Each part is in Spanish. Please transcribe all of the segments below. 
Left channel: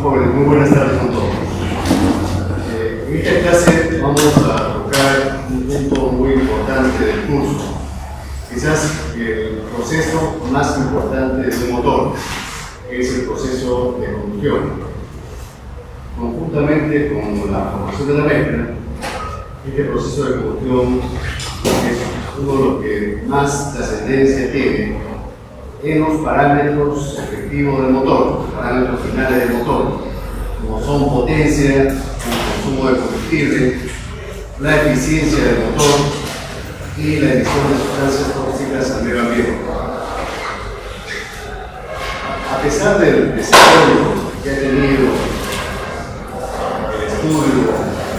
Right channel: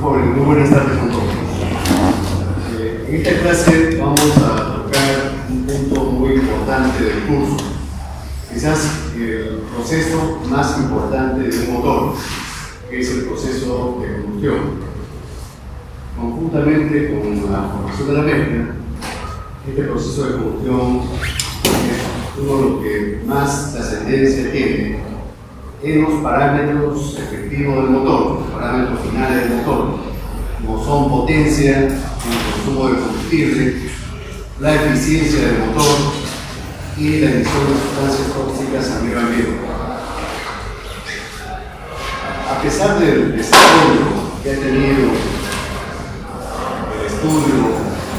Muy buenas tardes con todos. En esta clase vamos a tocar un punto muy importante del curso. Quizás el proceso más importante de un motor, que es el proceso de combustión. Conjuntamente con la formación de la mezcla, este proceso de combustión es uno de los que más trascendencia tiene en los parámetros efectivos del motor, los parámetros finales del motor, como son potencia, el consumo de combustible, la eficiencia del motor y la emisión de sustancias tóxicas al medio ambiente. A pesar del desarrollo que ha tenido el estudio,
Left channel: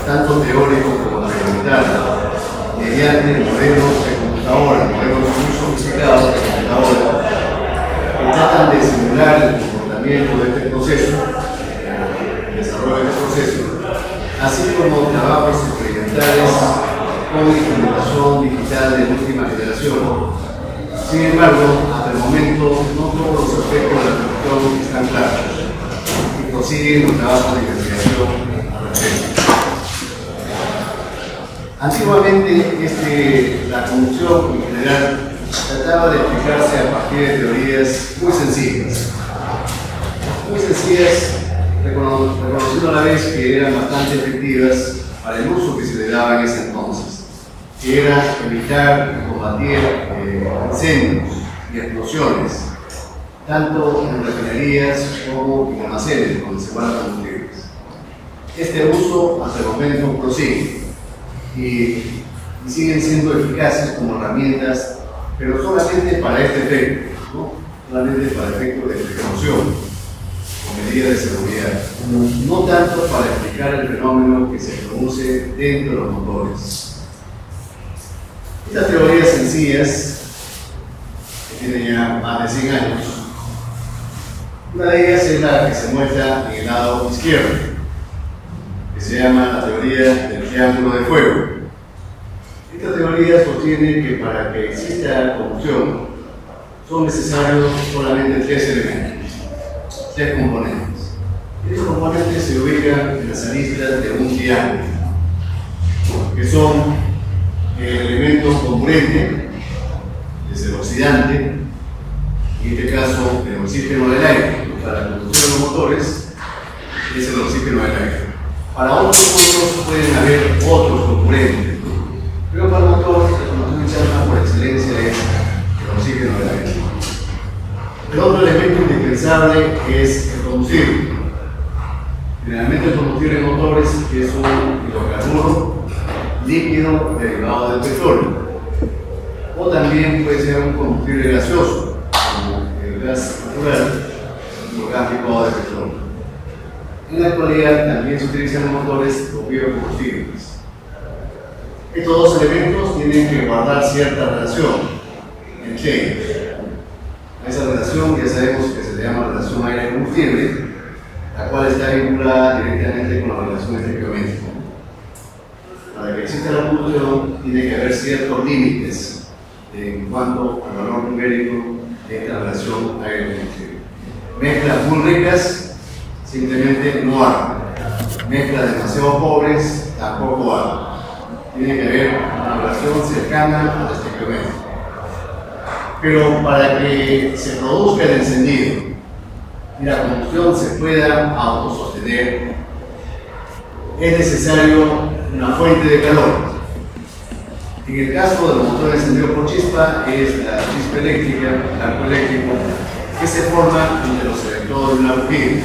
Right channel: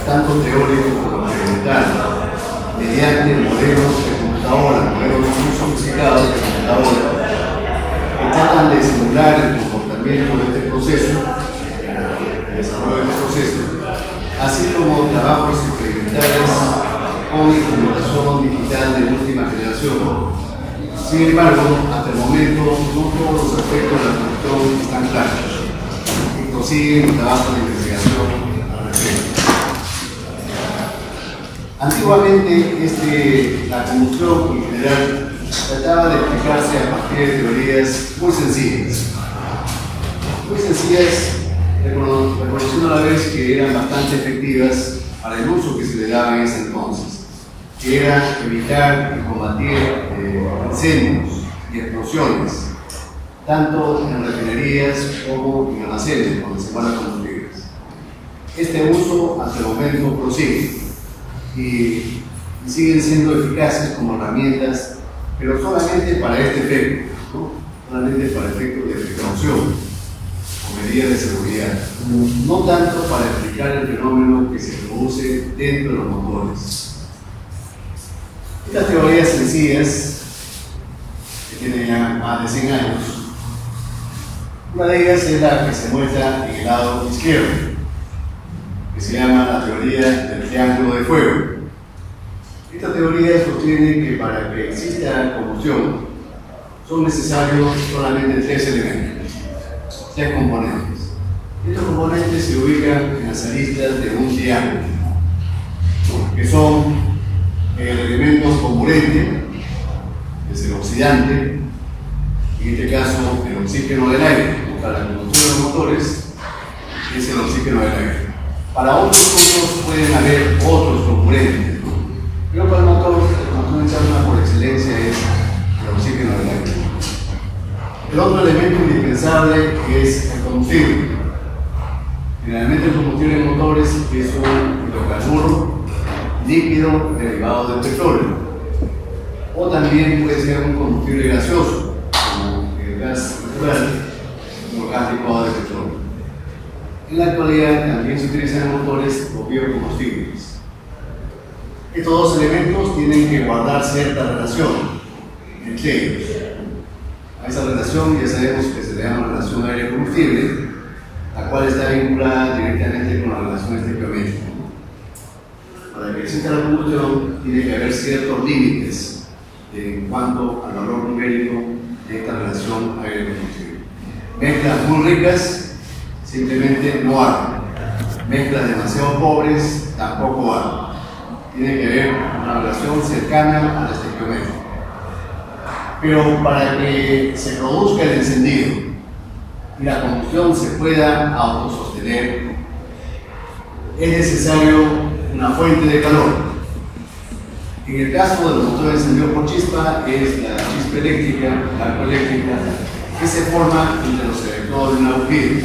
tanto teórico como experimental, mediante modelos de computadora, modelos muy sofisticados de computadora, que tratan de simular el comportamiento de este proceso, el desarrollo de este proceso, así como trabajos experimentales con computación digital de última generación. Sin embargo, hasta el momento, no todos los aspectos de la combustión están claros y consiguen los trabajos de investigación al respecto. Antiguamente, la combustión en general trataba de explicarse a partir de teorías muy sencillas, reconociendo a la vez que eran bastante efectivas para el uso que se le daba en ese entonces, que era evitar y combatir incendios y explosiones, tanto en refinerías como en almacenes donde se guardan combustibles. Este uso hasta el momento prosigue y siguen siendo eficaces como herramientas, pero solamente para este efecto, ¿no? Solamente para efectos de precaución o medidas de seguridad, no tanto para explicar el fenómeno que se produce dentro de los motores. Estas teorías sencillas, que tienen ya más de 100 años, una de ellas es la que se muestra en el lado izquierdo, que se llama la teoría del triángulo de fuego. Esta teoría sostiene que para que exista combustión son necesarios solamente 3 elementos, 3 componentes. Estos componentes se ubican en las aristas de un triángulo, que son el elemento comburente, que es el oxidante, en este caso el oxígeno del aire. Para la combustión de los motores es el oxígeno del aire. Para otros usos pueden haber otros componentes, pero para el motor, la combustión interna por excelencia es el oxígeno del aire. El otro elemento indispensable es el combustible. Generalmente el combustible de motores es un hidrocarburo líquido derivado del petróleo, o también puede ser un combustible gaseoso, como el gas natural o gas licuado de petróleo. En la actualidad también se utilizan en motores los biocombustibles. Estos dos elementos tienen que guardar cierta relación entre ellos. A esa relación ya sabemos que se le llama relación aire-combustible, la cual está vinculada directamente con la relación estequiométrica. Para que exista la combustión tiene que haber ciertos límites en cuanto al valor numérico de esta relación aire-combustible. Mezclas muy ricas simplemente no arman. Mezclas demasiado pobres tampoco arman. Tiene que haber una relación cercana a la estequiométrica. Pero para que se produzca el encendido y la combustión se pueda autosostener, es necesario una fuente de calor. En el caso de los motores encendidos por chispa, es la chispa eléctrica, el arco eléctrico, que se forma entre los electrodos de una bombilla.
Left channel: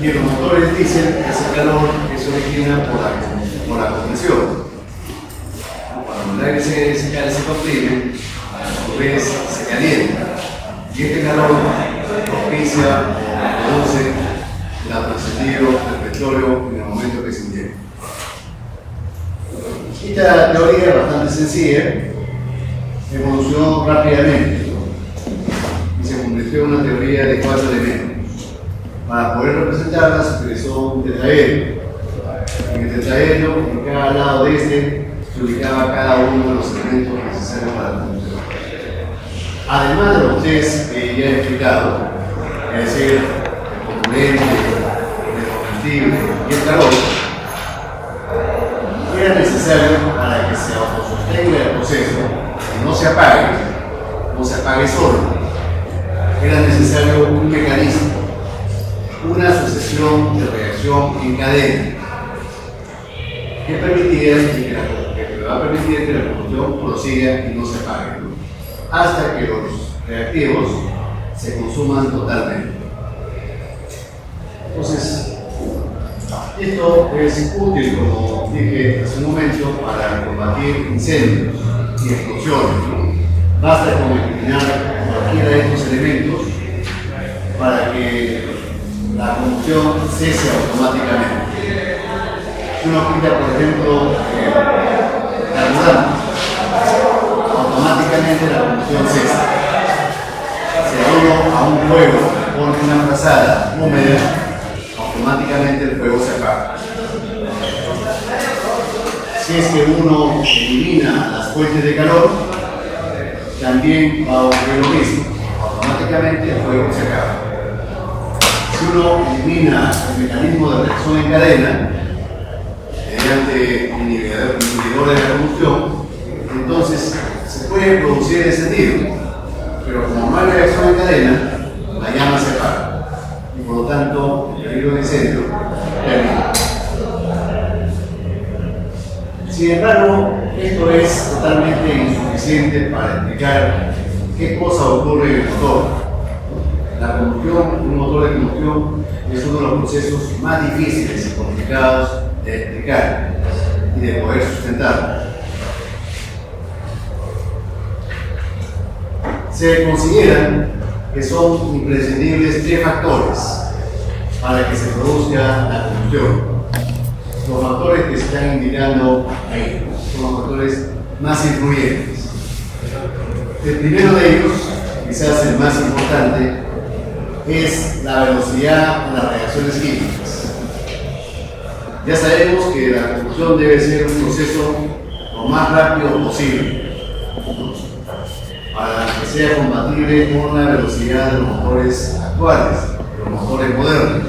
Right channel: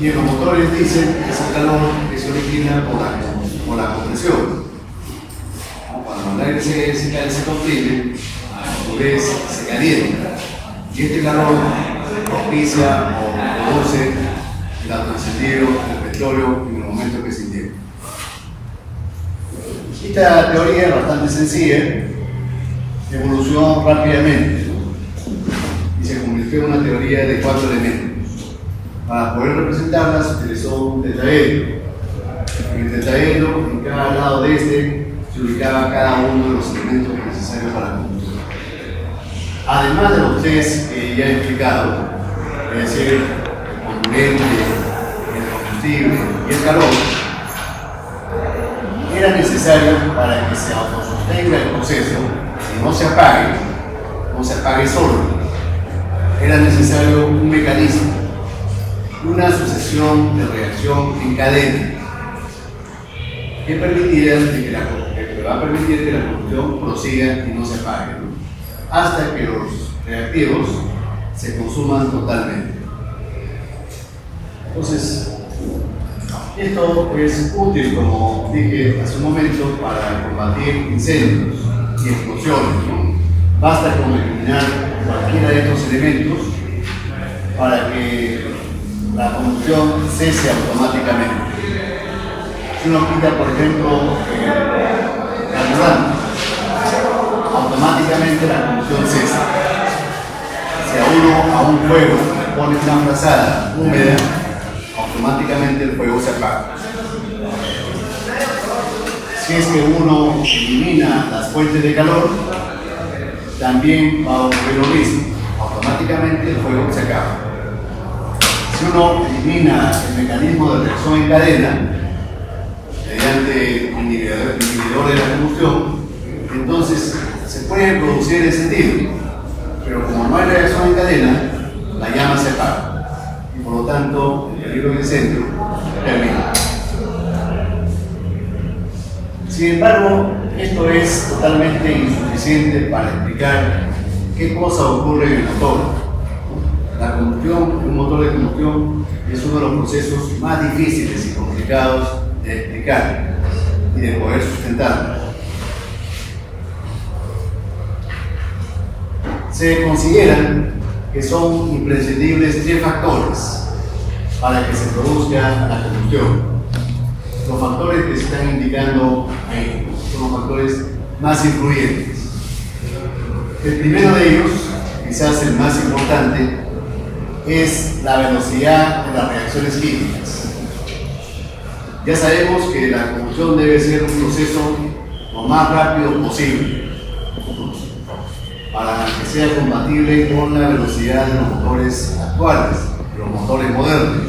Y en los motores diésel, ese calor se origina por la compresión. Cuando el aire se comprime, a su vez se calienta. Y este calor propicia o produce el autoencendido del petróleo en el momento que se inyecta. Esta teoría es bastante sencilla, evolucionó rápidamente y se convirtió en una teoría de 4 elementos. Para poder representarla se utilizó un tetraedro. En el tetraedro, en cada lado de este, se ubicaba cada uno de los elementos necesarios para la combustión. Además de los 3 que ya he explicado, es decir, el poluente, el combustible y el calor, era necesario para que se autosostenga el proceso y no se apague solo. Era necesario un mecanismo, una sucesión de reacción en cadena que va a permitir que la combustión prosiga y no se apague, ¿no? Hasta que los reactivos se consuman totalmente. Entonces, esto es útil, como dije hace un momento, para combatir incendios y explosiones, ¿no? Basta con eliminar cualquiera de estos elementos para que la combustión cese automáticamente. Si uno quita, por ejemplo, carburante, automáticamente la combustión cesa. Si a un fuego le pone una frazada húmeda, automáticamente el fuego se apaga. Si es que uno elimina las fuentes de calor, también va a ocurrir lo mismo. Automáticamente el fuego se acaba. Si uno elimina el mecanismo de reacción en cadena mediante inhibidores de la combustión, entonces se puede producir encendido, pero como no hay reacción en cadena, la llama se apaga y por lo tanto el peligro de incendio termina. Sin embargo, esto es totalmente insuficiente para explicar qué cosa ocurre en el motor. La combustión, un motor de combustión, es uno de los procesos más difíciles y complicados de explicar y de poder sustentar. Se consideran que son imprescindibles 3 factores para que se produzca la combustión. Los factores que se están indicando ahí son los factores más influyentes. El primero de ellos, quizás el más importante, es la velocidad de las reacciones químicas. Ya sabemos que la combustión debe ser un proceso lo más rápido posible para que sea compatible con la velocidad de los motores actuales, los motores modernos.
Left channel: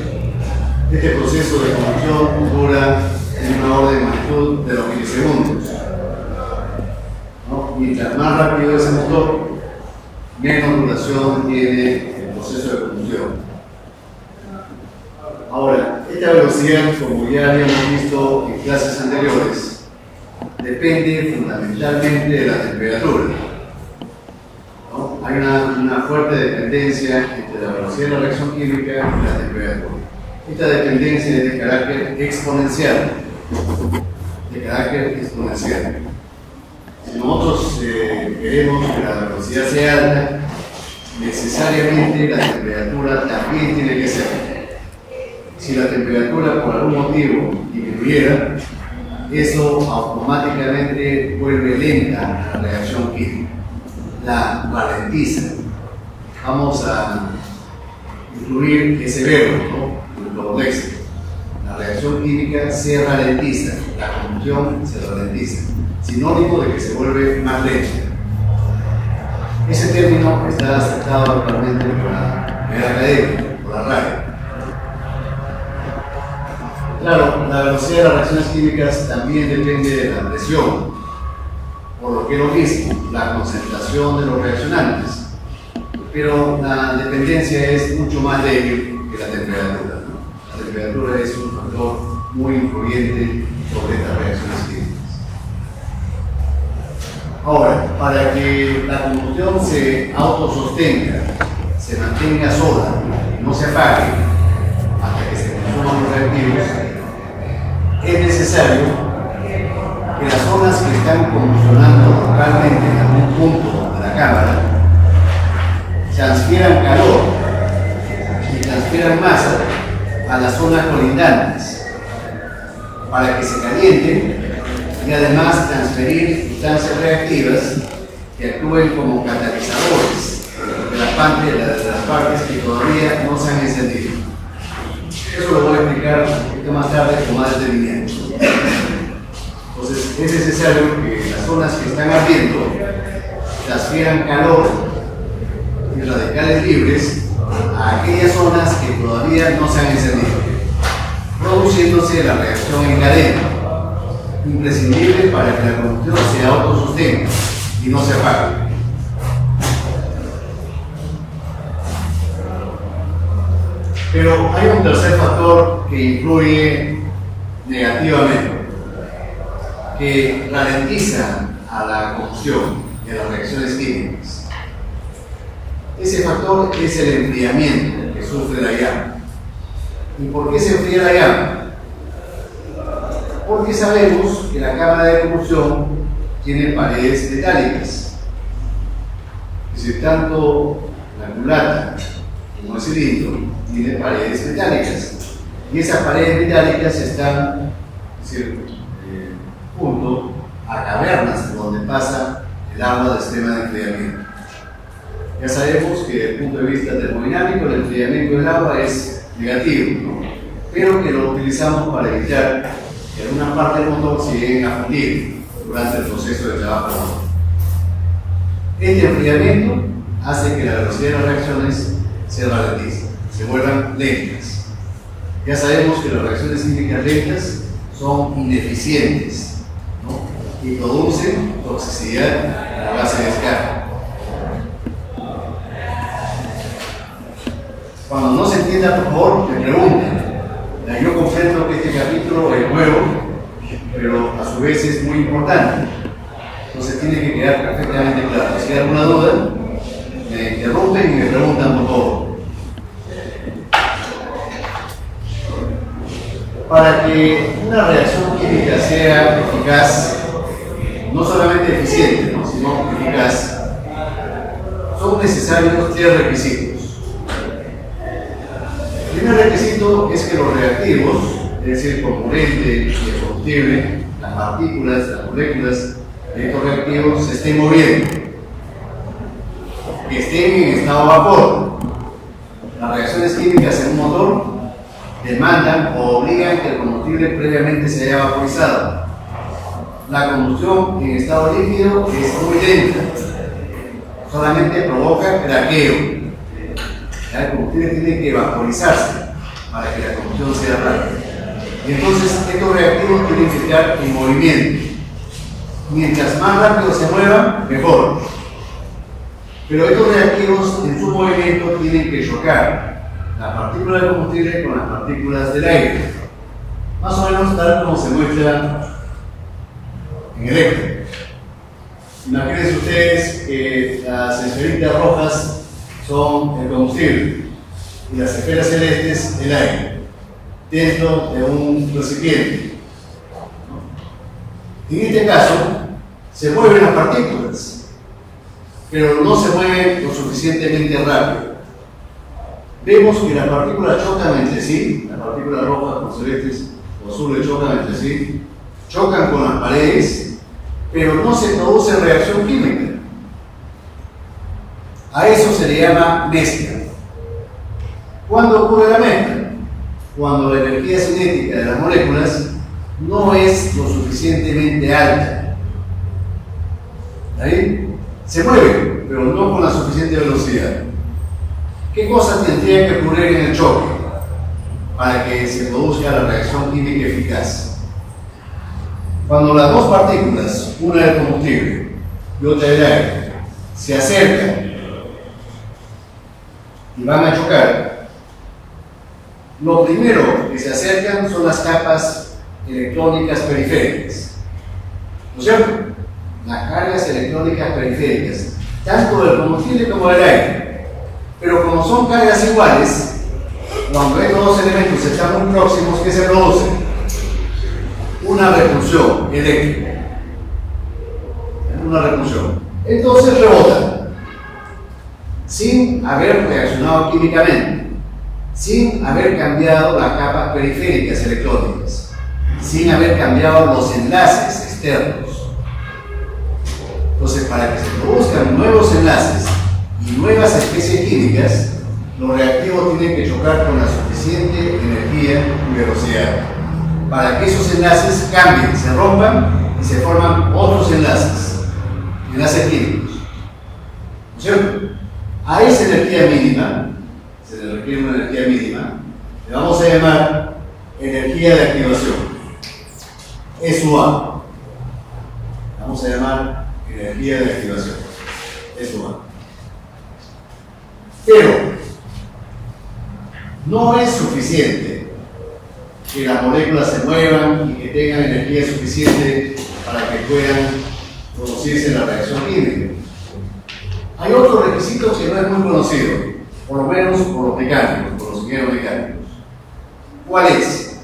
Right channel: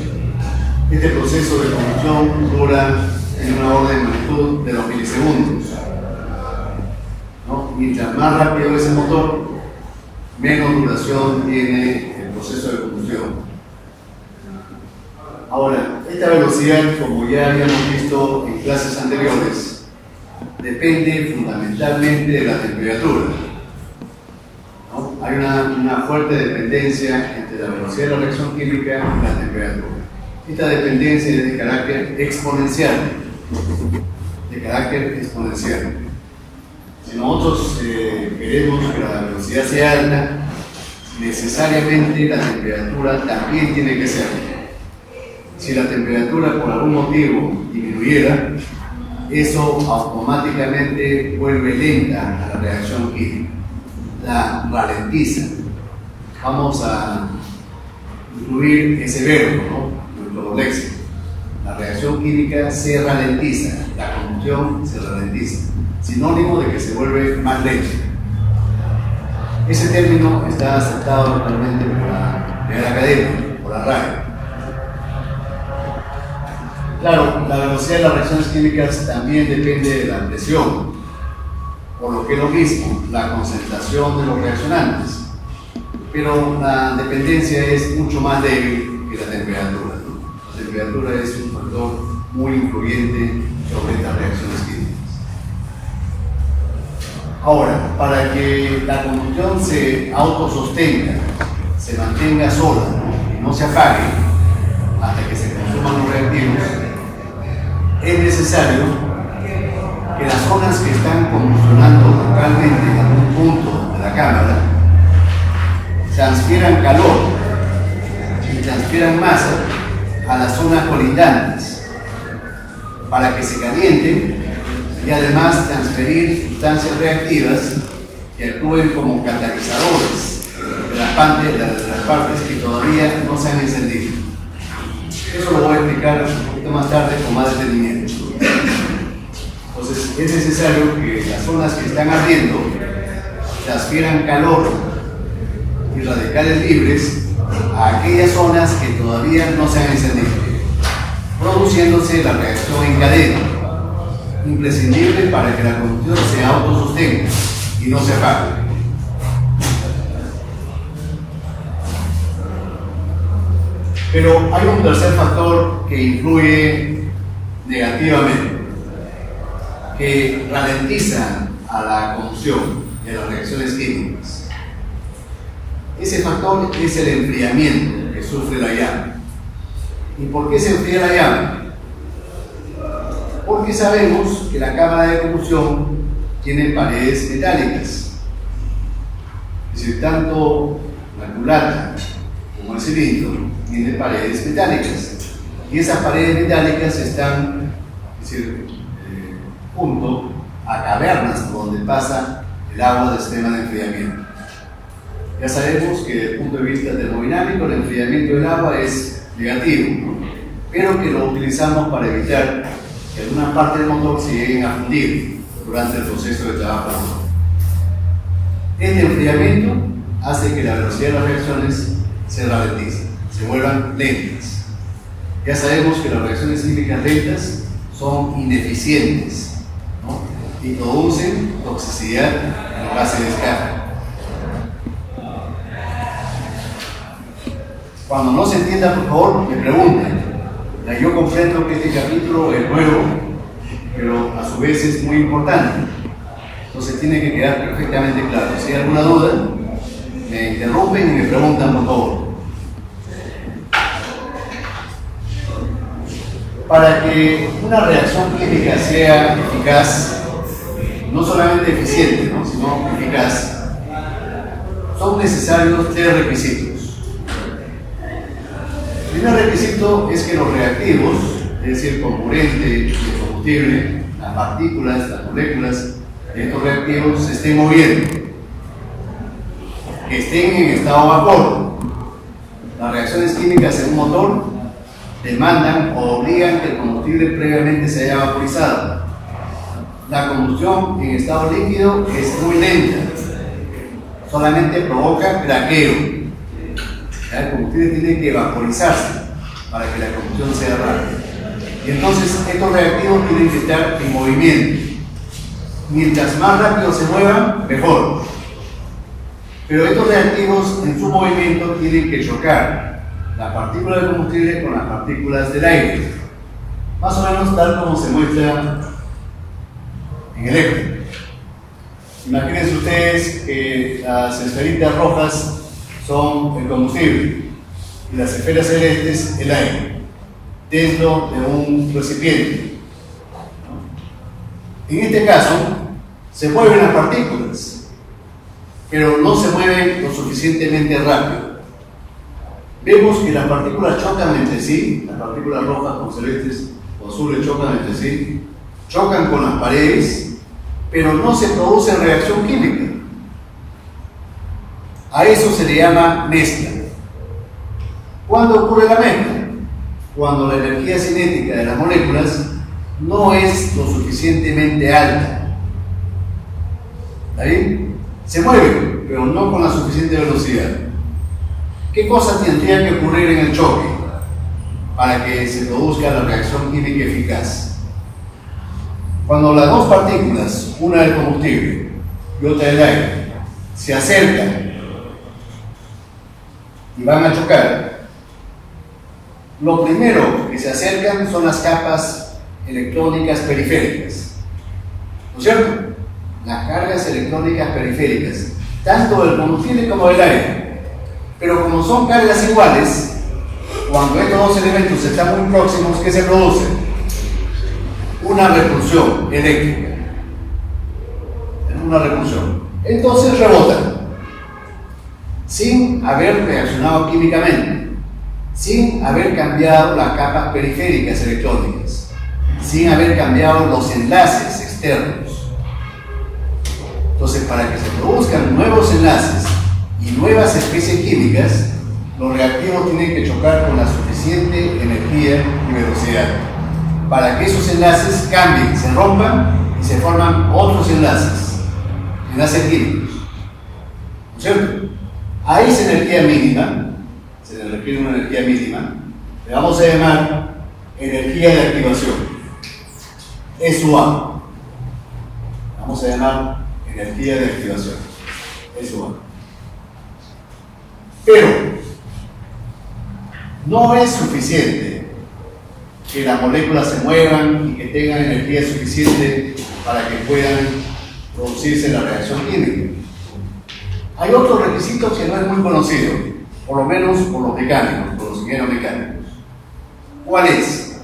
Este proceso de combustión dura en una orden de magnitud de los milisegundos, ¿no? Mientras más rápido es el motor, menos duración tiene el proceso de combustión. Ahora, esta velocidad, como ya habíamos visto en clases anteriores, depende fundamentalmente de la temperatura, ¿no? Hay una fuerte dependencia entre la velocidad de la reacción química y la temperatura. Esta dependencia es de carácter exponencial. Si nosotros queremos que la velocidad sea alta, necesariamente la temperatura también tiene que ser alta. Si la temperatura por algún motivo disminuyera, eso automáticamente vuelve lenta a la reacción química, la ralentiza. Vamos a incluir ese verbo, ¿no?, en nuestro léxico. La reacción química se ralentiza, la combustión se ralentiza, sinónimo de que se vuelve más lenta. Ese término está aceptado actualmente por la academia, por la RAE. Claro, la velocidad de las reacciones químicas también depende de la presión, por lo que es lo mismo, la concentración de los reaccionantes. Pero la dependencia es mucho más débil que la temperatura, ¿no? La temperatura es un factor muy influyente sobre estas reacciones químicas. Ahora, para que la combustión se autosostenga, se mantenga sola y no se apague hasta que se consuman los reactivos, es necesario que las zonas que están combustionando localmente en algún punto de la cámara transfieran calor y transfieran masa a las zonas colindantes para que se calienten y además transferir sustancias reactivas que actúen como catalizadores de las partes que todavía no se han encendido. Eso lo voy a explicar un poquito más tarde con más detenimiento. Entonces es necesario que las zonas que están ardiendo transfieran calor y radicales libres a aquellas zonas que todavía no se han encendido, produciéndose la reacción en cadena, imprescindible para que la combustión se autosostenga y no se apague. Pero hay un tercer factor que influye negativamente, que ralentiza a la combustión y a las reacciones químicas. Ese factor es el enfriamiento que sufre la llama. ¿Y por qué se enfría la llama? Porque sabemos que la cámara de combustión tiene paredes metálicas. Es decir, tanto la culata como el cilindro tiene paredes metálicas. Y esas paredes metálicas están, es decir, junto a cavernas por donde pasa el agua del sistema de enfriamiento. Ya sabemos que desde el punto de vista termodinámico el enfriamiento del agua es negativo, pero que lo utilizamos para evitar que alguna parte del motor se lleguen a fundir durante el proceso de trabajo del motor. Este enfriamiento hace que la velocidad de las reacciones se ralentice, se vuelvan lentas. Ya sabemos que las reacciones químicas lentas son ineficientes, ¿no? Y producen toxicidad en la base de escape. Cuando no se entienda, por favor, me pregunten. Yo comprendo que este capítulo es nuevo, pero a su vez es muy importante. Entonces tiene que quedar perfectamente claro. Si hay alguna duda, me interrumpen y me preguntan por favor. Para que una reacción química sea eficaz, no solamente eficiente, ¿no?, sino eficaz, son necesarios 3 requisitos. El primer requisito es que los reactivos, es decir, el componente y el combustible, las partículas, las moléculas de estos reactivos se estén moviendo, que estén en estado vapor. Las reacciones químicas en un motor demandan o obligan que el combustible previamente se haya vaporizado. La combustión en estado líquido es muy lenta, solamente provoca craqueo. El combustible tiene que vaporizarse para que la combustión sea rápida. Y entonces estos reactivos tienen que estar en movimiento. Mientras más rápido se muevan, mejor. Pero estos reactivos en su movimiento tienen que chocar la partícula del combustible con las partículas del aire. Más o menos tal como se muestra en el eje. Imagínense ustedes que las esferitas rojas son el combustible y las esferas celestes el aire dentro de un recipiente. En este caso se mueven las partículas, pero no se mueven lo suficientemente rápido. Vemos que las partículas chocan entre sí, las partículas rojas o celestes o azules chocan entre sí, chocan con las paredes, pero no se produce reacción química. A eso se le llama mezcla. ¿Cuándo ocurre la mezcla? Cuando la energía cinética de las moléculas no es lo suficientemente alta. ¿Ahí? Se mueve, pero no con la suficiente velocidad. ¿Qué cosas tendrían que ocurrir en el choque para que se produzca la reacción química eficaz? Cuando las dos partículas, una del combustible y otra del aire, se acercan y van a chocar, lo primero que se acercan son las capas electrónicas periféricas, ¿no es cierto? Las cargas electrónicas periféricas, tanto del combustible como del aire. Pero como son cargas iguales, cuando estos dos elementos están muy próximos, ¿qué se produce? Una repulsión eléctrica. Una repulsión. Entonces rebotan, sin haber reaccionado químicamente, sin haber cambiado las capas periféricas electrónicas, sin haber cambiado los enlaces externos. Entonces, para que se produzcan nuevos enlaces y nuevas especies químicas, los reactivos tienen que chocar con la suficiente energía y velocidad para que esos enlaces cambien, se rompan y se forman otros enlaces químicos, ¿no es cierto? A esa energía mínima, donde requiere una energía mínima, le vamos a llamar energía de activación. Es SUA. Vamos a llamar energía de activación. Es SUA. Pero no es suficiente que las moléculas se muevan y que tengan energía suficiente para que puedan producirse la reacción química. Hay otro requisito que no es muy conocido, por lo menos por los mecánicos, por los ingenieros mecánicos. ¿Cuál es?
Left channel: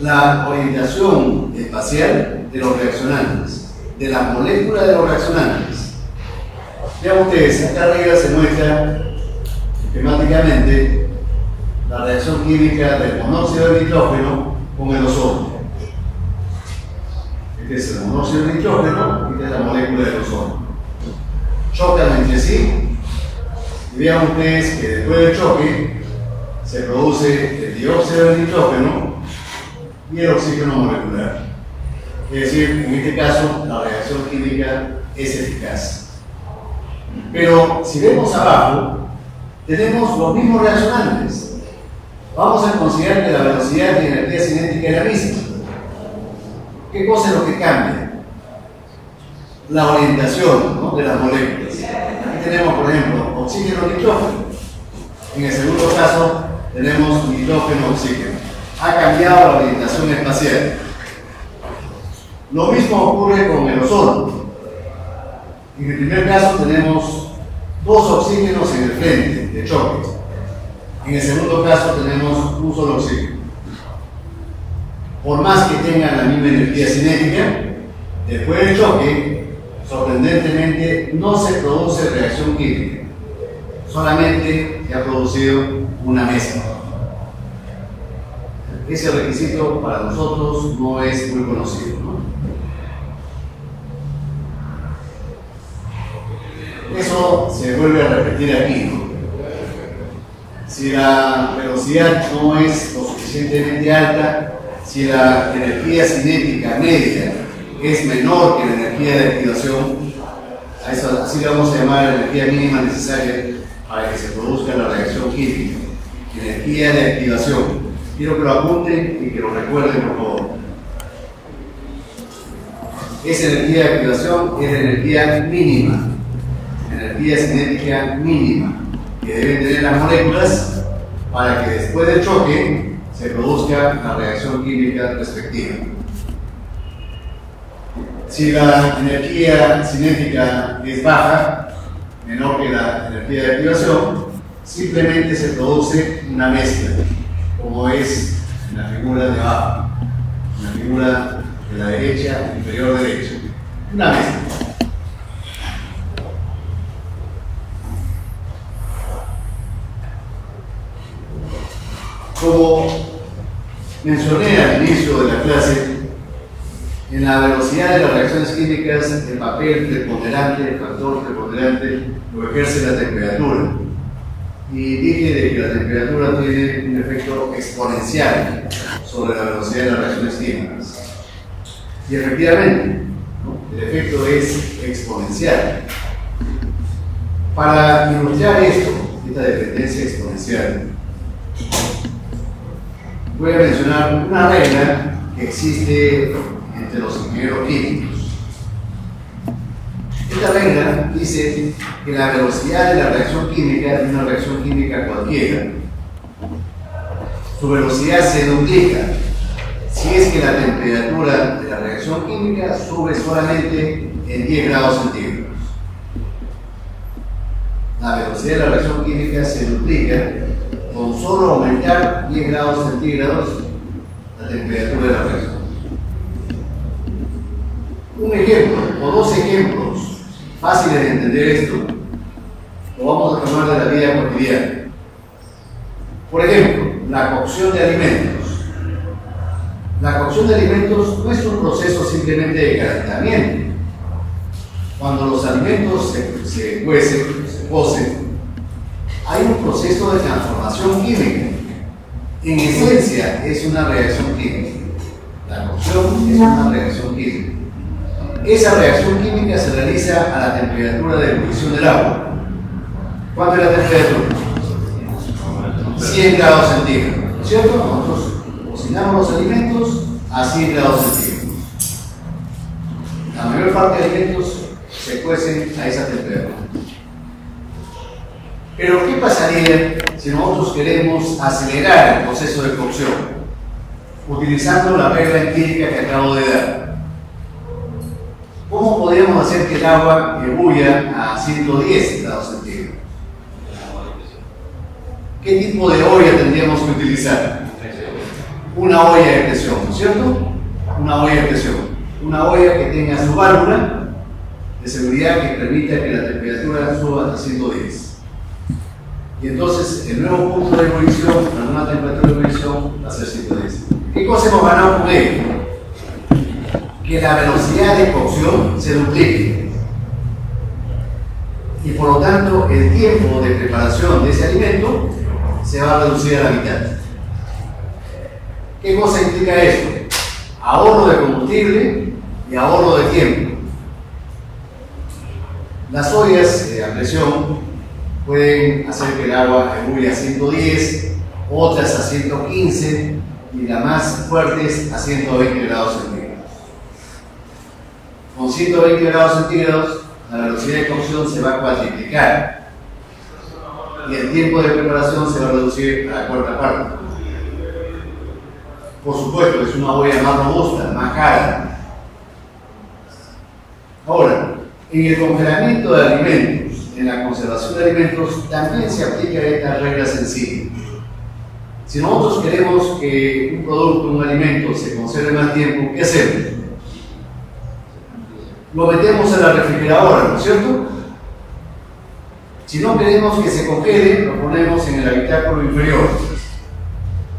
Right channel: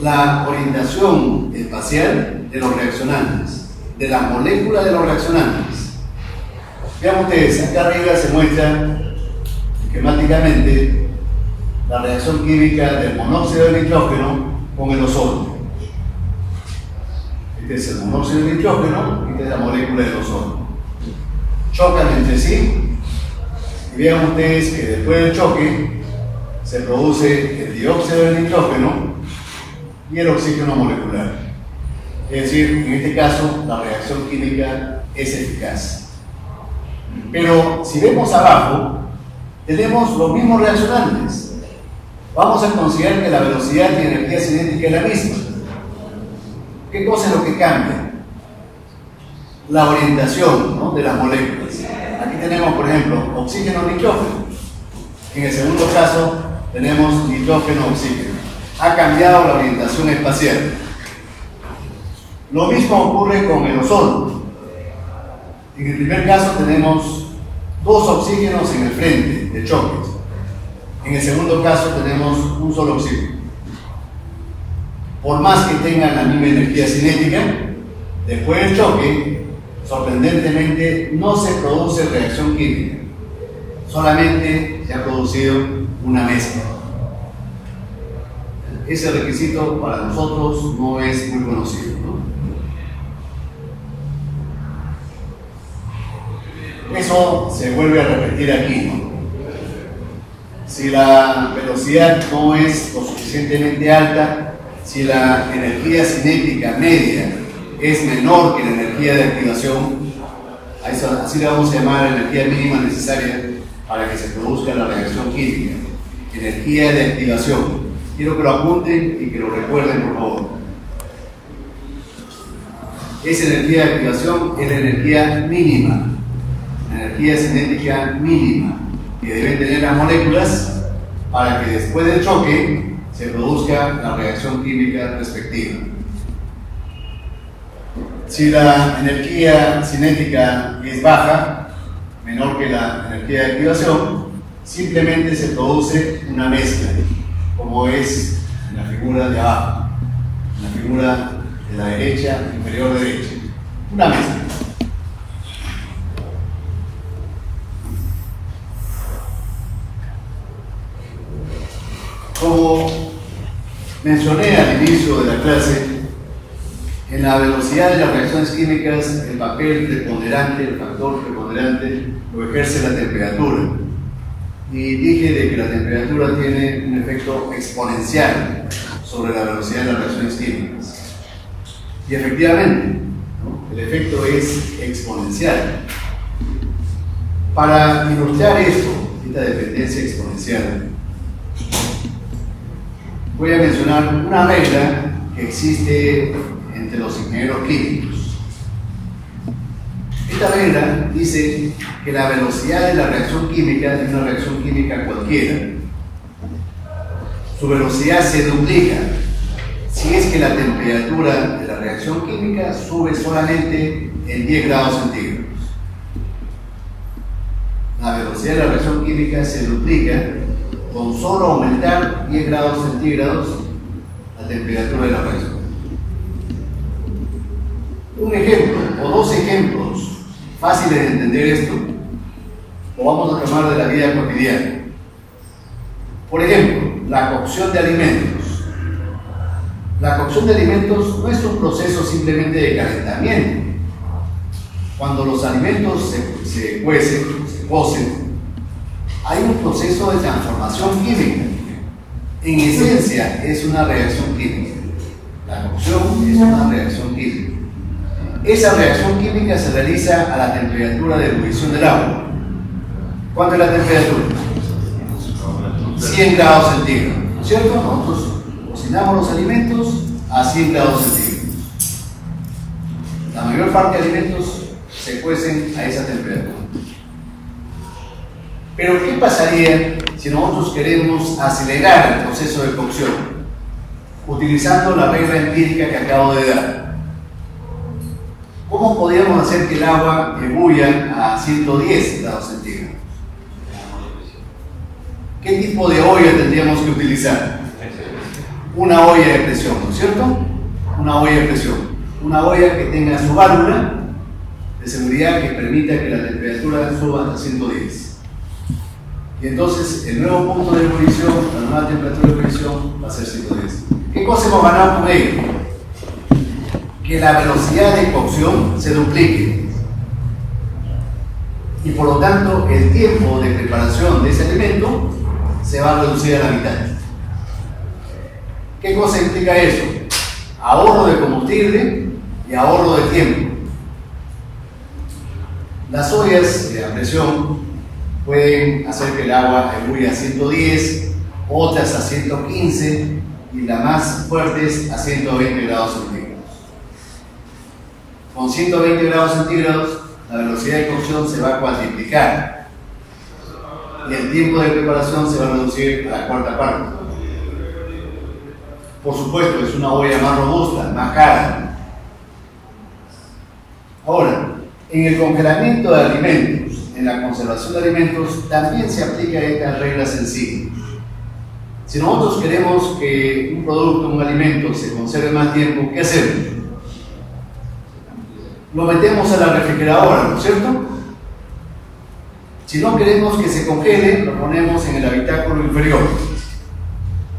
La orientación espacial de los reaccionantes, de la molécula de los reaccionantes. Vean ustedes, acá arriba se muestra esquemáticamente la reacción química del monóxido de nitrógeno con el ozono. Este es el monóxido de nitrógeno y esta es la molécula del ozono. Chocan entre sí y vean ustedes que después del choque se produce el dióxido de nitrógeno y el oxígeno molecular. Es decir, en este caso la reacción química es eficaz. Pero si vemos abajo, tenemos los mismos reaccionantes. Vamos a considerar que la velocidad y energía cinética es la misma. ¿Qué cosa es lo que cambia? La orientación, ¿no?, de las moléculas. Aquí tenemos, por ejemplo, oxígeno-nitrógeno. En el segundo caso tenemos nitrógeno-oxígeno. Ha cambiado la orientación espacial. Lo mismo ocurre con el ozono. En el primer caso tenemos dos oxígenos en el frente de choque. En el segundo caso tenemos un solo oxígeno. Por más que tengan la misma energía cinética, después del choque, sorprendentemente, no se produce reacción química. Solamente se ha producido una mezcla. Ese requisito para nosotros no es muy conocido, ¿no? Eso se vuelve a repetir aquí, ¿no? Si la velocidad no es lo suficientemente alta, si la energía cinética media es menor que la energía de activación, a eso, así le vamos a llamar la energía mínima necesaria para que se produzca la reacción química, energía de activación. Quiero que lo apunten y que lo recuerden, por favor. Esa energía de activación es la energía mínima, energía cinética mínima, que deben tener las moléculas para que después del choque se produzca la reacción química respectiva. Si la energía cinética es baja, menor que la energía de activación, simplemente se produce una mezcla, como es en la figura de abajo, en la figura de la derecha, inferior derecha. Una mezcla. Como mencioné al inicio de la clase, en la velocidad de las reacciones químicas el papel preponderante, el factor preponderante, lo ejerce la temperatura. Y dije de que la temperatura tiene un efecto exponencial sobre la velocidad de las reacciones químicas. Y efectivamente, ¿no?, el efecto es exponencial. Para ilustrar esto, esta dependencia exponencial, voy a mencionar una regla que existe entre los ingenieros químicos. Esta regla dice que la velocidad de la reacción química de una reacción química cualquiera, su velocidad se duplica si es que la temperatura de la reacción química sube solamente en 10 grados centígrados. La velocidad de la reacción química se duplica con solo aumentar 10 grados centígrados la temperatura de la reacción. Un ejemplo o dos ejemplos fáciles de entender esto lo vamos a tomar de la vida cotidiana. Por ejemplo, la cocción de alimentos. La cocción de alimentos no es un proceso simplemente de calentamiento. Cuando los alimentos se cuecen, se cocen, hay un proceso de transformación química. En esencia es una reacción química. La cocción es una reacción química. Esa reacción química se realiza a la temperatura de ebullición del agua. ¿Cuánto es la temperatura? 100 grados centígrados, ¿no es cierto? Nosotros cocinamos los alimentos a 100 grados centígrados. La mayor parte de alimentos se cuecen a esa temperatura. Pero ¿qué pasaría si nosotros queremos acelerar el proceso de cocción utilizando la regla empírica que acabo de dar? ¿Cómo podríamos hacer que el agua ebulla a 110 grados centígrados? ¿Qué tipo de olla tendríamos que utilizar? Una olla de presión, ¿no es cierto? Una olla de presión. Una olla que tenga su válvula de seguridad que permita que la temperatura suba hasta 110. Y entonces el nuevo punto de ebullición, la nueva temperatura de ebullición va a ser 110. ¿Qué cosa hemos ganado con ello? Que la velocidad de cocción se duplique. Y por lo tanto el tiempo de preparación de ese alimento se va a reducir a la mitad. ¿Qué cosa implica eso? Ahorro de combustible y ahorro de tiempo. Las ollas a presión pueden hacer que el agua ebulla a 110, otras a 115 y las más fuertes a 120 grados centígrados. Con 120 grados centígrados la velocidad de cocción se va a cuadriplicar y el tiempo de preparación se va a reducir a la cuarta parte. Por supuesto, es una olla más robusta, más cara. Ahora, en el congelamiento de alimentos, en la conservación de alimentos, también se aplica esta regla sencilla. Si nosotros queremos que un producto, un alimento, se conserve más tiempo, ¿qué hacemos? Lo metemos a la refrigeradora, ¿no es cierto? Si no queremos que se congele, lo ponemos en el habitáculo inferior.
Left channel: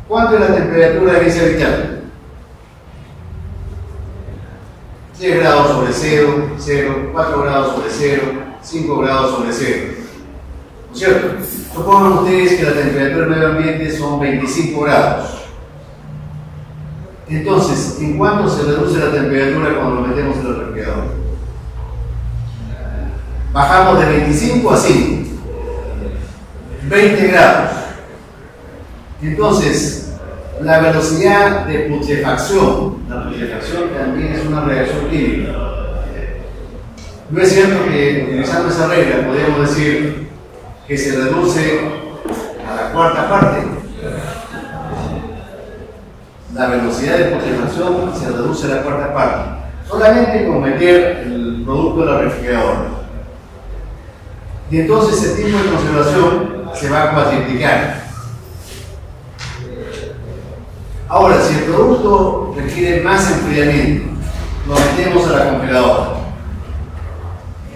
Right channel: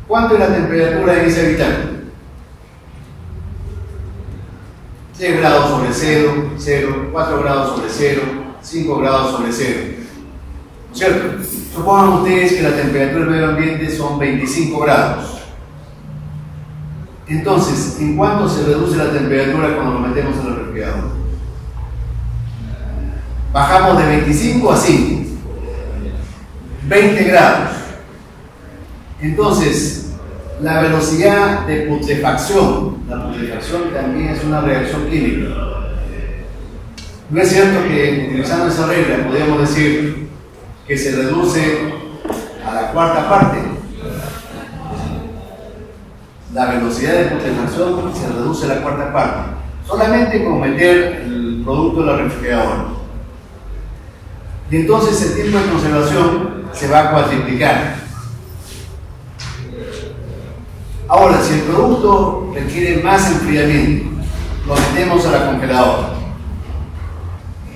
¿Cuánto es la temperatura en ese habitáculo? 3 grados sobre 0, 4 grados sobre 0, 5 grados sobre 0. ¿No es cierto? Supongan ustedes que la temperatura del medio ambiente son 25 grados. Entonces, ¿en cuánto se reduce la temperatura cuando lo metemos en el refrigerador? Bajamos de 25 a 5. 20 grados. Entonces, la velocidad de putrefacción, la putrefacción también es una reacción química. No es cierto que utilizando esa regla podemos decir que se reduce a la cuarta parte. La velocidad de putrefacción se reduce a la cuarta parte, solamente con meter el producto en la refrigeradora. Y entonces el tiempo de conservación se va a cuadriplicar. Ahora, si el producto requiere más enfriamiento, lo metemos a la congeladora.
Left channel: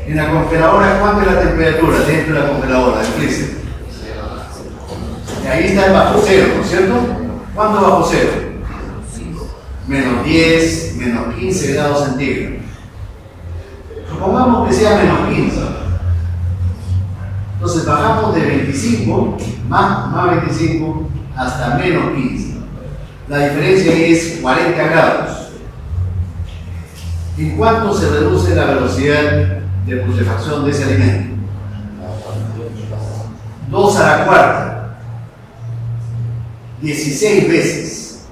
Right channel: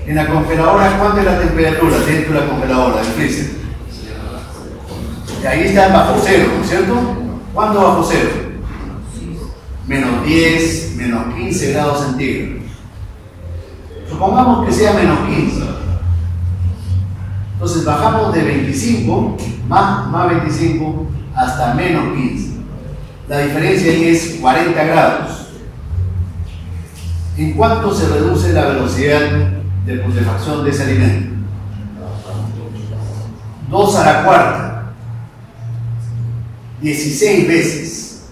En la congeladora, ¿cuánto es la temperatura dentro de la congeladora, del freezer? Y ahí está bajo cero, ¿no es cierto? ¿Cuánto bajo cero? Menos 10, menos 15 grados centígrados. Supongamos que sea menos 15. Entonces bajamos de 25, más 25, hasta menos 15. La diferencia ahí es 40 grados. ¿En cuánto se reduce la velocidad de putrefacción de ese alimento? 2 a la cuarta. 16 veces.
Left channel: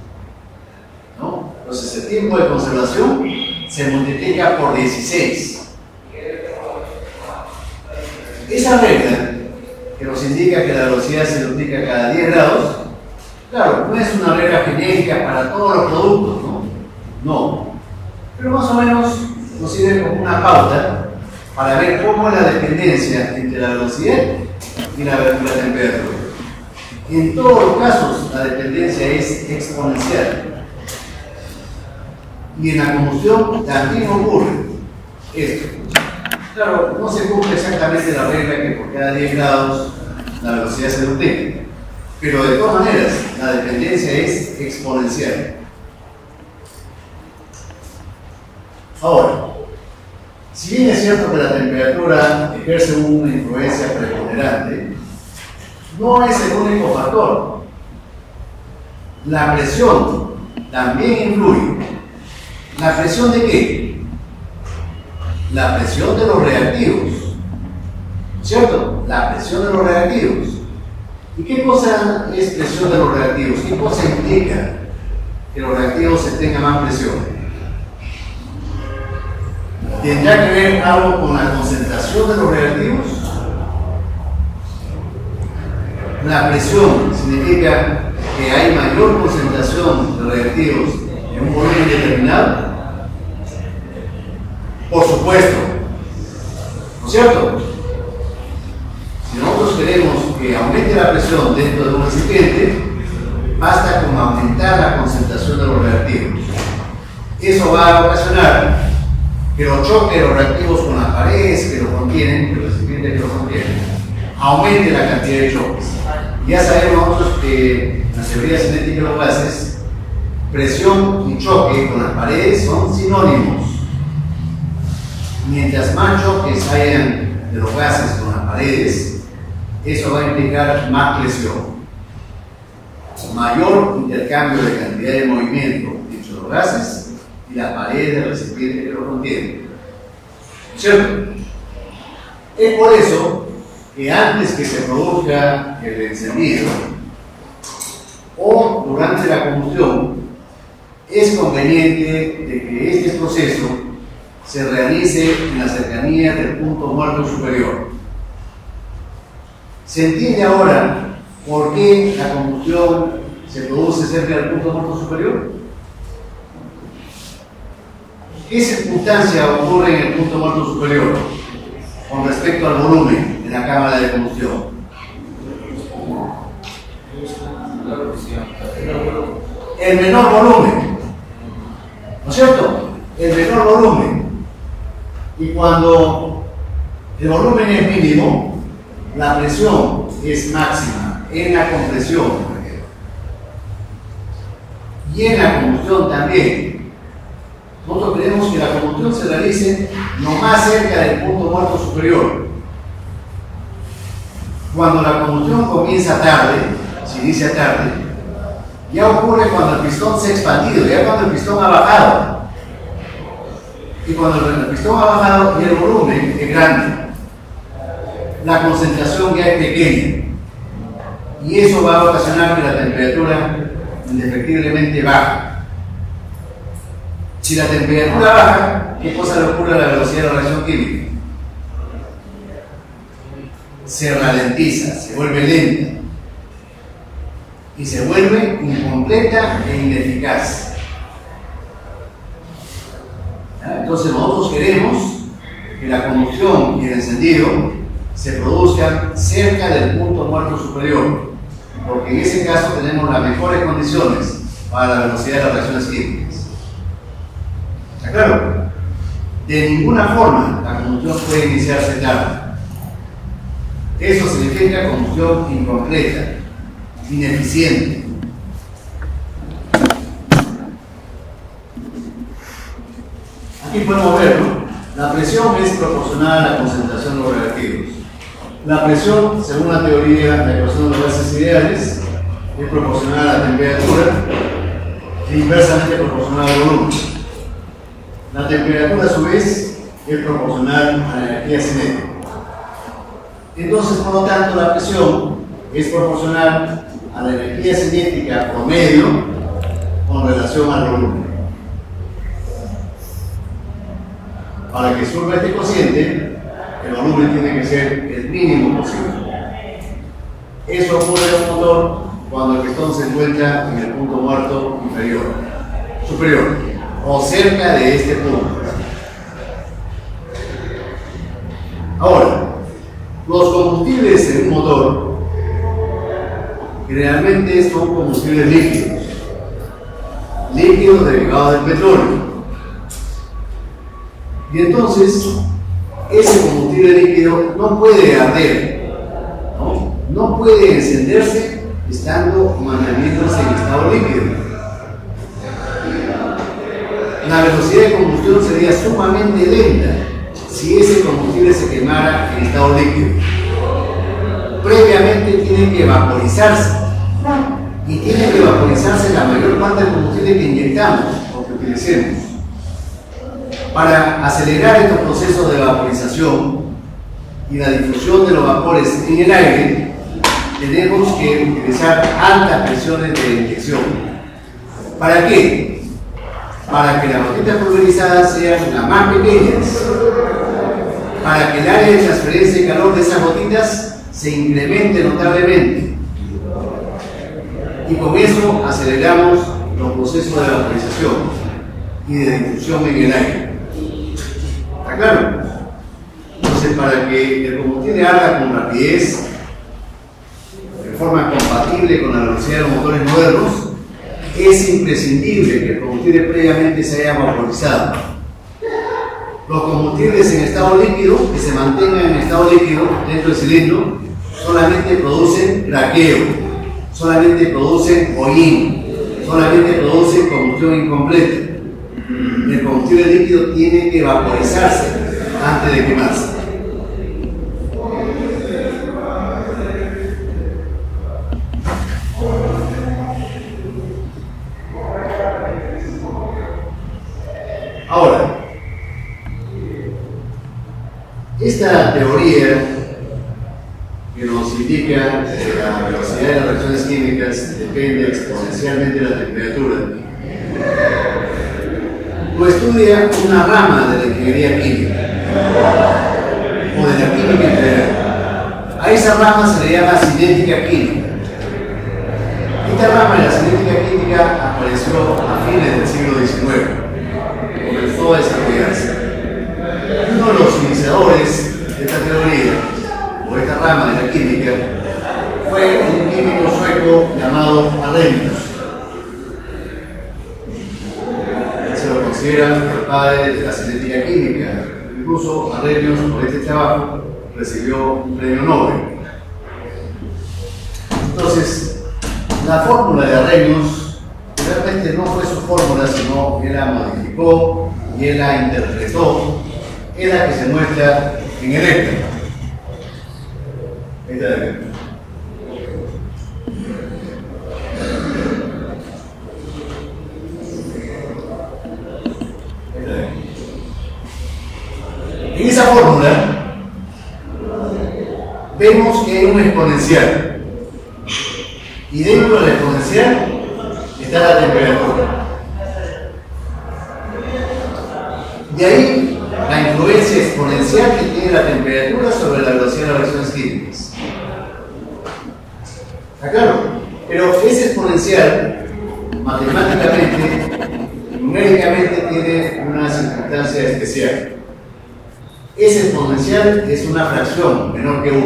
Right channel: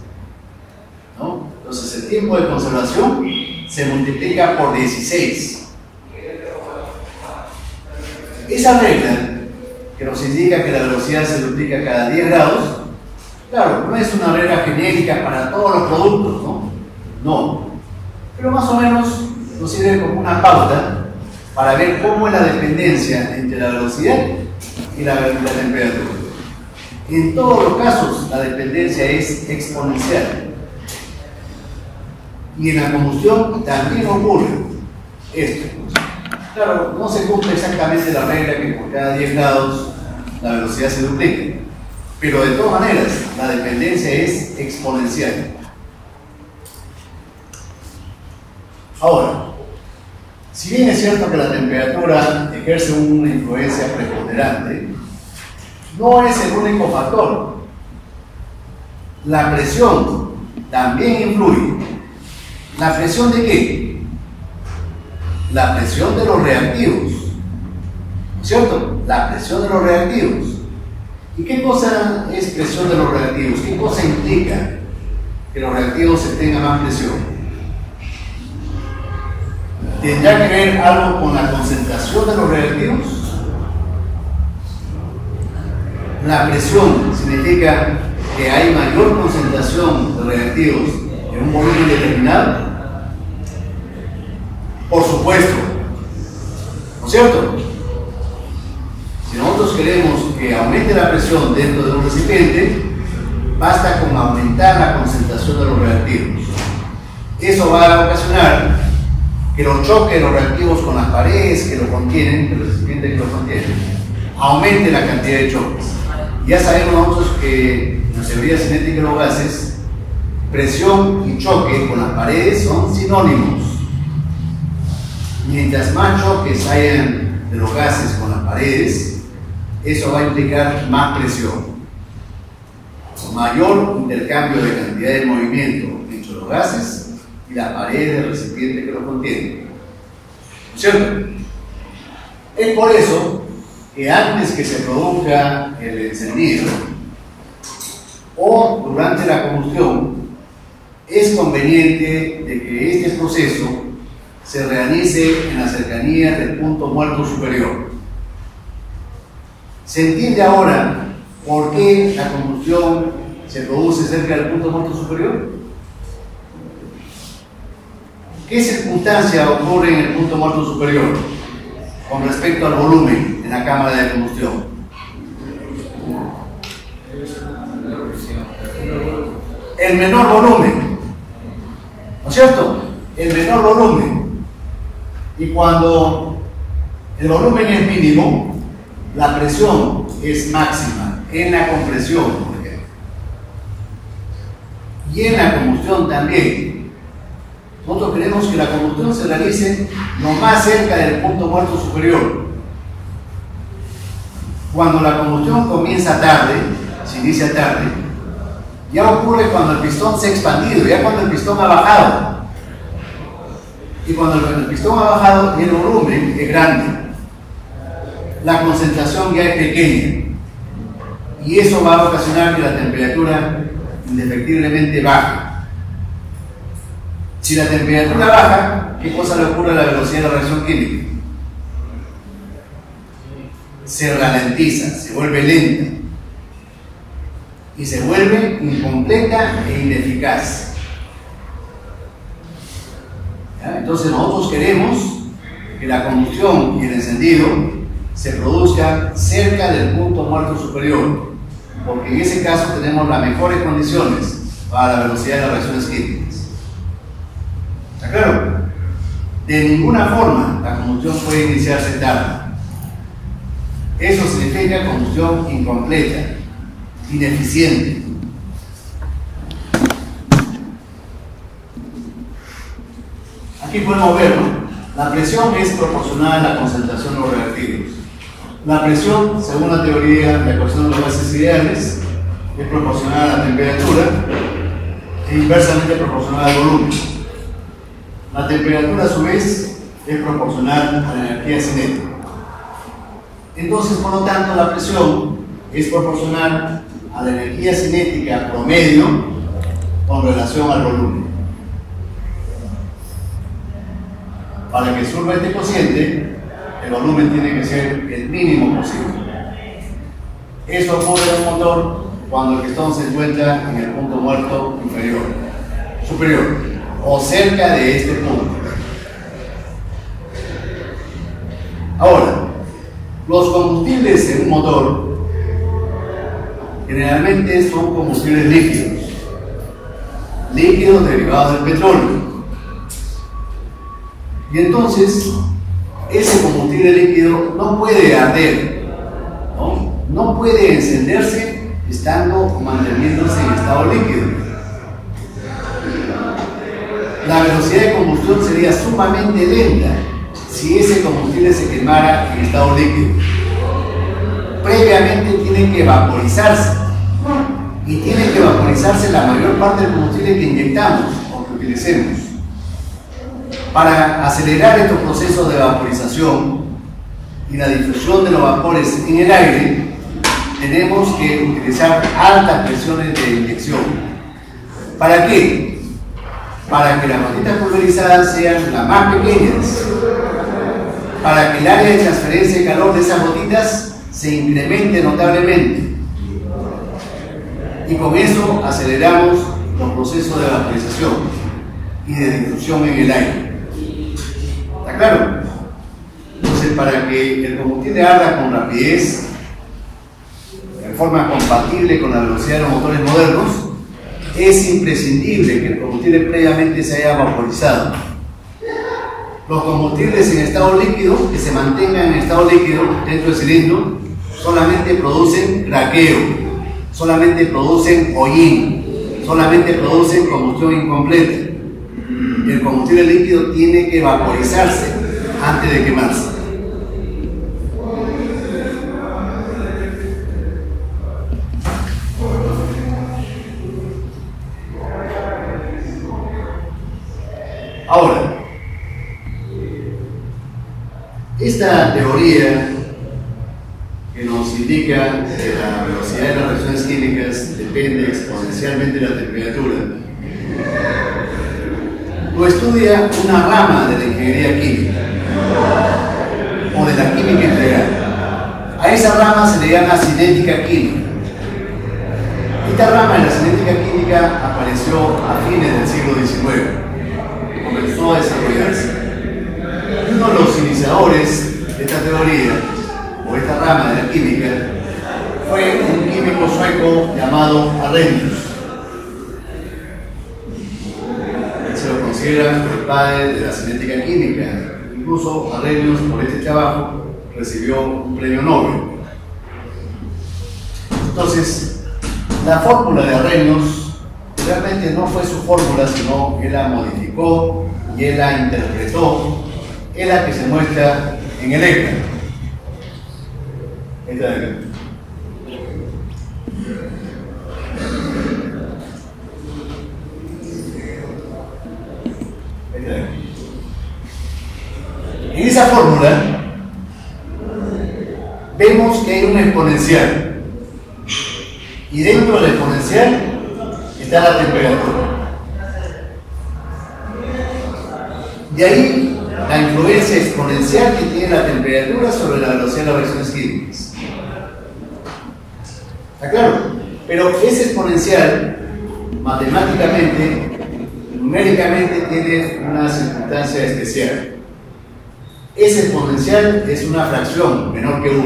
¿No? Entonces el tiempo de conservación se multiplica por 16. Esa regla que nos indica que la velocidad se duplica cada 10 grados, claro, no es una regla genérica para todos los productos, ¿no? No. Pero más o menos nos sirve como una pauta para ver cómo es la dependencia entre la velocidad y la temperatura. En todos los casos, la dependencia es exponencial. Y en la combustión también ocurre esto. Claro, no se cumple exactamente la regla que por cada 10 grados la velocidad se duplica, pero de todas maneras la dependencia es exponencial. Ahora, si bien es cierto que la temperatura ejerce una influencia preponderante, no es el único factor. La presión también influye. ¿La presión de qué? La presión de los reactivos, ¿cierto? La presión de los reactivos. ¿Y qué cosa es presión de los reactivos? ¿Qué cosa implica que los reactivos tengan más presión? ¿Tendrá que ver algo con la concentración de los reactivos? La presión significa que hay mayor concentración de reactivos en un volumen determinado. Por supuesto, ¿no es cierto? Si nosotros queremos que aumente la presión dentro de un recipiente, basta con aumentar la concentración de los reactivos. Eso va a ocasionar que los choques de los reactivos con las paredes que lo contienen, el recipiente que lo contiene, aumente la cantidad de choques. Ya sabemos nosotros que en la teoría cinética de los gases, presión y choque con las paredes son sinónimos. Mientras más choques hayan de los gases con las paredes, eso va a implicar más presión. Mayor intercambio de cantidad de movimiento entre los gases y la pared del recipiente que lo contiene. ¿Cierto? Es por eso que antes que se produzca el encendido o durante la combustión, es conveniente de que este proceso se realice en la cercanía del punto muerto superior. ¿Se entiende ahora por qué la combustión se produce cerca del punto muerto superior? ¿Qué circunstancia ocurre en el punto muerto superior con respecto al volumen en la cámara de combustión? El menor volumen, ¿no es cierto? El menor volumen. Y cuando el volumen es mínimo, la presión es máxima en la compresión, por ejemplo. Y en la combustión también. Nosotros queremos que la combustión se realice lo más cerca del punto muerto superior. Cuando la combustión comienza tarde, se inicia tarde, ya ocurre cuando el pistón se ha expandido, ya cuando el pistón ha bajado. Y cuando el pistón ha bajado y el volumen es grande, la concentración ya es pequeña. Y eso va a ocasionar que la temperatura indefectiblemente baje. Si la temperatura baja, ¿qué cosa le ocurre a la velocidad de la reacción química? Se ralentiza, se vuelve lenta y se vuelve incompleta e ineficaz. ¿Ya? Entonces nosotros queremos que la combustión y el encendido se produzcan cerca del punto muerto superior, porque en ese caso tenemos las mejores condiciones para la velocidad de las reacciones químicas. ¿Está claro? De ninguna forma la combustión puede iniciarse tarde. Eso significa combustión incompleta, ineficiente. Aquí podemos verlo. La presión es proporcional a la concentración de los reactivos. La presión, según la teoría de la ecuación de los gases ideales, es proporcional a la temperatura e inversamente proporcional al volumen. La temperatura, a su vez, es proporcional a la energía cinética. Entonces, por lo tanto, la presión es proporcional a la energía cinética promedio con relación al volumen. Para que surja este cociente, el volumen tiene que ser el mínimo posible. Eso ocurre en un motor cuando el pistón se encuentra en el punto muerto superior, o cerca de este punto. Ahora, los combustibles en un motor generalmente son combustibles líquidos derivados del petróleo. Y entonces, ese combustible líquido no puede arder, no puede encenderse estando o manteniéndose en estado líquido. La velocidad de combustión sería sumamente lenta si ese combustible se quemara en estado líquido. Previamente tiene que vaporizarse, y tiene que vaporizarse la mayor parte del combustible que inyectamos o que utilicemos. Para acelerar estos procesos de vaporización y la difusión de los vapores en el aire, tenemos que utilizar altas presiones de inyección. ¿Para qué? Para que las gotitas pulverizadas sean las más pequeñas, para que el área de transferencia de calor de esas gotitas se incremente notablemente. Y con eso aceleramos los procesos de vaporización y de difusión en el aire. ¿Está claro? Entonces, para que el combustible arda con rapidez, de forma compatible con la velocidad de los motores modernos, es imprescindible que el combustible previamente se haya vaporizado. Los combustibles en estado líquido, que se mantengan en estado líquido dentro del cilindro, solamente producen craqueo, solamente producen hollín, solamente producen combustión incompleta. El combustible líquido tiene que vaporizarse antes de quemarse. Ahora, esta teoría que nos indica que la velocidad de las reacciones químicas depende exponencialmente de la temperatura, lo estudia una rama de la ingeniería química o de la química en general. A esa rama se le llama cinética química. Esta rama de la cinética química apareció a fines del siglo XIX, comenzó a desarrollarse. Uno de los iniciadores de esta teoría o esta rama de la química fue un químico sueco llamado Arrhenius. Se lo considera el padre de la cinética química. Incluso Arrhenius, por este trabajo, recibió un premio Nobel. Entonces, la fórmula de Arrhenius realmente no fue su fórmula, sino él la modificó y él la interpretó. Es la que se muestra en el ECTA. Esta de aquí. En esa fórmula vemos que hay un exponencial y dentro del exponencial está la temperatura. De ahí la influencia exponencial que tiene la temperatura sobre la velocidad de las reacciones químicas. ¿Está claro? Pero ese exponencial, matemáticamente, numéricamente, tiene una circunstancia especial. Ese exponencial es una fracción menor que 1.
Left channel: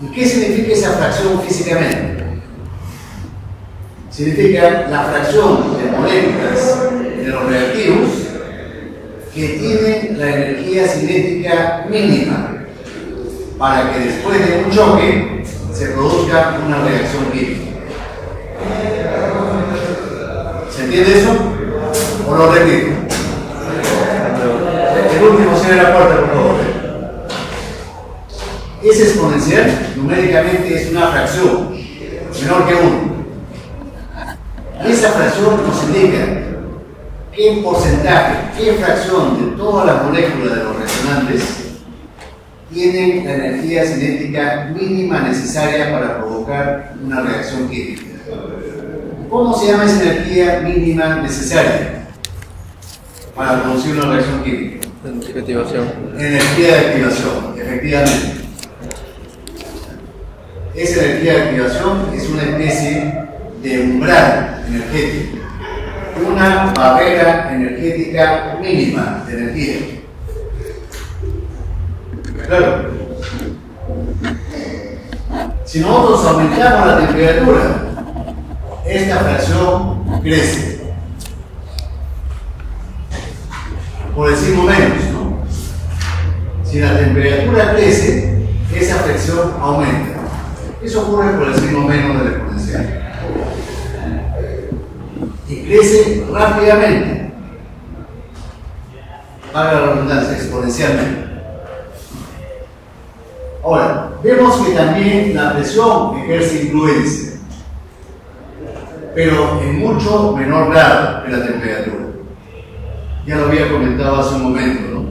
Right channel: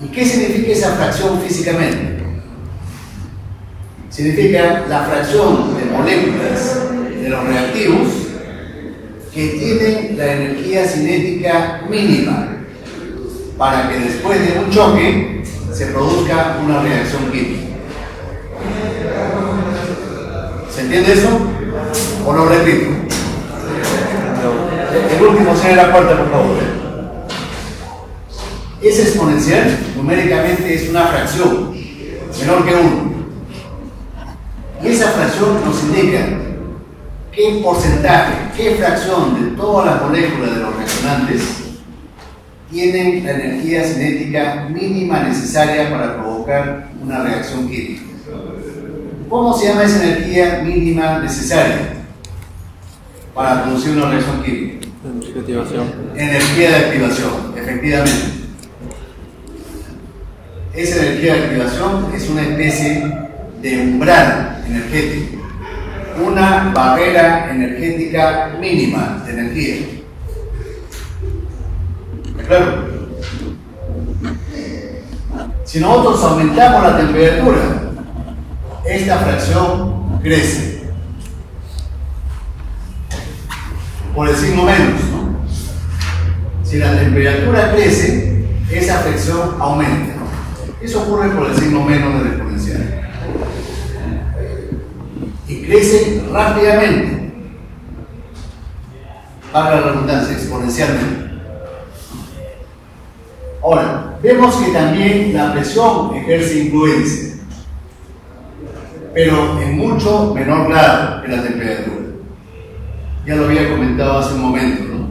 ¿Y qué significa esa fracción físicamente? Significa la fracción de moléculas de los reactivos que tienen la energía cinética mínima para que después de un choque se produzca una reacción química. ¿Se entiende eso? ¿O lo repito? El último cierre la puerta, por favor. Ese exponencial numéricamente es una fracción menor que 1. Y esa fracción nos indica qué porcentaje, qué fracción de todas las moléculas de los resonantes tienen la energía cinética mínima necesaria para provocar una reacción química. ¿Cómo se llama esa energía mínima necesaria para producir una reacción química? Energía de activación. Energía de activación, efectivamente. Esa energía de activación es una especie de umbral energético, una barrera energética mínima de energía. Claro. Si nosotros aumentamos la temperatura, esta fracción crece. Por decirlo menos, ¿no? Si la temperatura crece, esa fracción aumenta. Eso ocurre por el signo menos del exponencial. Y crece rápidamente. Para la redundancia, exponencialmente. Ahora, vemos que también la presión ejerce influencia, pero en mucho menor grado que la temperatura. Ya lo había comentado hace un momento, ¿no?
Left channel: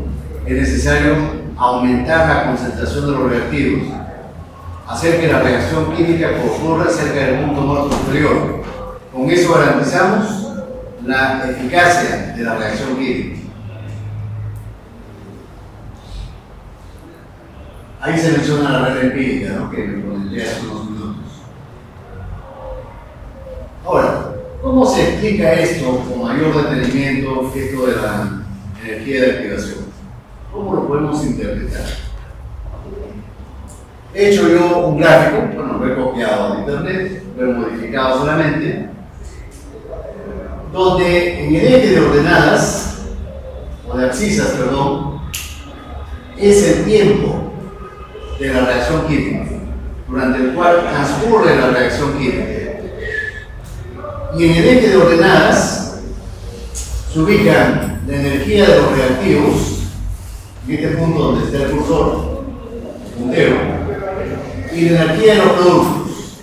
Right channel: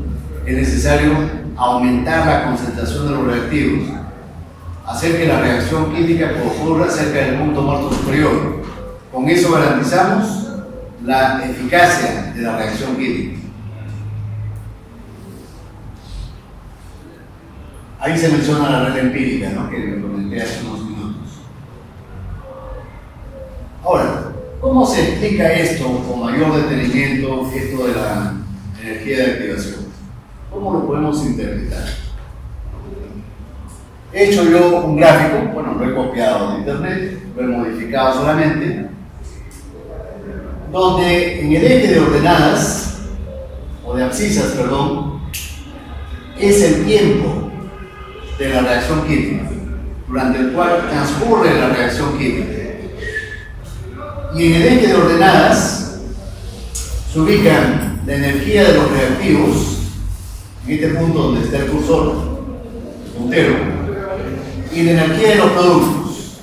Es necesario aumentar la concentración de los reactivos hacer que la reacción química ocurra cerca del punto muerto superior. Con eso garantizamos la eficacia de la reacción química. Ahí se menciona la red empírica, ¿no?, que me comenté hace unos minutos. Ahora, ¿cómo se explica esto con mayor detenimiento, esto de la energía de activación? ¿Cómo lo podemos interpretar? He hecho yo un gráfico, bueno, lo he copiado de internet, lo he modificado solamente, donde en el eje de ordenadas, o de abscisas, perdón, es el tiempo de la reacción química, durante el cual transcurre la reacción química. Y en el eje de ordenadas se ubican la energía de los reactivos, en este punto donde está el cursor, el puntero, y la energía de los productos.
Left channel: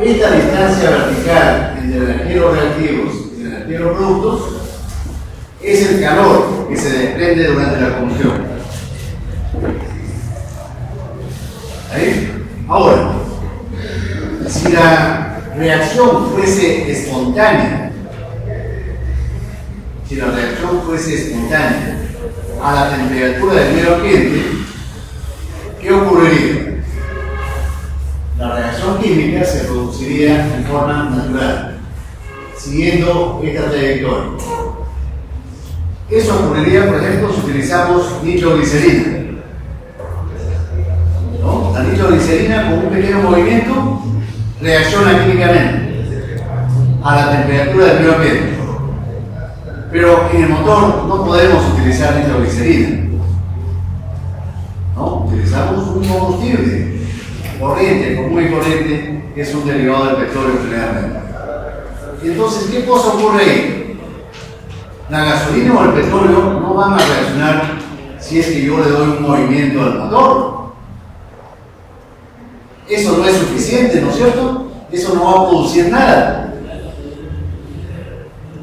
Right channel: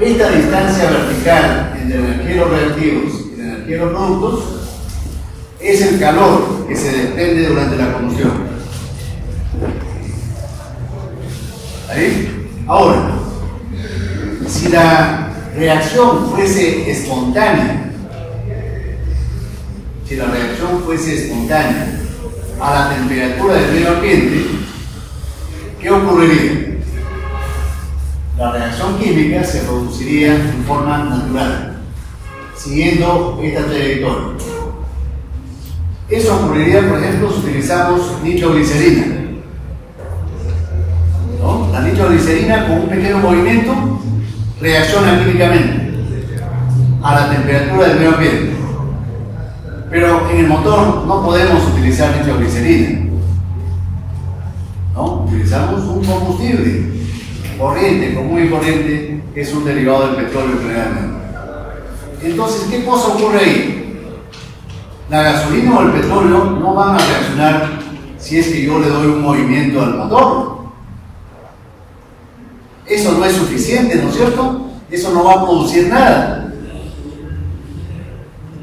Esta distancia vertical entre la energía de los reactivos y la energía de los productos es el calor que se desprende durante la combustión. ¿Ahí? Ahora, si la reacción fuese espontánea, a la temperatura del medio ambiente, ¿qué ocurriría? La reacción química se produciría en forma natural, siguiendo esta trayectoria. Eso ocurriría, por ejemplo, si utilizamos nitroglicerina. ¿No? La nitroglicerina, con un pequeño movimiento, reacciona químicamente a la temperatura del medio ambiente. Pero en el motor no podemos utilizar nitroglicerina, ¿no? Utilizamos un combustible corriente, común y corriente, que es un derivado del petróleo generalmente. Entonces, ¿qué cosa ocurre ahí? La gasolina o el petróleo no van a reaccionar si es que yo le doy un movimiento al motor. Eso no es suficiente, ¿no es cierto? Eso no va a producir nada.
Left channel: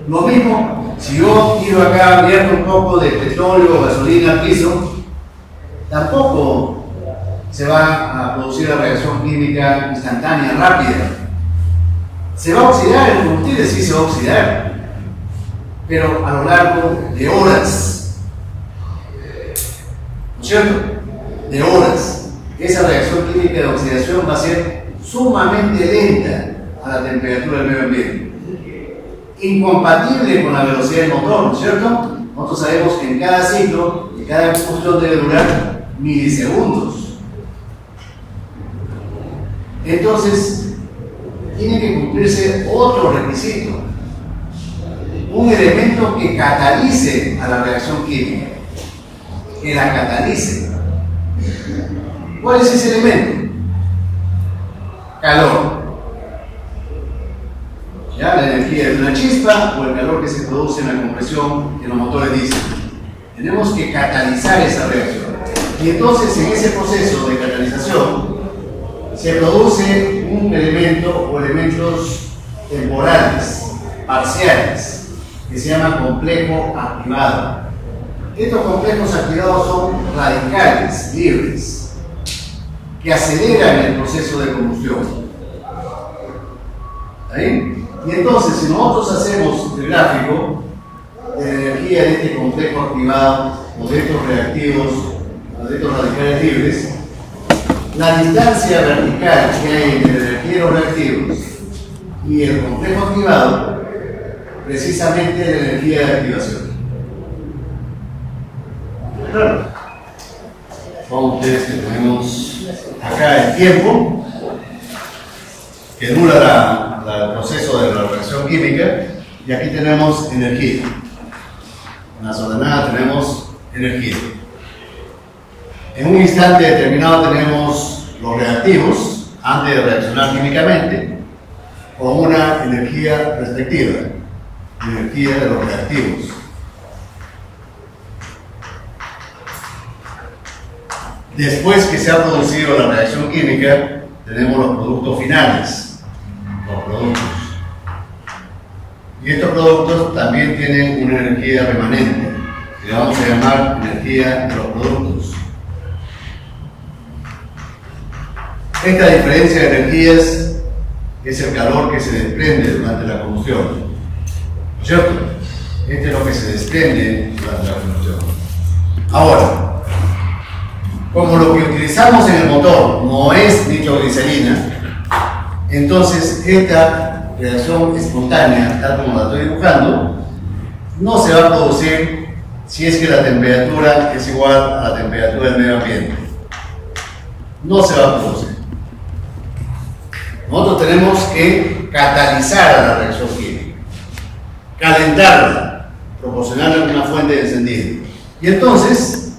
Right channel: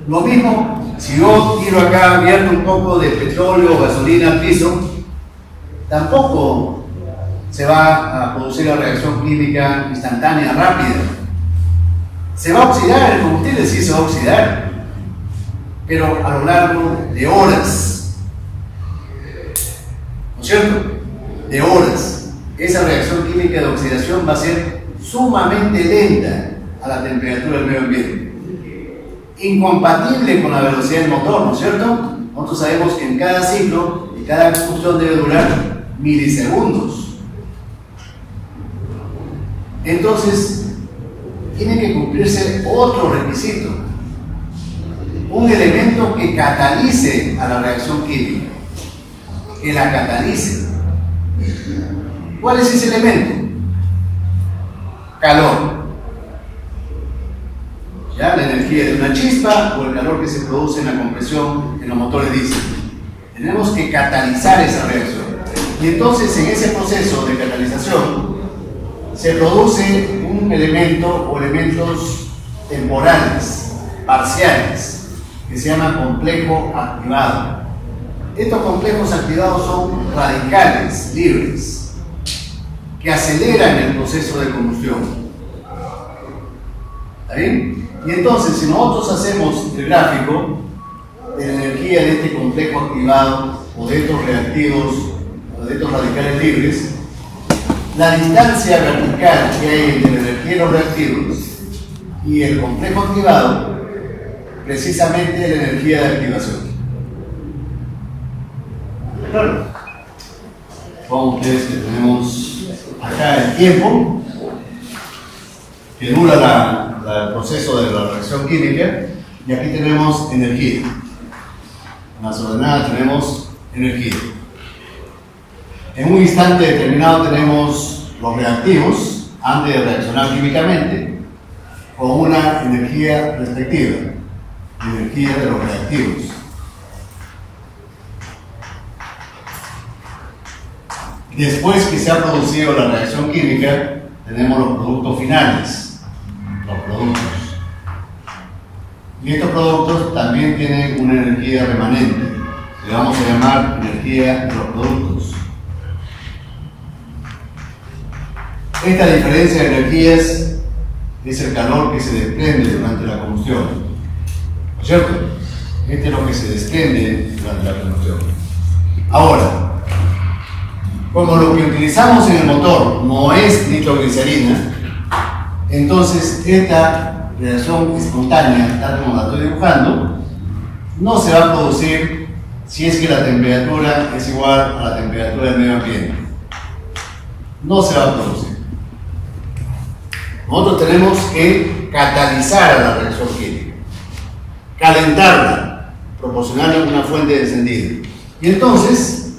Lo mismo, si yo tiro acá, vierto un poco de petróleo o gasolina al piso, tampoco se va a producir la reacción química instantánea, rápida. Se va a oxidar el combustible, sí se va a oxidar, pero a lo largo de horas, ¿no es cierto? De horas. Esa reacción química de oxidación va a ser sumamente lenta a la temperatura del medio ambiente, incompatible con la velocidad del motor, ¿no es cierto? Nosotros sabemos que en cada ciclo y cada combustión debe durar milisegundos. Entonces, tiene que cumplirse otro requisito, un elemento que catalice a la reacción química, que la catalice. ¿Cuál es ese elemento? Calor. ¿Ya? La energía de una chispa o el calor que se produce en la compresión de los motores diésel. Tenemos que catalizar esa reacción. Y entonces, en ese proceso de catalización, se produce un elemento o elementos temporales, parciales, que se llama complejo activado. Estos complejos activados son radicales, libres, que aceleran el proceso de combustión. ¿Está bien? Y entonces, si nosotros hacemos el gráfico de la energía de este complejo activado o de estos reactivos o de estos radicales libres, la distancia vertical que hay entre la energía de los reactivos y el complejo activado, precisamente es la energía de activación. Claro. Con ustedes que tenemos acá el tiempo que dura el proceso de la reacción química, y aquí tenemos energía. En las ordenadas tenemos energía. En un instante determinado tenemos los reactivos antes de reaccionar químicamente con una energía respectiva, energía de los reactivos. Después que se ha producido la reacción química, tenemos los productos finales, los productos. Y estos productos también tienen una energía remanente, que le vamos a llamar energía de los productos. Esta diferencia de energías es el calor que se desprende durante la combustión, ¿no es cierto? Este es lo que se desprende durante la combustión. Ahora, como lo que utilizamos en el motor no es nitroglicerina, entonces esta reacción espontánea, tal como la estoy dibujando, no se va a producir si es que la temperatura es igual a la temperatura del medio ambiente. No se va a producir. Nosotros tenemos que catalizar a la reacción química, calentarla, proporcionarle una fuente de encendido. Y entonces,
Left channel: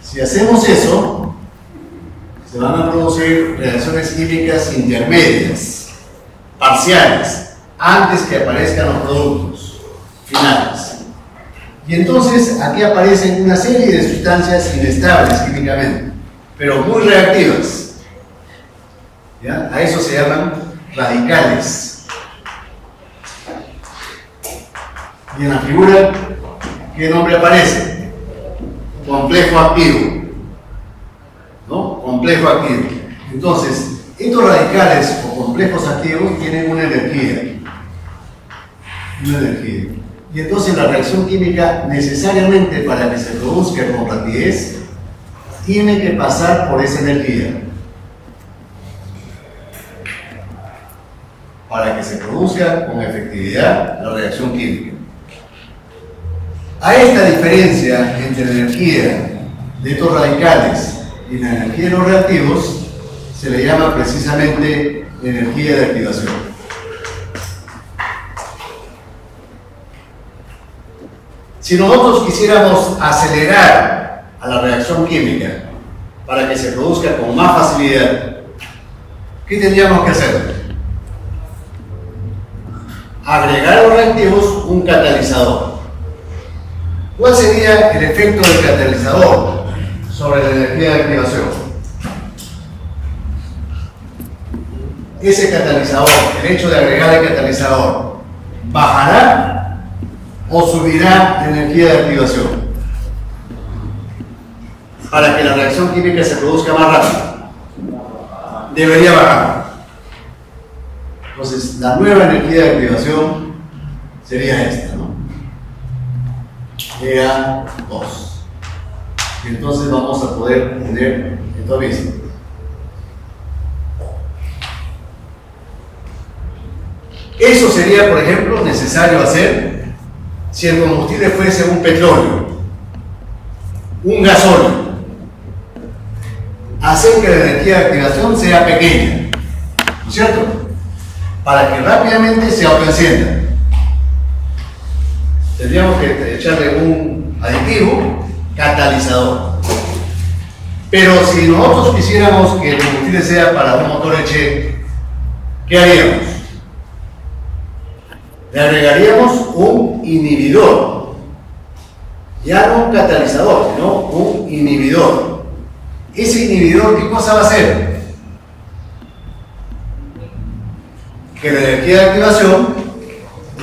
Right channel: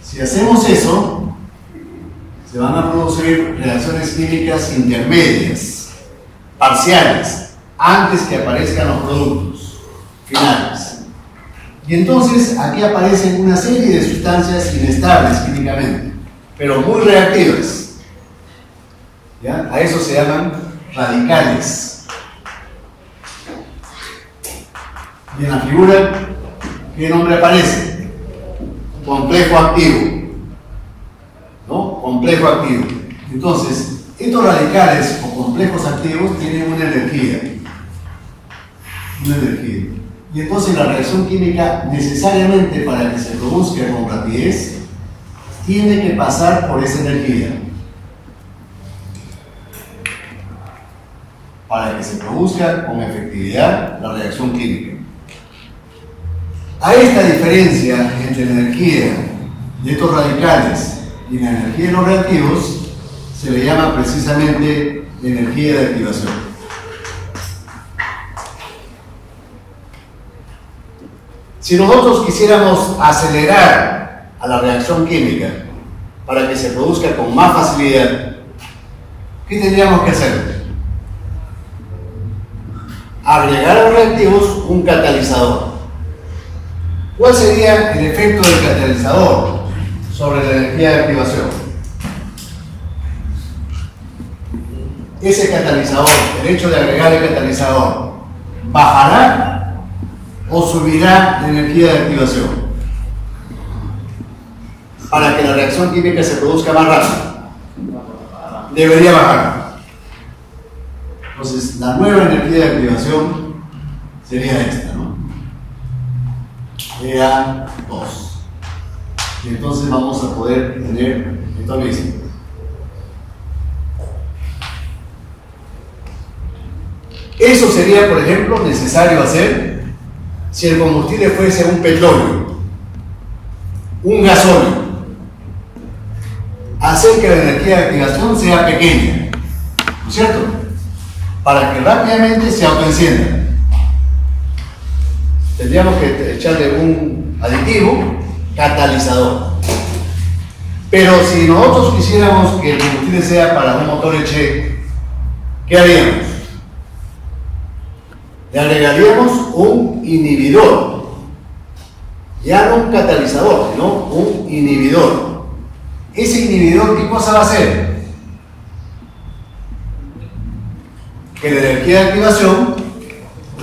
si hacemos eso, se van a producir reacciones químicas intermedias, parciales, antes que aparezcan los productos finales. Y entonces aquí aparecen una serie de sustancias inestables químicamente, pero muy reactivas. ¿Ya? A eso se llaman radicales. Y en la figura, ¿qué nombre aparece? Complejo activo. ¿No? Complejo activo. Entonces, estos radicales o complejos activos tienen una energía. Una energía. Y entonces la reacción química, necesariamente para que se produzca con rapidez, tiene que pasar por esa energía. Para que se produzca con efectividad la reacción química. A esta diferencia entre la energía de estos radicales y la energía de los reactivos se le llama precisamente energía de activación. Si nosotros quisiéramos acelerar a la reacción química para que se produzca con más facilidad, ¿qué tendríamos que hacer? Agregar a los reactivos un catalizador. ¿Cuál sería el efecto del catalizador sobre la energía de activación? Ese catalizador, el hecho de agregar el catalizador, ¿bajará o subirá la energía de activación? Para que la reacción química se produzca más rápido. Debería bajar. Entonces, la nueva energía de activación sería esta, ¿no? EA2. Y entonces vamos a poder tener esto mismo. Eso sería, por ejemplo, necesario hacer si el combustible fuese un petróleo, un gasóleo. Hacer que la energía de activación sea pequeña, ¿no es cierto? Para que rápidamente se autoencienda. Tendríamos que echarle un aditivo catalizador. Pero si nosotros quisiéramos que el combustible sea para un motor Eche, ¿qué haríamos? Le agregaríamos un inhibidor. Ya no un catalizador, sino un inhibidor. Ese inhibidor, ¿qué cosa va a hacer? Que la energía de activación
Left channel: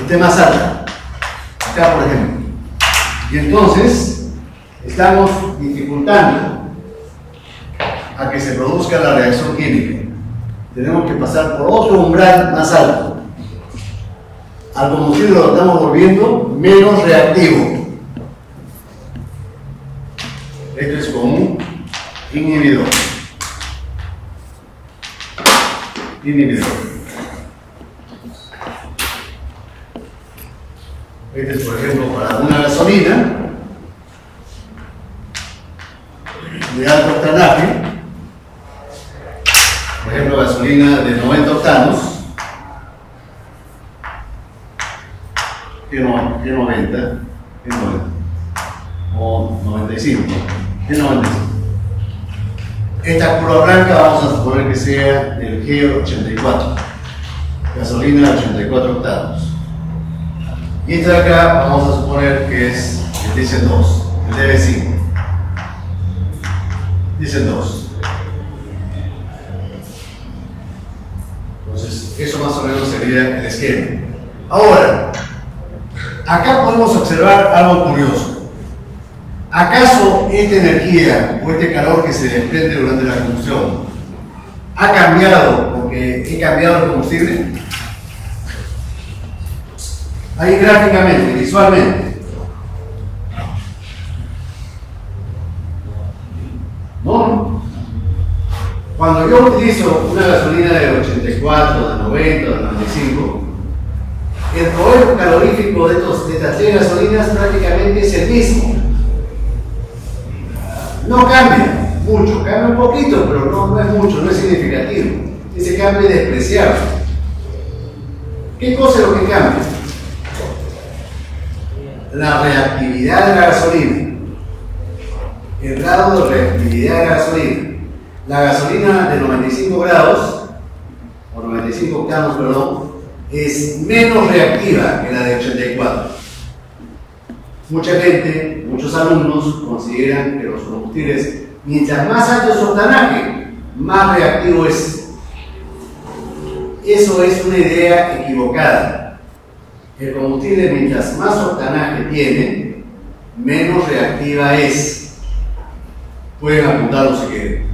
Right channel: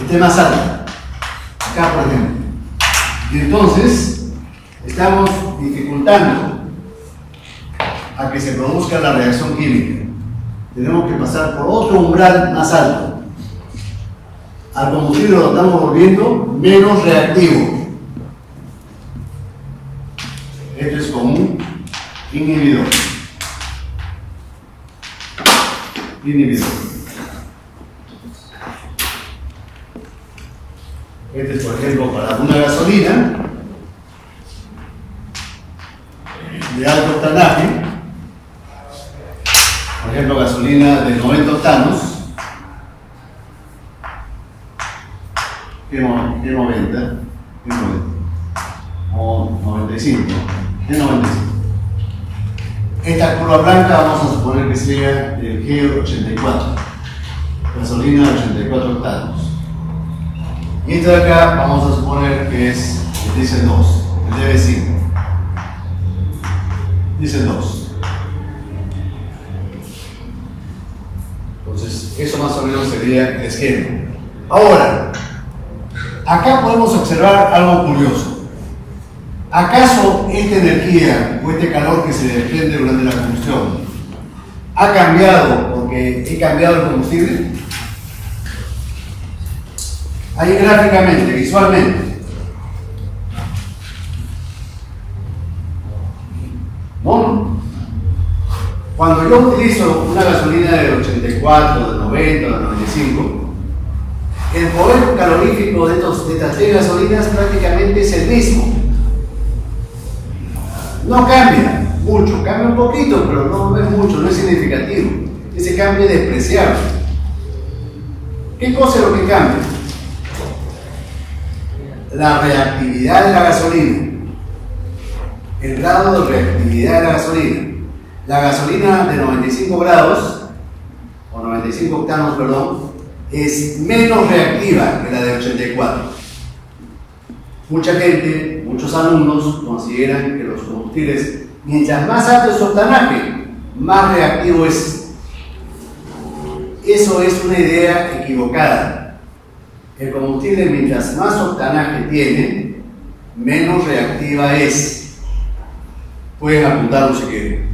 esté más alta. Acá, por ejemplo. Y entonces estamos dificultando a que se produzca la reacción química. Tenemos que pasar por otro umbral más alto. Al combustible lo estamos volviendo menos reactivo. Esto es como un inhibidor. Inhibidor. Este es, por ejemplo, para una gasolina de alto octanaje, por ejemplo, gasolina de 90 octanos, ¿qué 90? O 95, ¿qué 95? Esta curva blanca vamos a suponer que sea el G84, gasolina de 84 octanos. Y esta de acá vamos a suponer que es el diésel 2, el DB5. Diésel 2. Entonces, eso más o menos sería el esquema. Ahora, acá podemos observar algo curioso. ¿Acaso esta energía o este calor que se desprende durante la combustión ¿Ha cambiado porque he cambiado el combustible? Ahí gráficamente, visualmente. ¿No? Cuando yo utilizo una gasolina de 84, de 90, de 95, el poder calorífico de estas tres gasolinas prácticamente es el mismo. No cambia mucho, cambia un poquito, pero no es mucho, no es significativo. Ese cambio es despreciable. ¿Qué cosa es lo que cambia? La reactividad de la gasolina, el grado de reactividad de la gasolina. La gasolina de 95 grados, o 95 octanos, perdón, es menos reactiva que la de 84. Mucha gente, muchos alumnos consideran que los combustibles, mientras más alto es su octanaje, más reactivo es. Eso es una idea equivocada. El combustible, mientras más octanaje tiene, menos reactiva es. Pueden apuntarlo si quieren.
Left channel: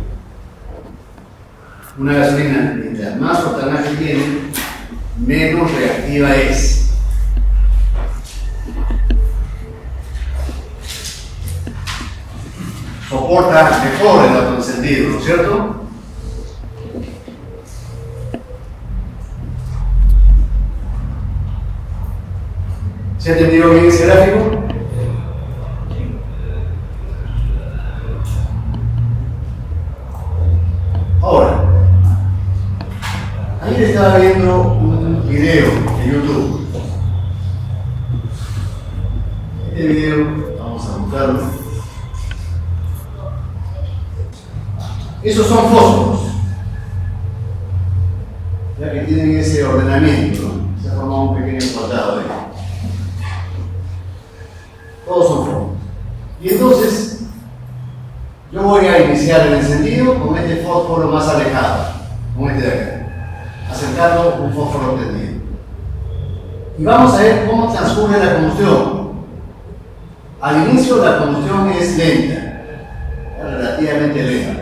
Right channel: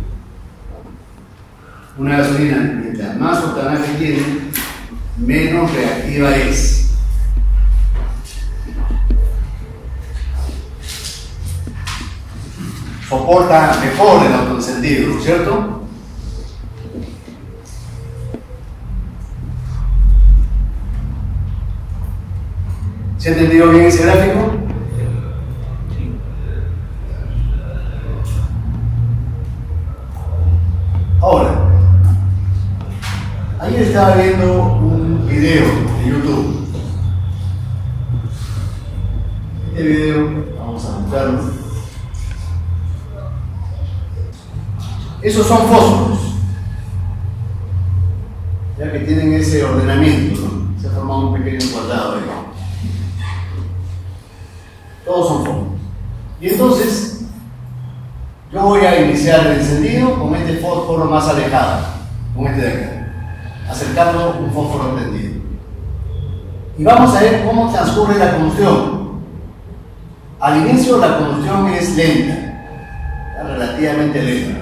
Una gasolina, mientras más octanaje tiene, menos reactiva es. Soporta mejor el otro sentido, ¿no es cierto? ¿Se ha entendido bien ese gráfico? Ahora, ayer estaba viendo un video de YouTube. Este video, vamos a buscarlo. Esos son fósforos, ya que tienen ese ordenamiento, ¿no? Se ha formado un pequeño cuadrado ahí. Todos son fósforos. Y entonces, yo voy a iniciar el encendido con este fósforo más alejado, con este de acá, acercando un fósforo prendido. Y vamos a ver cómo transcurre la combustión. Al inicio la combustión es lenta, relativamente lenta.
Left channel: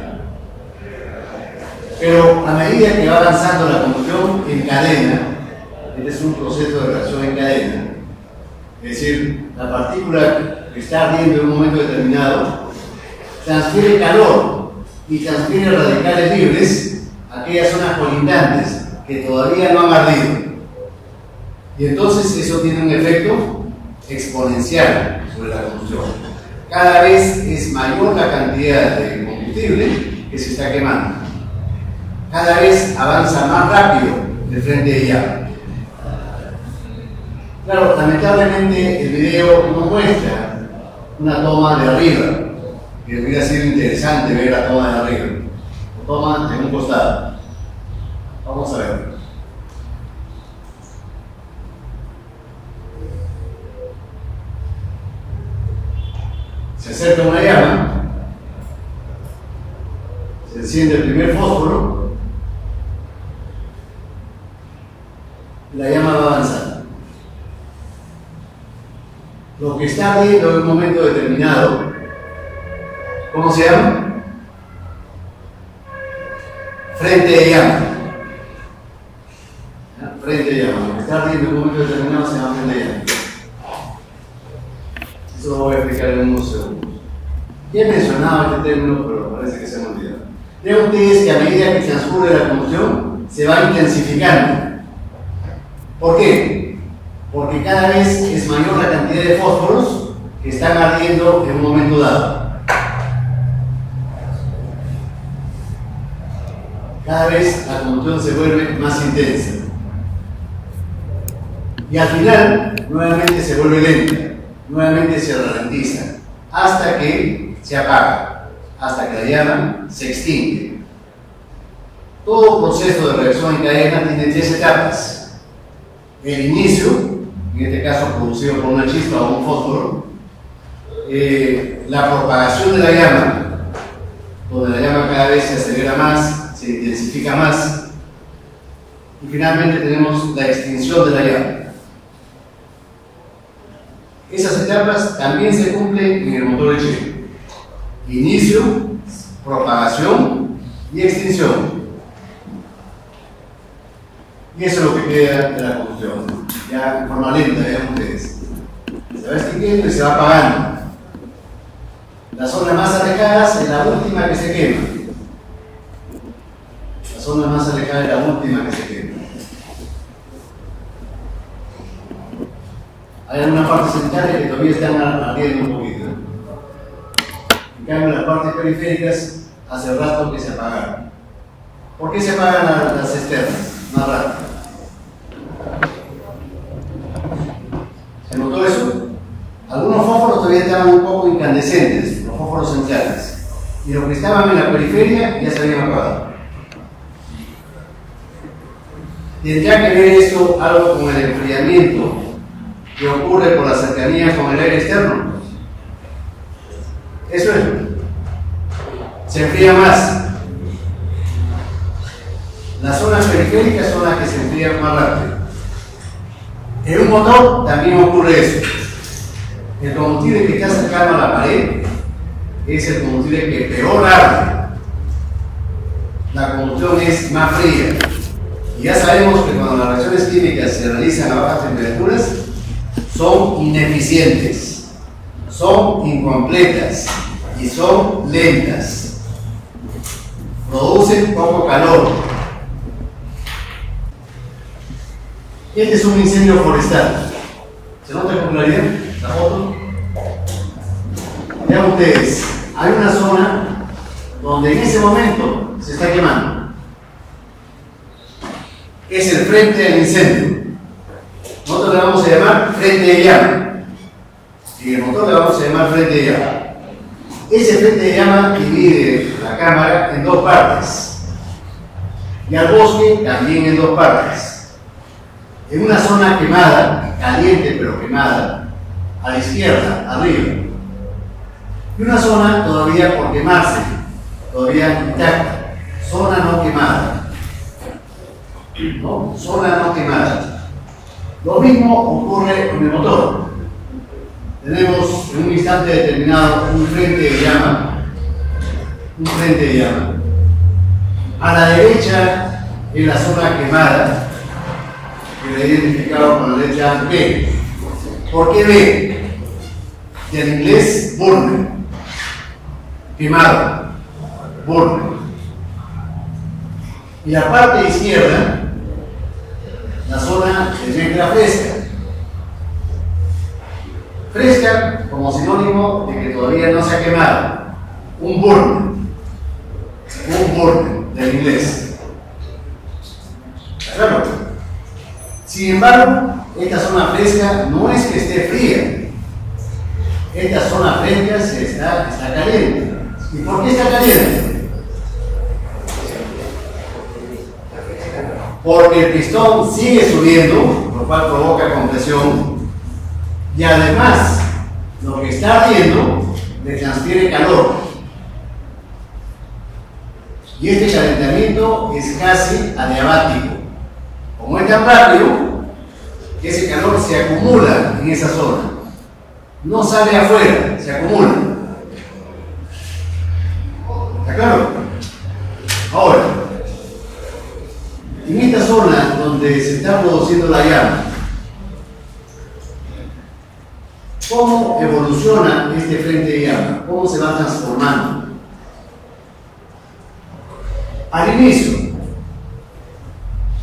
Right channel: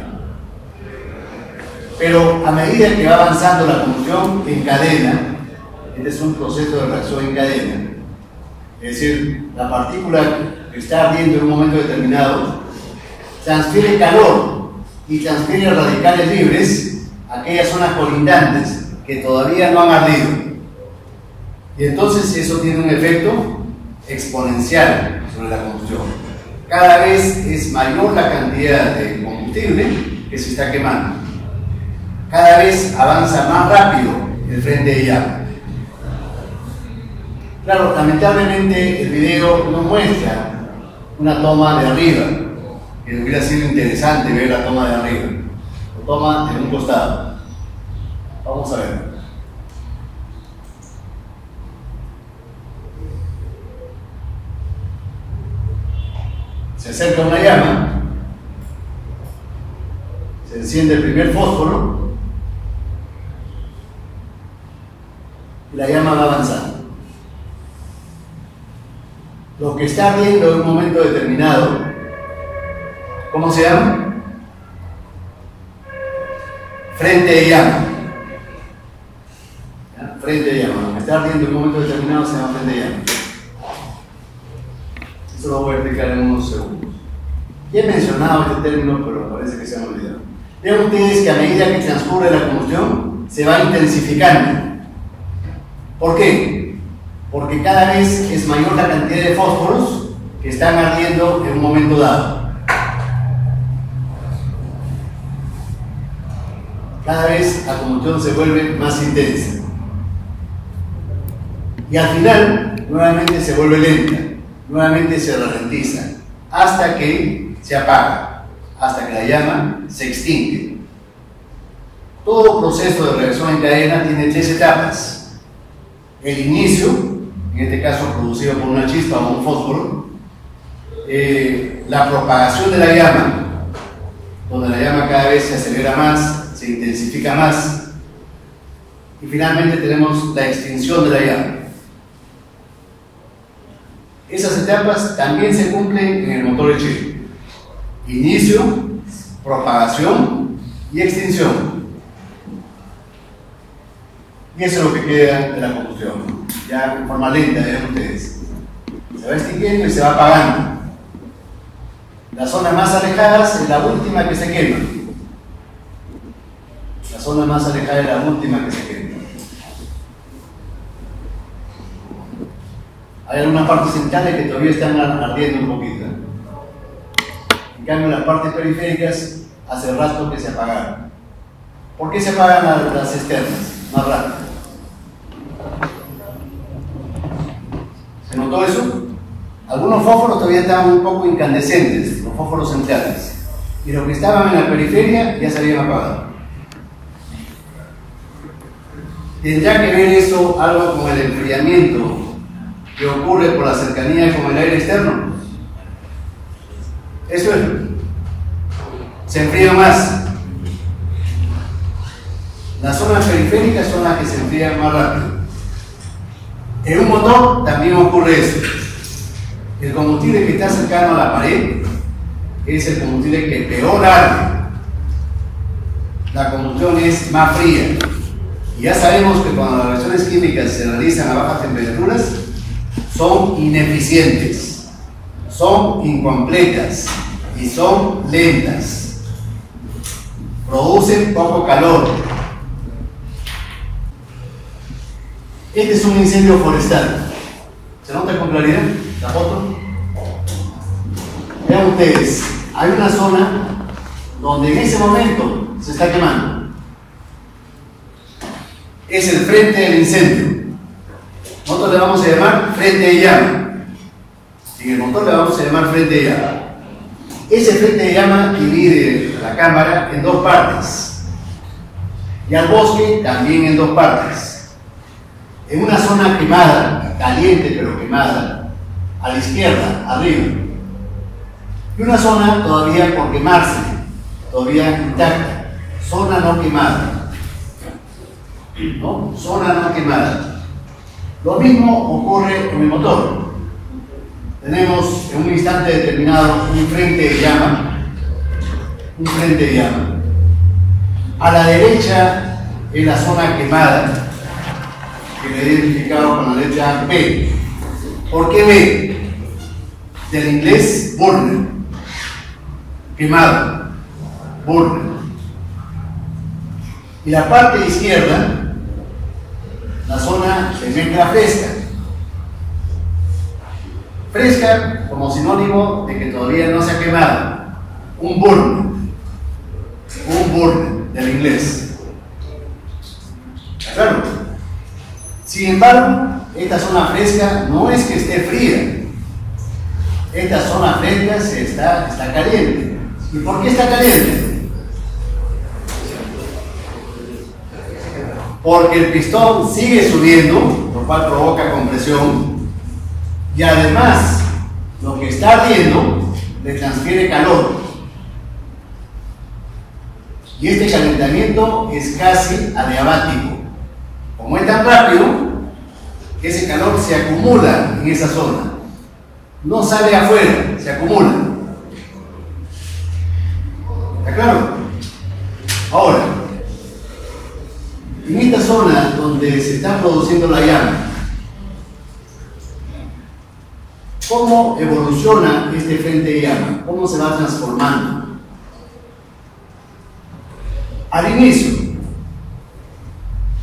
Pero a medida que va avanzando la combustión en cadena, este es un proceso de reacción en cadena, es decir, la partícula que está ardiendo en un momento determinado transfiere calor y transfiere radicales libres a aquellas zonas colindantes que todavía no han ardido. Y entonces eso tiene un efecto exponencial sobre la combustión. Cada vez es mayor la cantidad de combustible que se está quemando. Cada vez avanza más rápido el frente de llama. Claro, lamentablemente el video no muestra una toma de arriba, que hubiera sido interesante ver la toma de arriba. Lo toma en un costado. Vamos a ver. Se acerca una llama, se enciende el primer fósforo y la llama va avanzando. Lo que está ardiendo en un momento determinado, ¿cómo se llama? Frente de llama. Frente de llama. Lo que está ardiendo en un momento determinado se llama frente de llama. Eso lo voy a explicar en unos segundos. Ya he mencionado este término, pero parece que se han olvidado. Vean ustedes que a medida que transcurre la combustión, se va intensificando. ¿Por qué? Porque cada vez es mayor la cantidad de fósforos que están ardiendo en un momento dado. Cada vez la combustión se vuelve más intensa. Y al final, nuevamente se vuelve lenta, nuevamente se ralentiza, hasta que se apaga, hasta que la llama se extingue. Todo proceso de reacción en cadena tiene tres etapas. El inicio, en este caso producido por una chispa o un fósforo, la propagación de la llama, donde la llama cada vez se acelera más, se intensifica más, y finalmente tenemos la extinción de la llama. Esas etapas también se cumplen en el motor Echeco: inicio, propagación y extinción. Y eso es lo que queda de la combustión. Ya en forma lenta, vean ustedes. Se va extinguiendo y se va apagando. Las zonas más alejadas es la última que se quema. La zona más alejada es la última que se quema. Hay algunas partes centrales que todavía están ardiendo un poquito. En cambio, las partes periféricas hace rato que se apagaron. ¿Por qué se apagan las externas más rápido? ¿Se notó eso? Algunos fósforos todavía estaban un poco incandescentes, los fósforos centrales. Y los que estaban en la periferia ya se habían apagado. ¿Tendrá que ver esto algo con el enfriamiento que ocurre por la cercanía con el aire externo? Eso es. Se enfría más. Las zonas periféricas son las que se enfrían más rápido. En un motor también ocurre eso. El combustible que está cercano a la pared es el combustible que peor arde. La combustión es más fría. Y ya sabemos que cuando las reacciones químicas se realizan a bajas temperaturas, son ineficientes, son incompletas y son lentas. Producen poco calor. Este es un incendio forestal. ¿Se nota con claridad la foto? Vean ustedes, hay una zona donde en ese momento se está quemando. Es el frente del incendio. Nosotros le vamos a llamar frente de llama. Y en el motor le vamos a llamar frente de llama. Ese frente de llama divide la cámara en dos partes. Y al bosque también en dos partes. En una zona quemada, caliente pero quemada, a la izquierda, arriba. Y una zona todavía por quemarse, todavía intacta, zona no quemada. ¿No? Zona no quemada. Lo mismo ocurre con el motor. Tenemos en un instante determinado un frente de llama. Un frente de llama. A la derecha es la zona quemada, que la he identificado con la letra B. ¿Por qué B? Del inglés burner. Quemado. Burner. Y la parte izquierda, la zona es mezcla fresca. Fresca como sinónimo de que todavía no se ha quemado. Un burner. Un burner del inglés. Claro. Sin embargo, esta zona fresca no es que esté fría. Esta zona fresca está caliente. ¿Y por qué está caliente? Porque el pistón sigue subiendo, lo cual provoca compresión, y además lo que está ardiendo le transfiere calor. Y este calentamiento es casi adiabático. Como es tan rápido, ese calor se acumula en esa zona. No sale afuera, se acumula. ¿Está claro? Ahora, en esta zona donde se está produciendo la llama, ¿cómo evoluciona este frente de llama? ¿Cómo se va transformando? Al inicio,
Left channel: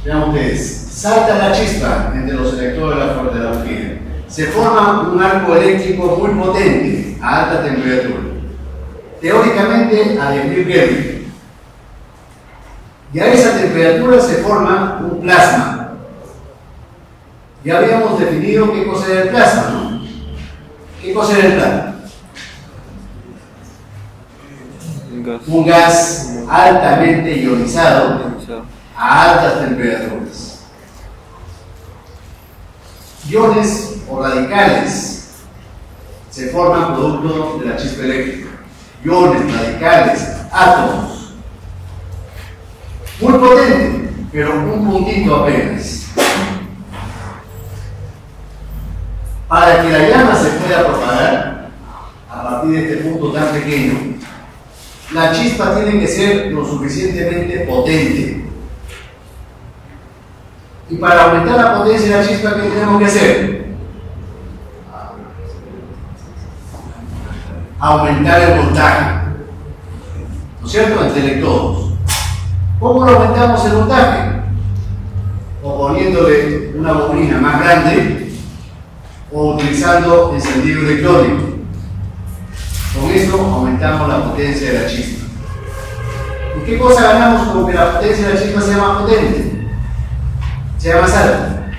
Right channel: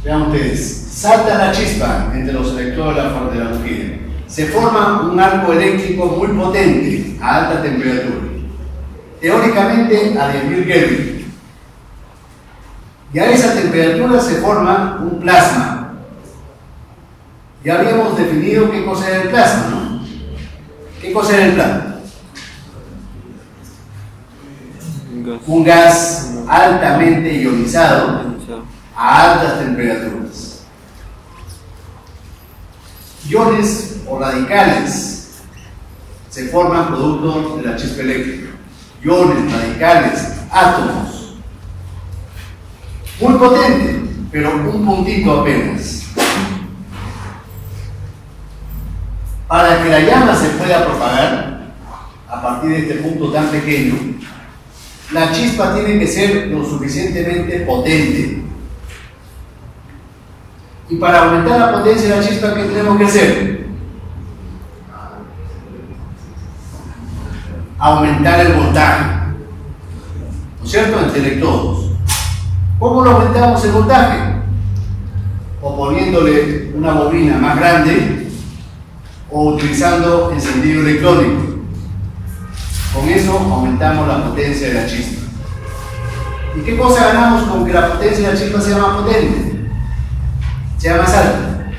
vean ustedes, salta la chispa entre los electrodos de la bujía. Se forma un arco eléctrico muy potente a alta temperatura, teóricamente a 10.000 Kelvin. Y a esa temperatura se forma un plasma. Ya habíamos definido qué cosa era el plasma, ¿no? ¿Qué cosa era el plasma? Un gas altamente ionizado a altas temperaturas. Iones o radicales se forman producto de la chispa eléctrica. Iones, radicales, átomos. Muy potente, pero un puntito apenas. Para que la llama se pueda propagar a partir de este punto tan pequeño, la chispa tiene que ser lo suficientemente potente. Y para aumentar la potencia de la chispa, ¿qué tenemos que hacer? Aumentar el voltaje, ¿no es cierto?, entre electrodos. ¿Cómo lo aumentamos el voltaje? O poniéndole una bobina más grande o utilizando encendido electrónico. Con eso aumentamos la potencia de la chispa. ¿Y qué cosa ganamos con que la potencia de la chispa sea más potente? Sea más alta.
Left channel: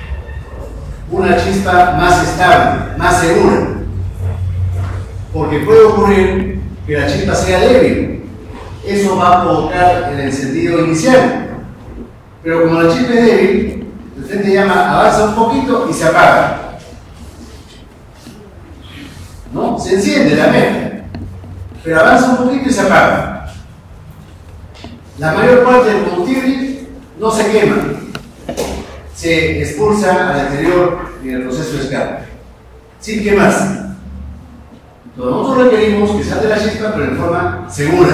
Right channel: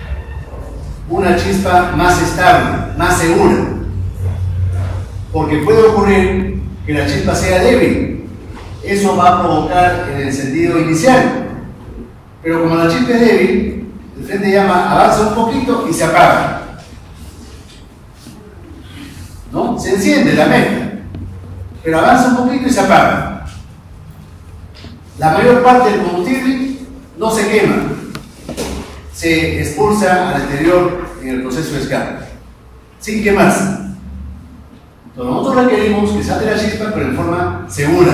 Una chispa más estable, más segura. Porque puede ocurrir que la chispa sea débil. Eso va a provocar el encendido inicial. Pero como la chispa es débil, el frente de llama avanza un poquito y se apaga. ¿No? Se enciende la mezcla, pero avanza un poquito y se apaga. La mayor parte del combustible no se quema, se expulsa al exterior en el proceso de escape, sin quemarse. Entonces nosotros requerimos que salte la chispa, pero en forma segura,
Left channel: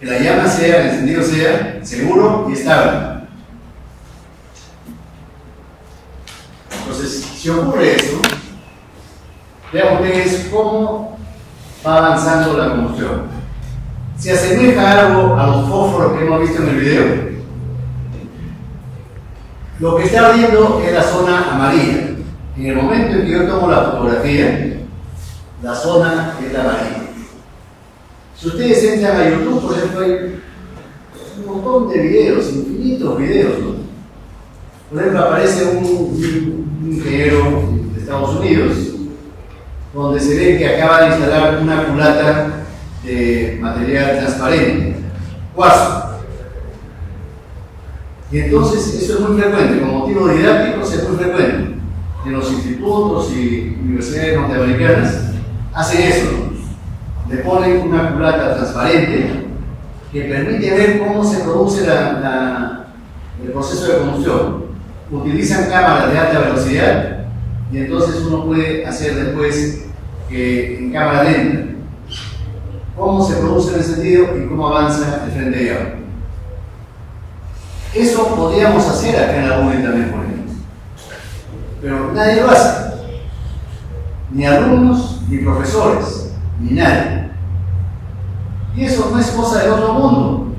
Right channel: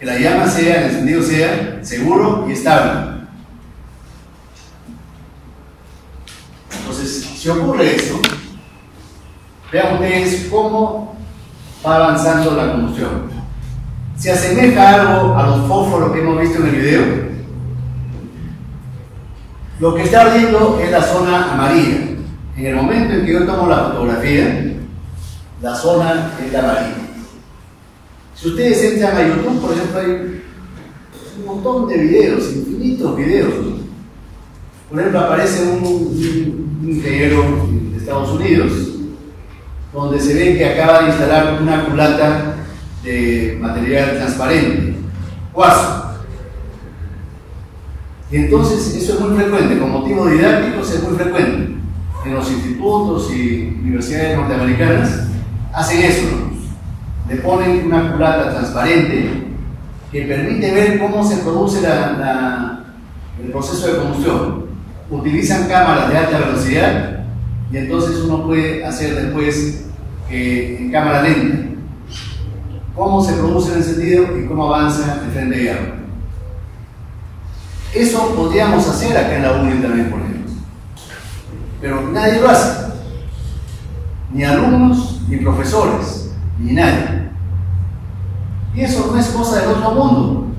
que la llama sea, el encendido sea seguro y estable. Entonces, si ocurre eso, vean ustedes cómo va avanzando la combustión. Se asemeja algo a los fósforos que hemos visto en el video. Lo que está ardiendo es la zona amarilla. En el momento en que yo tomo la fotografía, la zona es la amarilla. Si ustedes entran a YouTube, por ejemplo, hay un montón de videos, infinitos videos, ¿no? Por ejemplo, aparece un ingeniero de Estados Unidos donde se ve que acaba de instalar una culata de material transparente, cuarzo. Y entonces eso es muy frecuente, con motivos didácticos es muy frecuente. En los institutos y universidades norteamericanas hacen eso, ¿no? Le ponen una culata transparente que permite ver cómo se produce el proceso de combustión. Utilizan cámaras de alta velocidad y entonces uno puede hacer después en cámara lenta cómo se produce el encendido y cómo avanza el frente de llama. Eso podríamos hacer acá en la UNE también, por ejemplo, pero nadie lo hace, ni alumnos, ni profesores, ni nadie. Y eso no es cosa del otro mundo.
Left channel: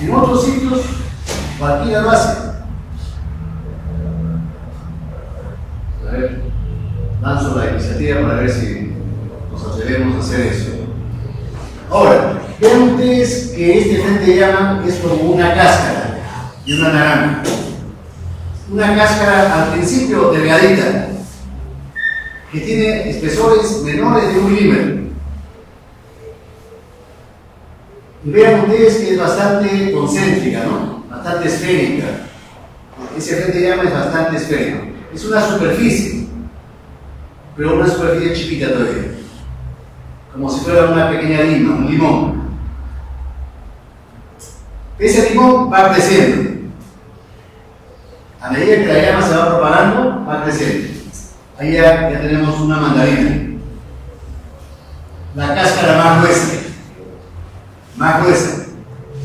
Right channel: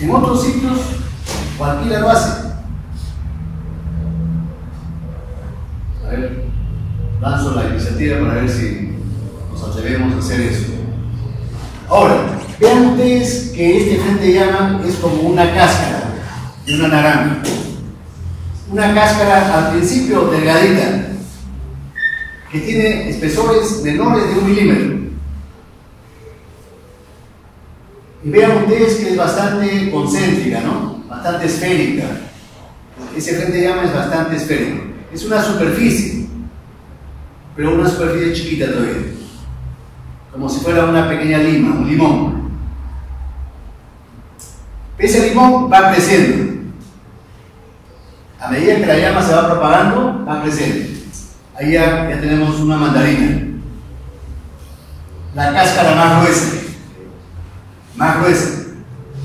En otros sitios cualquiera lo hace. A ver, lanzo la iniciativa para ver si nos atrevemos a hacer eso. Ahora, vean ustedes que este frente de llama es como una cáscara de una naranja. Una cáscara al principio delgadita, que tiene espesores menores de 1 milímetro. Y vean ustedes que es bastante concéntrica, ¿no? Bastante esférica. Ese frente de llama es bastante esférico. Es una superficie, pero una superficie chiquita todavía, como si fuera una pequeña lima, un limón. Ese limón va creciendo. A medida que la llama se va propagando, va creciendo. Ahí ya tenemos una mandarina. La cáscara más gruesa. Más gruesa.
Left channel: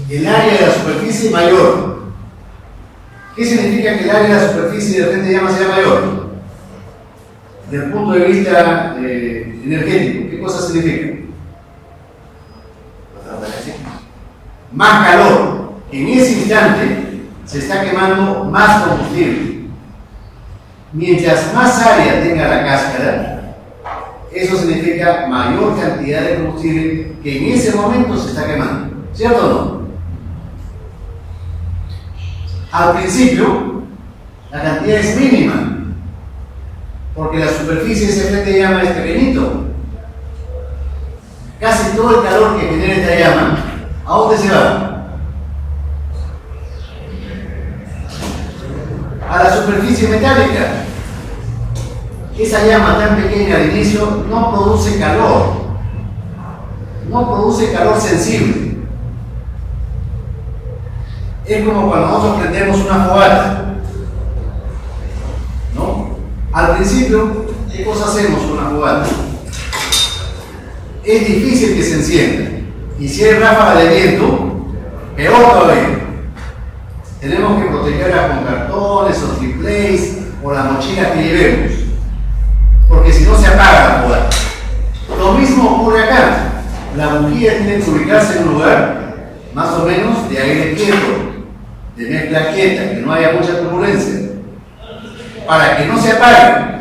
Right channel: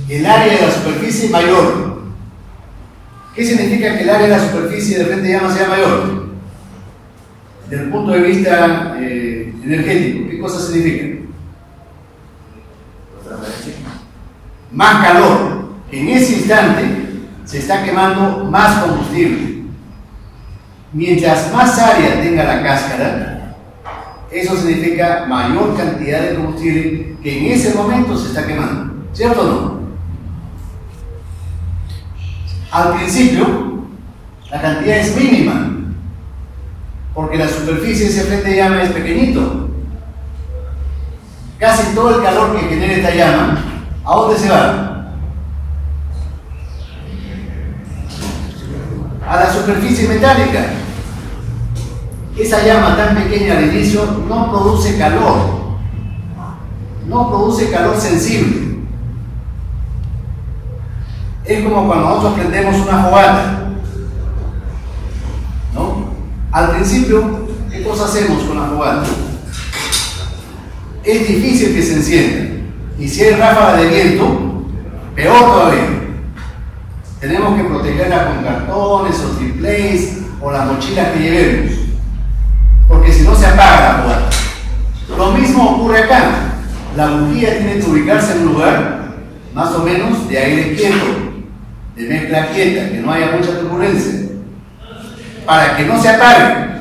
El área de la superficie mayor. ¿Qué significa que el área de la superficie del frente de llama sea mayor? Desde el punto de vista energético, ¿qué cosa significa? Más calor. En ese instante se está quemando más combustible. Mientras más área tenga la cáscara, eso significa mayor cantidad de combustible que en ese momento se está quemando. ¿Cierto o no? Al principio, la cantidad es mínima, porque la superficie de ese frente de llama es pequeñito. Casi todo el calor que genera esta llama, ¿a dónde se va? A la superficie metálica. Esa llama tan pequeña al inicio no produce calor, no produce calor sensible. Es como cuando nosotros prendemos una fogata, ¿no? Al principio, ¿qué cosa hacemos con la fogata? Es difícil que se encienda, y si hay ráfaga de viento, peor todavía. tenemos que protegerla con cartones o triplex o las mochilas que llevemos, porque si no se apaga la fogata. Lo mismo ocurre acá. La bujía tiene que ubicarse en un lugar más o menos de aire quieto, de mezcla quieta, que no haya mucha turbulencia, para que no se apague.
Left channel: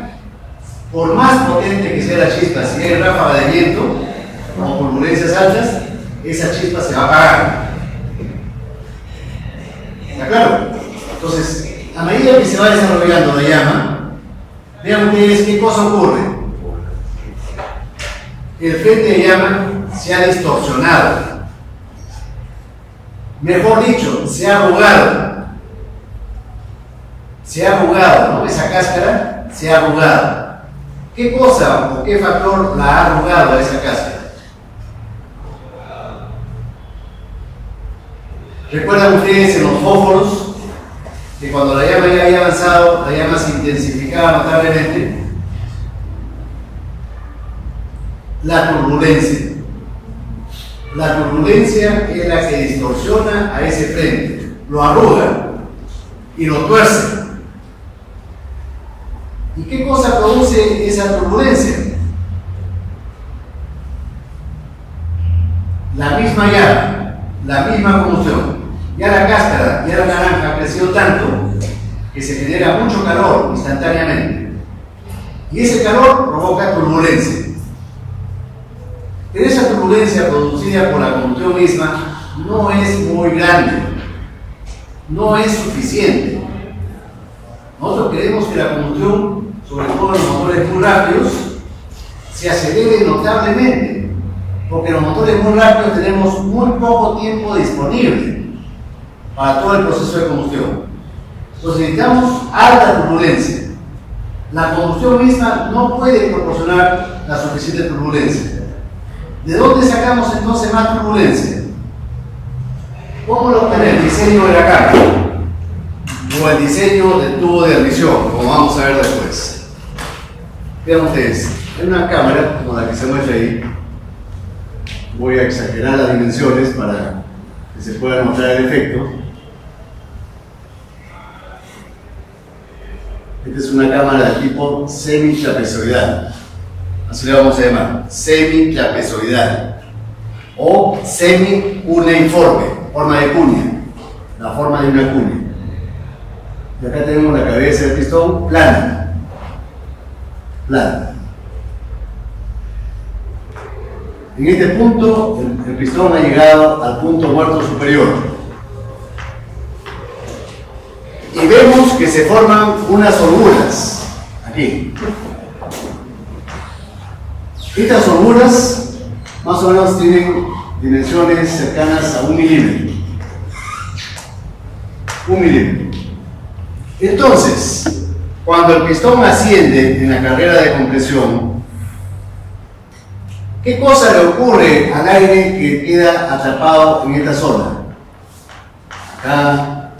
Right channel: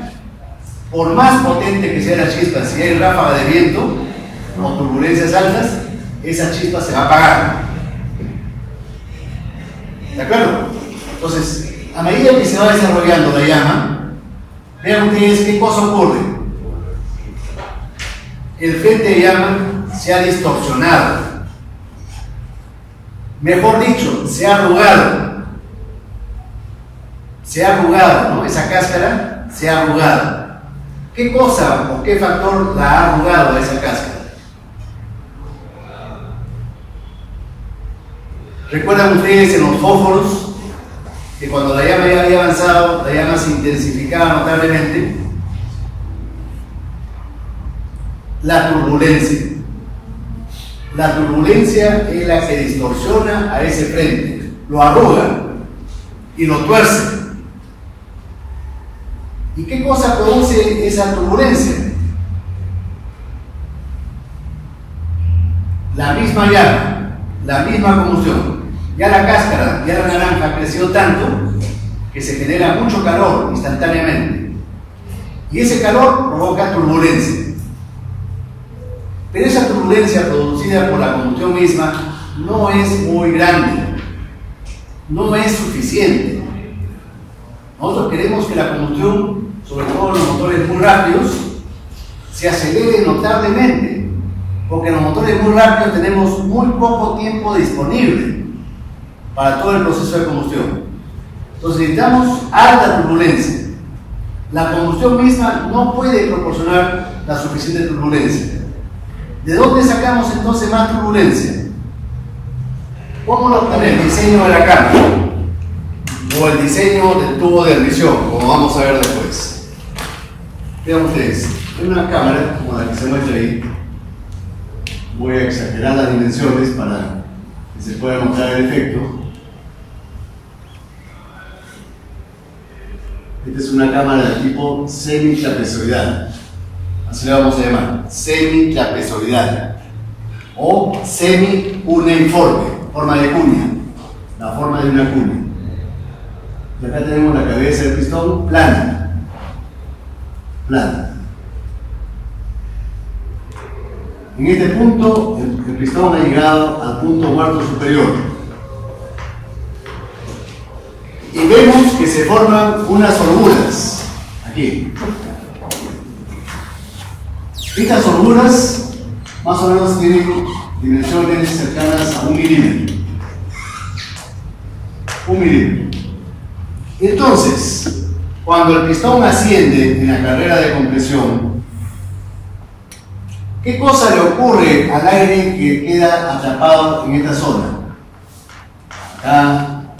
Por más potente que sea la chispa, si hay ráfaga de viento o turbulencias altas, esa chispa se va a apagar. ¿De acuerdo? Entonces, a medida que se va desarrollando la llama, vean ustedes qué cosa ocurre. El frente de llama se ha distorsionado. Mejor dicho, se ha arrugado. Se ha arrugado, ¿no? Esa cáscara se ha arrugado. ¿Qué cosa o qué factor la ha arrugado a esa cáscara? ¿Recuerdan ustedes en los fósforos que cuando la llama ya había avanzado, la llama se intensificaba notablemente? La turbulencia. La turbulencia es la que distorsiona a ese frente, lo arruga y lo tuerce. ¿Y qué cosa produce esa turbulencia? La misma llama, la misma combustión. Ya la cáscara, ya la naranja creció tanto que se genera mucho calor instantáneamente. Y ese calor provoca turbulencia. Pero esa turbulencia producida por la combustión misma no es muy grande, no es suficiente. Nosotros queremos que la combustión, sobre todo en los motores muy rápidos, se acelere notablemente, porque en los motores muy rápidos tenemos muy poco tiempo disponible para todo el proceso de combustión. Entonces necesitamos alta turbulencia. La combustión misma no puede proporcionar la suficiente turbulencia. ¿De dónde sacamos entonces más turbulencia? ¿Cómo lo obtenemos? El diseño de la cámara o el diseño del tubo de admisión, como vamos a ver después. Vean ustedes, en una cámara como la que se muestra ahí, voy a exagerar las dimensiones para que se pueda mostrar el efecto. Esta es una cámara de tipo semi-trapezoidal. Así le vamos a llamar, semi-trapezoidal o semi-cuneiforme, forma de cuña, la forma de una cuña. Y acá tenemos la cabeza del pistón plana, plana. En este punto, el pistón ha llegado al punto muerto superior. Y vemos que se forman unas holguras, aquí. Estas holguras más o menos tienen dimensiones cercanas a 1 milímetro. 1 milímetro. Entonces, cuando el pistón asciende en la carrera de compresión, ¿qué cosa le ocurre al aire que queda atrapado en esta zona? Acá,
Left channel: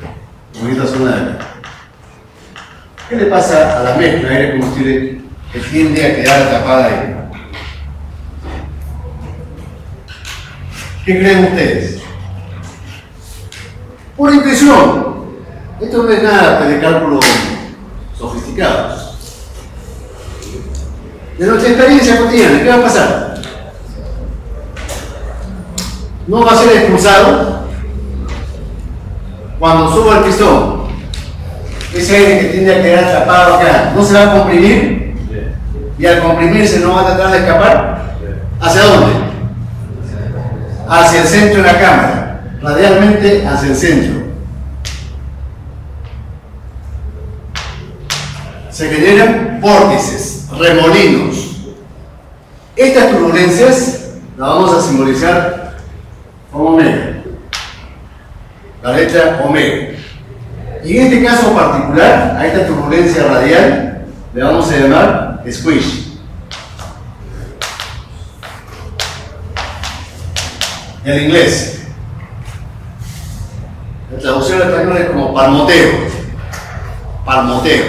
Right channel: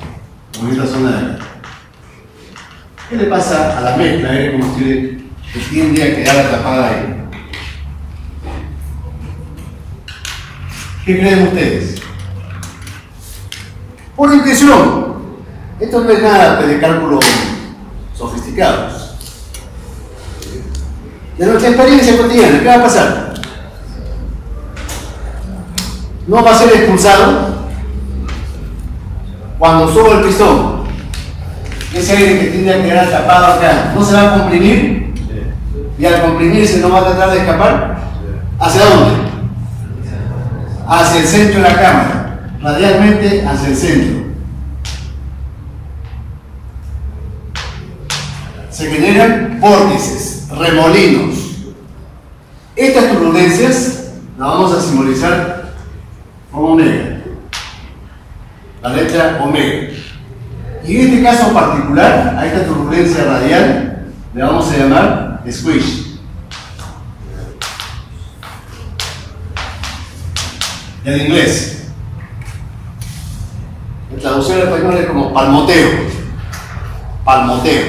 o en esta zona de acá. ¿Qué le pasa a la mezcla aire-combustible que tiende a quedar atrapada ahí? ¿Qué creen ustedes? Por intuición. Esto no es nada de cálculos sofisticados. De nuestra experiencia cotidiana, ¿qué va a pasar? No va a ser expulsado cuando suba el pistón. Ese aire que tiende a quedar atrapado acá, ¿no se va a comprimir? Y al comprimirse no va a tratar de escapar. ¿Hacia dónde? Hacia el centro de la cámara, radialmente hacia el centro. Se generan vórtices, remolinos. Estas turbulencias las vamos a simbolizar como omega, la letra omega. Y en este caso particular, a esta turbulencia radial le vamos a llamar squish. En inglés, la traducción al español es como palmoteo. Palmoteo.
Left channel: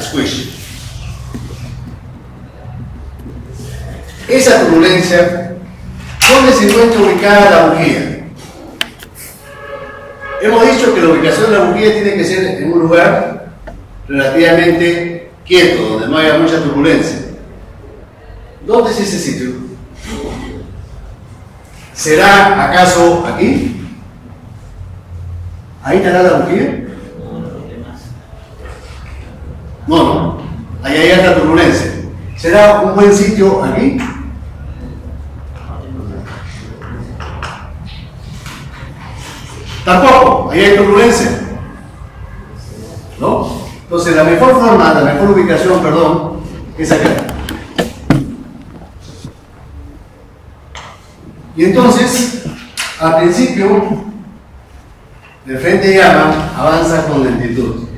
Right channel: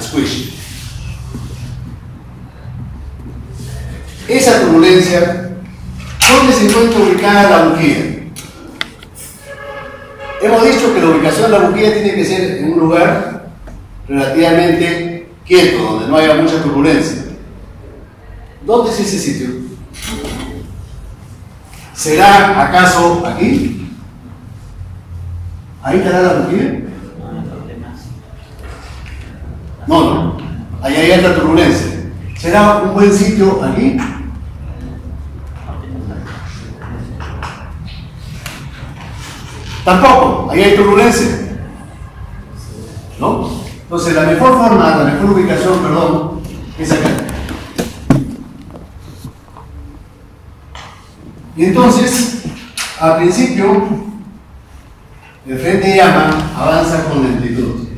Squish. Esa turbulencia, ¿dónde se encuentra ubicada la bujía? Hemos dicho que la ubicación de la bujía tiene que ser en un lugar relativamente quieto, donde no haya mucha turbulencia. ¿Dónde es ese sitio? ¿Será acaso aquí? ¿Ahí estará la bujía? No, ahí hay alta turbulencia. ¿Será un buen sitio aquí? Tampoco, ahí hay turbulencia. ¿No? Entonces la mejor forma, la mejor ubicación, perdón, es acá. Y entonces, al principio, el frente de llama avanza con lentitud.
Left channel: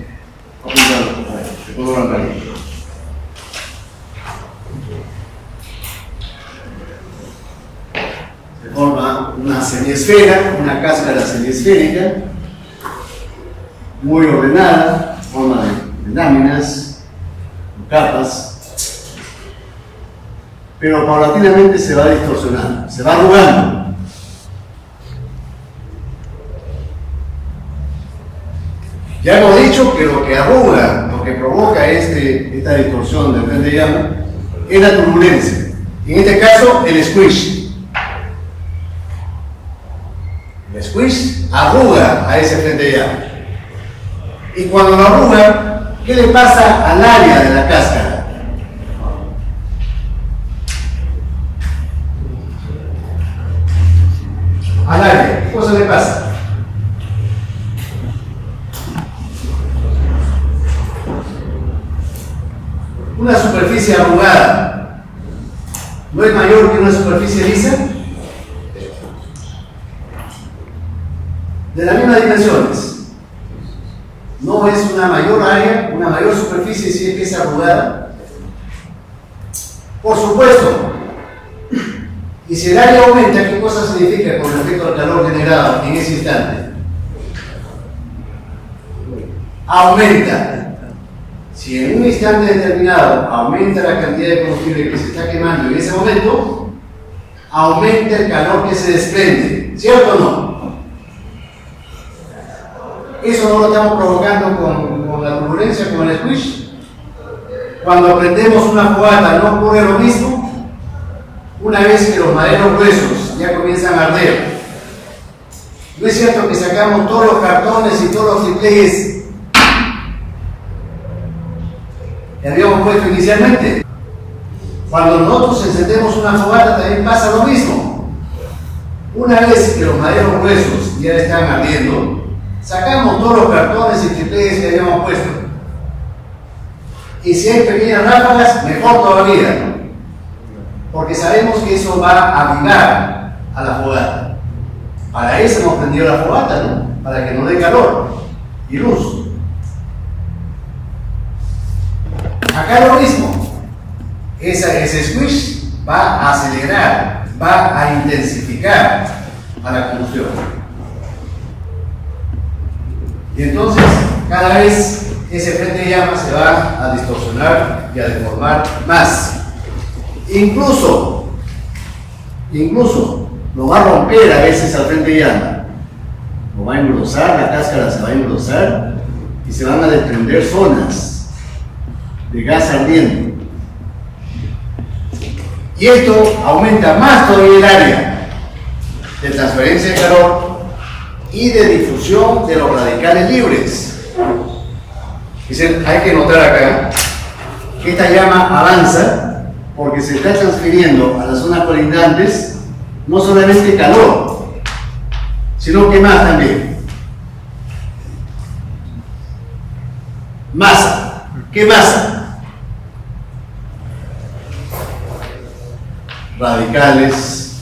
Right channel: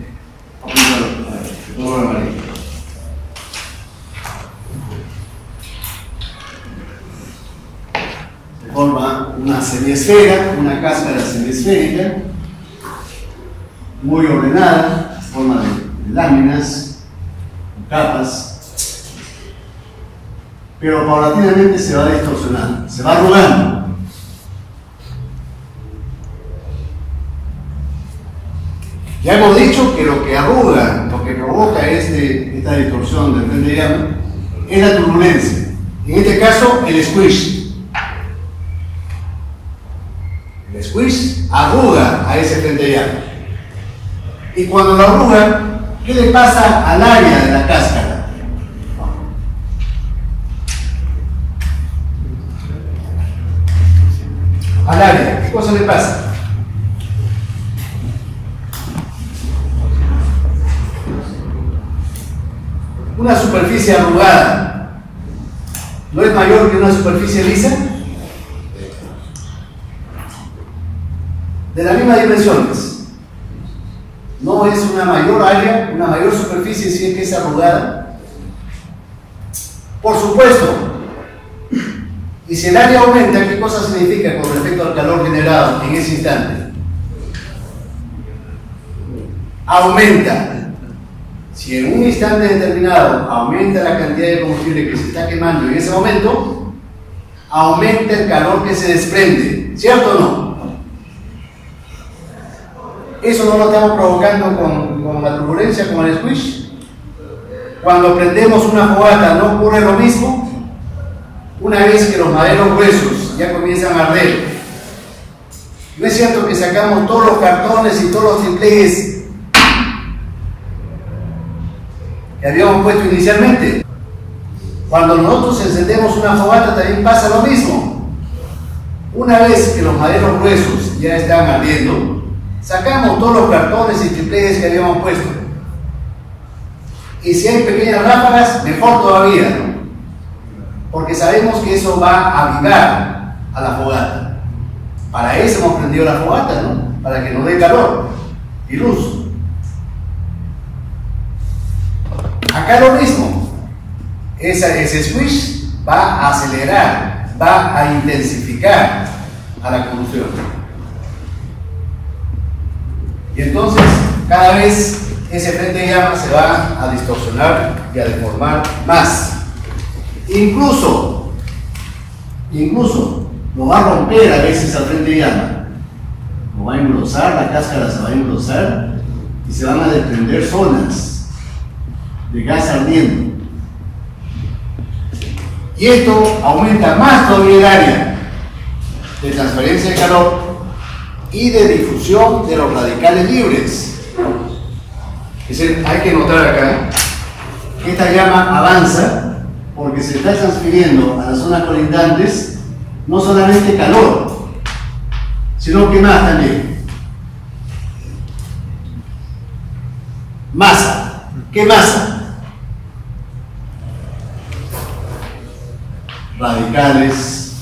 Se forma una semiesfera, una cáscara semiesférica, muy ordenada, en forma de láminas, capas, pero paulatinamente se va distorsionando, se va arrugando. Ya hemos dicho que lo que arruga, lo que provoca esta distorsión del frente de llama es la turbulencia. En este caso, el squish. El squish arruga a ese frente de llama. Y cuando lo arruga, ¿qué le pasa al área de la cáscara? Al área, ¿qué cosa le pasa? Una superficie arrugada ¿no es mayor que una superficie lisa? De las mismas dimensiones. No es una mayor área, una mayor superficie si es que es arrugada. Por supuesto. Y si el área aumenta, ¿qué cosa significa con respecto al calor generado en ese instante? Aumenta. Si en un instante determinado aumenta la cantidad de combustible que se está quemando en ese momento, aumenta el calor que se desprende. ¿Cierto o no? Eso no lo estamos provocando con la turbulencia, con el squish. Cuando prendemos una fogata, ¿no ocurre lo mismo? Una vez que los maderos gruesos ya comienzan a arder, ¿no es cierto que sacamos todos los cartones y todos los triplejes que habíamos puesto inicialmente? Cuando nosotros encendemos una fogata también pasa lo mismo. Una vez que los maderos gruesos ya están ardiendo, sacamos todos los cartones y triplejes que habíamos puesto. Y si hay pequeñas ráfagas, mejor todavía, porque sabemos que eso va a avivar a la fogata. Para eso hemos prendido la fogata, ¿no? Para que nos dé calor y luz. Acá lo mismo. Ese squish va a acelerar, va a intensificar a la combustión. Y entonces, cada vez ese frente de llama se va a distorsionar y a deformar más. Incluso lo va a romper a veces al frente de llama. Lo va a engrosar, la cáscara se va a engrosar y se van a desprender zonas de gas ardiendo. Y esto aumenta más todavía el área de transferencia de calor y de difusión de los radicales libres. Hay que notar acá que esta llama avanza porque se está transfiriendo a las zonas colindantes no solamente calor, sino que más también. Masa. ¿Qué masa? Radicales,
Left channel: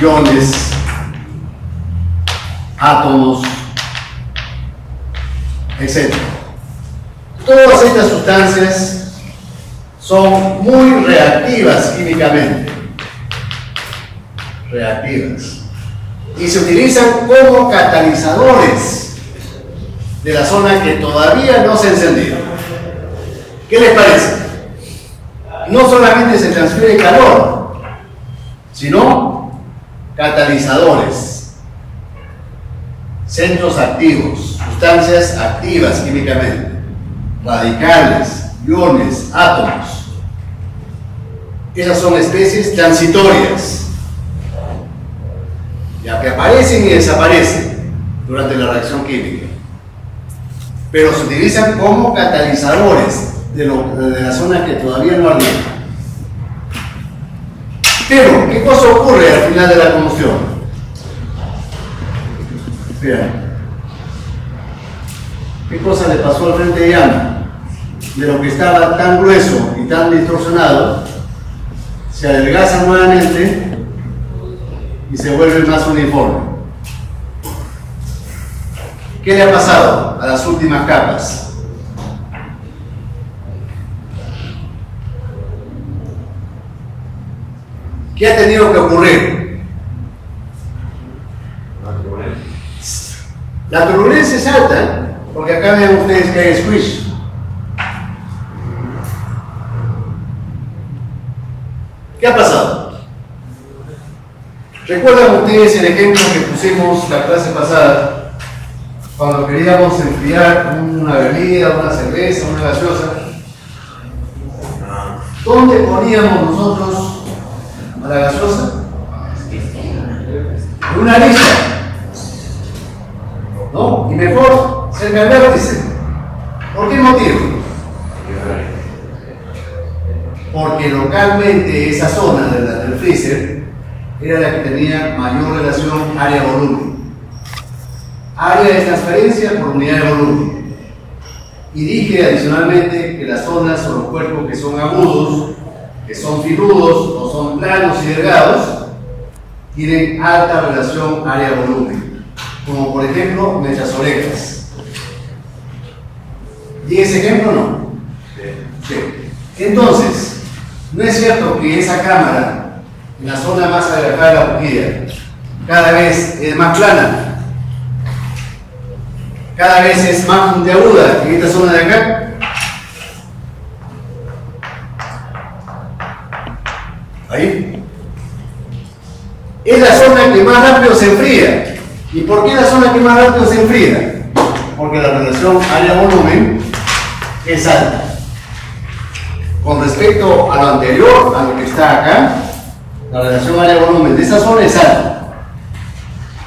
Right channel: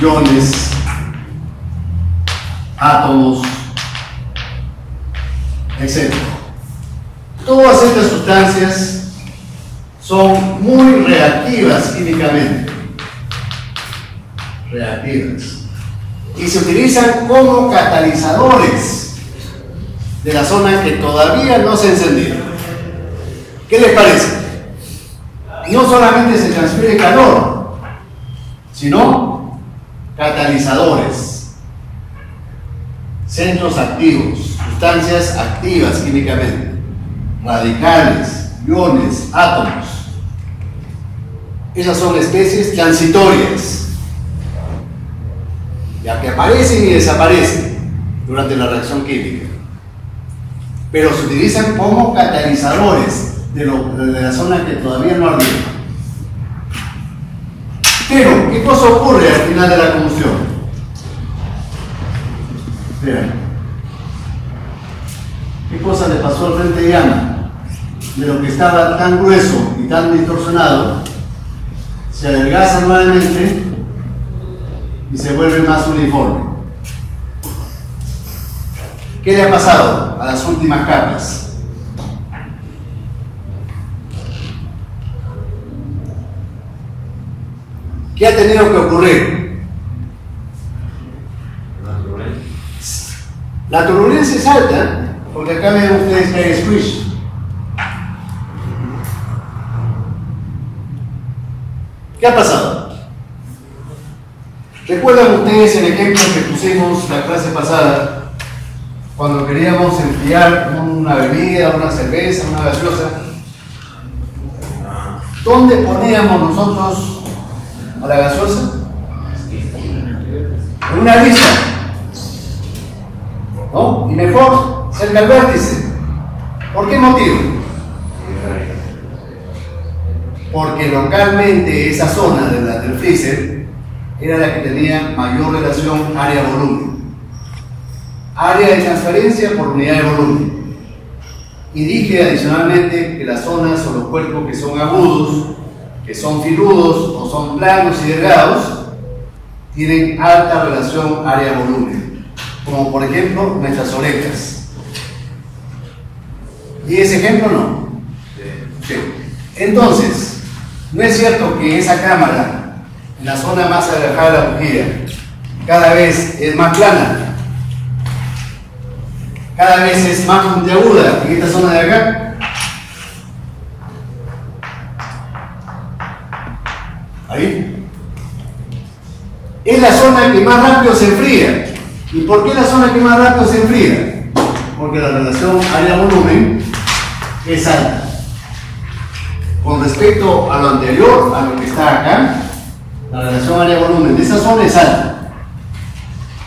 iones, átomos, etc. Todas estas sustancias son muy reactivas químicamente. Reactivas. Y se utilizan como catalizadores de la zona que todavía no se ha encendido. ¿Qué les parece? No solamente se transfiere calor, sino catalizadores. centros activos, sustancias activas químicamente, radicales, iones, átomos. Esas son especies transitorias, ya que aparecen y desaparecen durante la reacción química, pero se utilizan como catalizadores de la zona que todavía no ardió. Pero, ¿qué cosa ocurre al final de la combustión? Vean, ¿qué cosa le pasó al frente de llama? De lo que estaba tan grueso y tan distorsionado, se adelgaza nuevamente y se vuelve más uniforme. ¿Qué le ha pasado a las últimas capas? ¿Qué ha tenido que ocurrir? La turbulencia es alta, porque acá ven ustedes que hay squish. ¿Qué ha pasado? ¿Recuerdan ustedes el ejemplo que pusimos la clase pasada? Cuando queríamos enfriar una bebida, una cerveza, una gaseosa. ¿Dónde poníamos nosotros a la gaseosa? En una lista, ¿no? Y mejor cerca del vértice. ¿Por qué motivo? Porque localmente esa zona del freezer era la que tenía mayor relación área-volumen. Área de transferencia por unidad de volumen. Y dije adicionalmente que las zonas o los cuerpos que son agudos, que son filudos o son planos y delgados, tienen alta relación área-volumen, como por ejemplo nuestras orejas. ¿Y ese ejemplo no? Sí. Entonces, no es cierto que esa cámara, en la zona más alejada de la bujía, cada vez es más plana, cada vez es más puntiaguda en esta zona de acá. Ahí. Es la zona que más rápido se enfría. ¿Y por qué la zona que más rápido se enfría? Porque la relación área-volumen es alta. Con respecto a lo anterior, a lo que está acá, la relación área-volumen de esa zona es alta.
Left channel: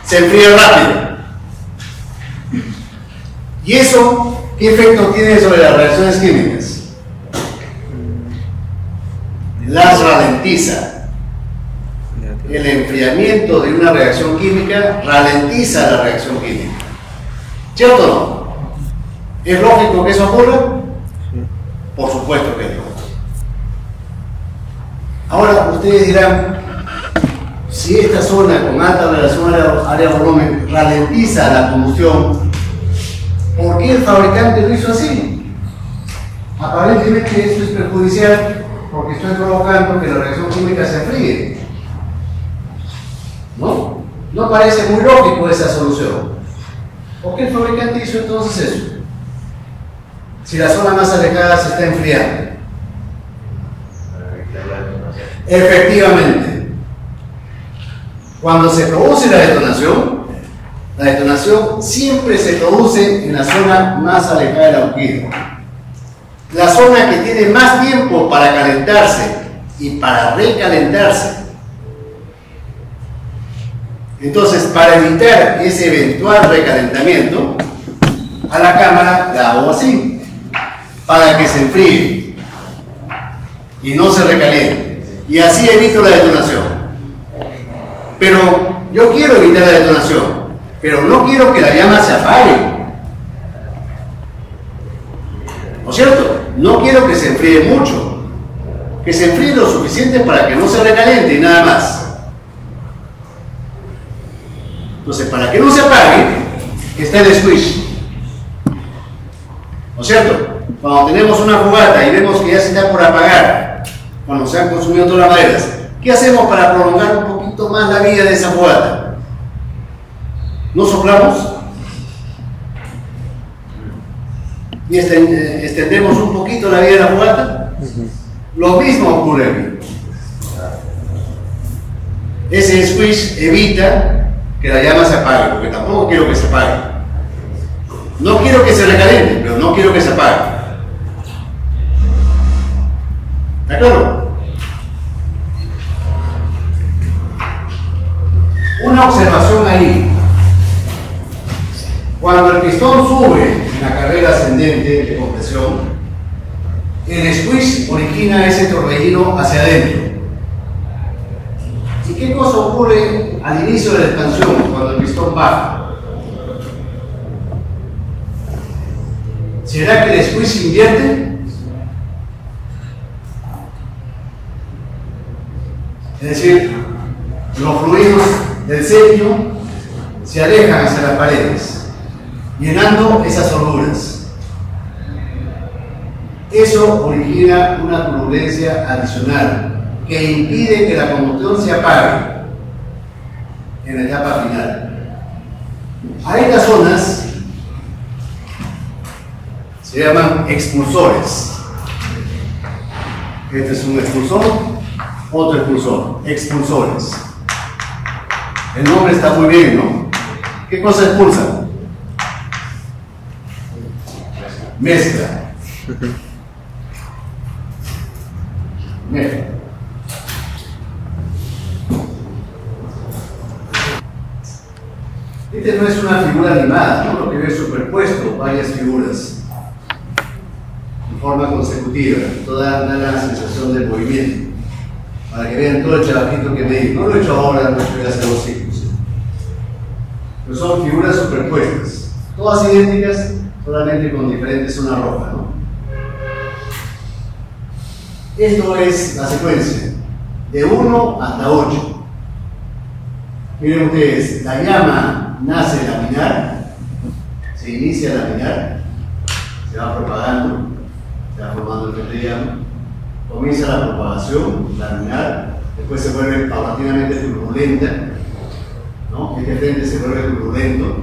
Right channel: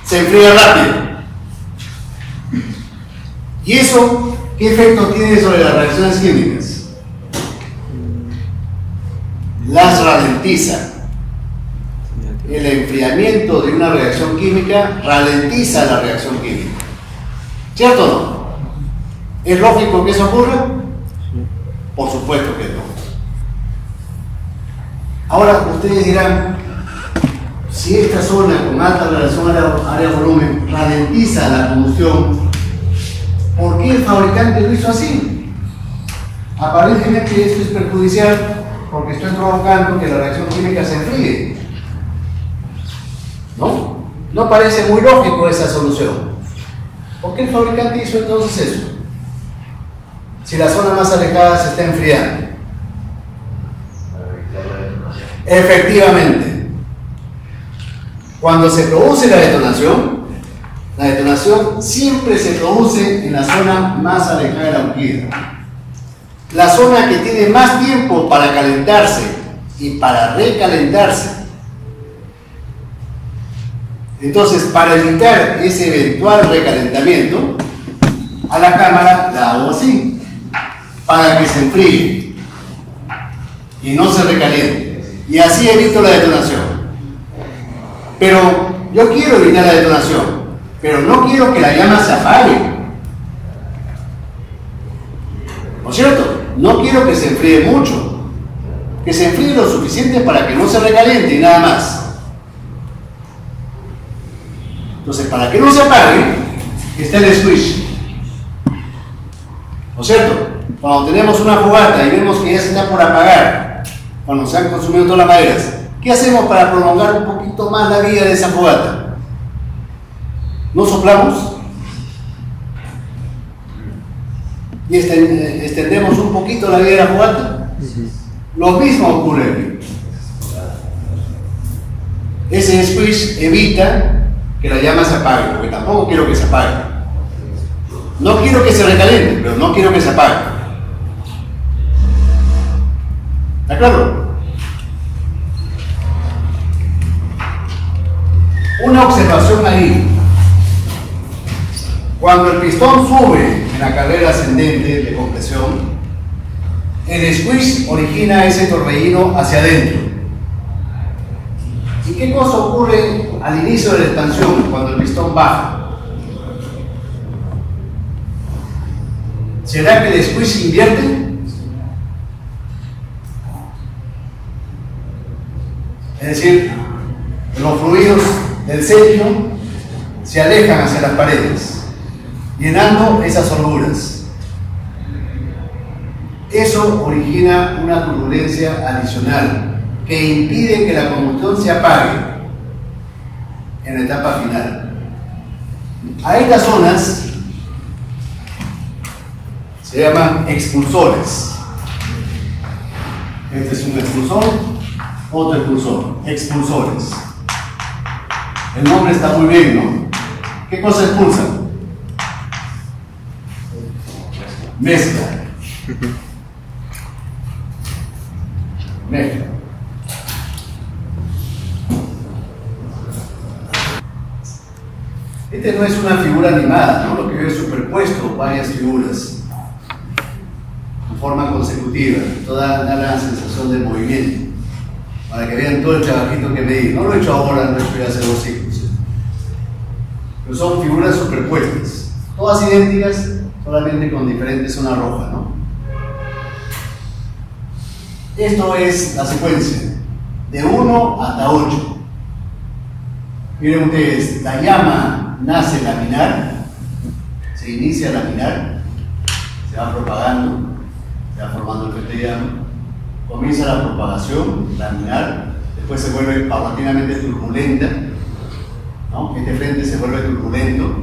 Se enfría rápido. ¿Y eso qué efecto tiene sobre las reacciones químicas? Las ralentiza. El enfriamiento de una reacción química ralentiza la reacción química. ¿Cierto o no? ¿Es lógico que eso ocurra? Por supuesto que no. Ahora ustedes dirán, si esta zona con alta relación área-volumen ralentiza la combustión, ¿por qué el fabricante lo hizo así? Aparentemente esto es perjudicial porque estoy provocando que la reacción química se enfríe. ¿No? No parece muy lógico esa solución. ¿Por qué el fabricante hizo entonces eso? Si la zona más alejada se está enfriando. Efectivamente. Cuando se produce la detonación siempre se produce en la zona más alejada de la bujía. La zona que tiene más tiempo para calentarse y para recalentarse. Entonces, para evitar ese eventual recalentamiento, a la cámara la hago así, para que se enfríe y no se recaliente. Y así evito la detonación. Pero yo quiero evitar la detonación, pero no quiero que la llama se apague. ¿No es cierto? No quiero que se enfríe mucho, que se enfríe lo suficiente para que no se recaliente y nada más. Entonces, para que no se apague, está el squish. ¿No es cierto? Cuando tenemos una fogata y vemos que ya se está por apagar, cuando se han consumido todas las maderas, ¿qué hacemos para prolongar un poquito más la vida de esa fogata? ¿No soplamos? ¿Y extendemos un poquito la vida de la fogata? Lo mismo ocurre aquí. Ese squish evita que la llama se apague, porque tampoco quiero que se apague. No quiero que se recaliente, pero no quiero que se apague. ¿Está claro? Una observación ahí. Cuando el pistón sube en la carrera ascendente de compresión, el squeeze origina ese torbellino hacia adentro. ¿Y qué cosa ocurre al inicio de la expansión, cuando el pistón baja? ¿Será que el squeeze invierte? Es decir, los fluidos del sepio se alejan hacia las paredes, llenando esas holguras. Eso origina una turbulencia adicional que impide que la combustión se apague en la etapa final. A estas zonas se llaman expulsores. Este es un expulsor, otro expulsor, expulsores. El nombre está muy bien, ¿no? ¿Qué cosa expulsa? Mezcla. Mezcla. Este no es una figura animada, ¿no? Lo que veo es superpuesto varias figuras en forma consecutiva. Toda da la sensación de movimiento. Para que vean todo el trabajito que me di. No lo he hecho ahora, no estoy haciendo ciclos. ¿Sí? Pero son figuras superpuestas. Todas idénticas, solamente con diferente zona roja, ¿no? Esto es la secuencia. De 1 hasta 8. Miren ustedes, la llama nace laminar, se inicia laminar, se va propagando, se va formando el frente de llama, comienza la propagación laminar, después se vuelve paulatinamente turbulenta, ¿no? Este frente se vuelve turbulento.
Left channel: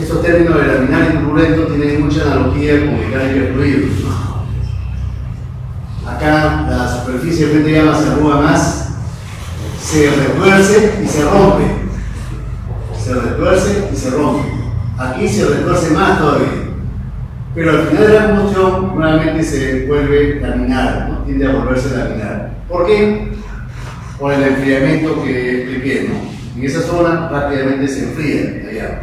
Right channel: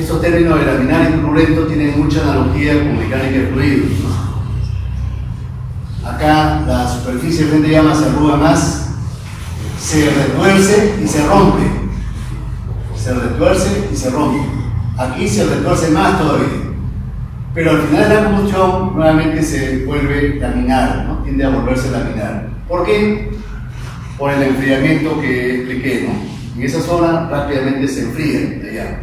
Estos términos de laminar y turbulento tienen mucha analogía con mecánica de fluidos, ¿no? Acá la superficie del frente de llama se arruga más, se retuerce y se rompe. Se retuerce y se rompe. Aquí se retuerce más todavía. Pero al final de la combustión nuevamente se vuelve laminar, ¿no? Tiende a volverse laminar. ¿Por qué? Por el enfriamiento que expliqué, ¿no? En esa zona rápidamente se enfría la llama.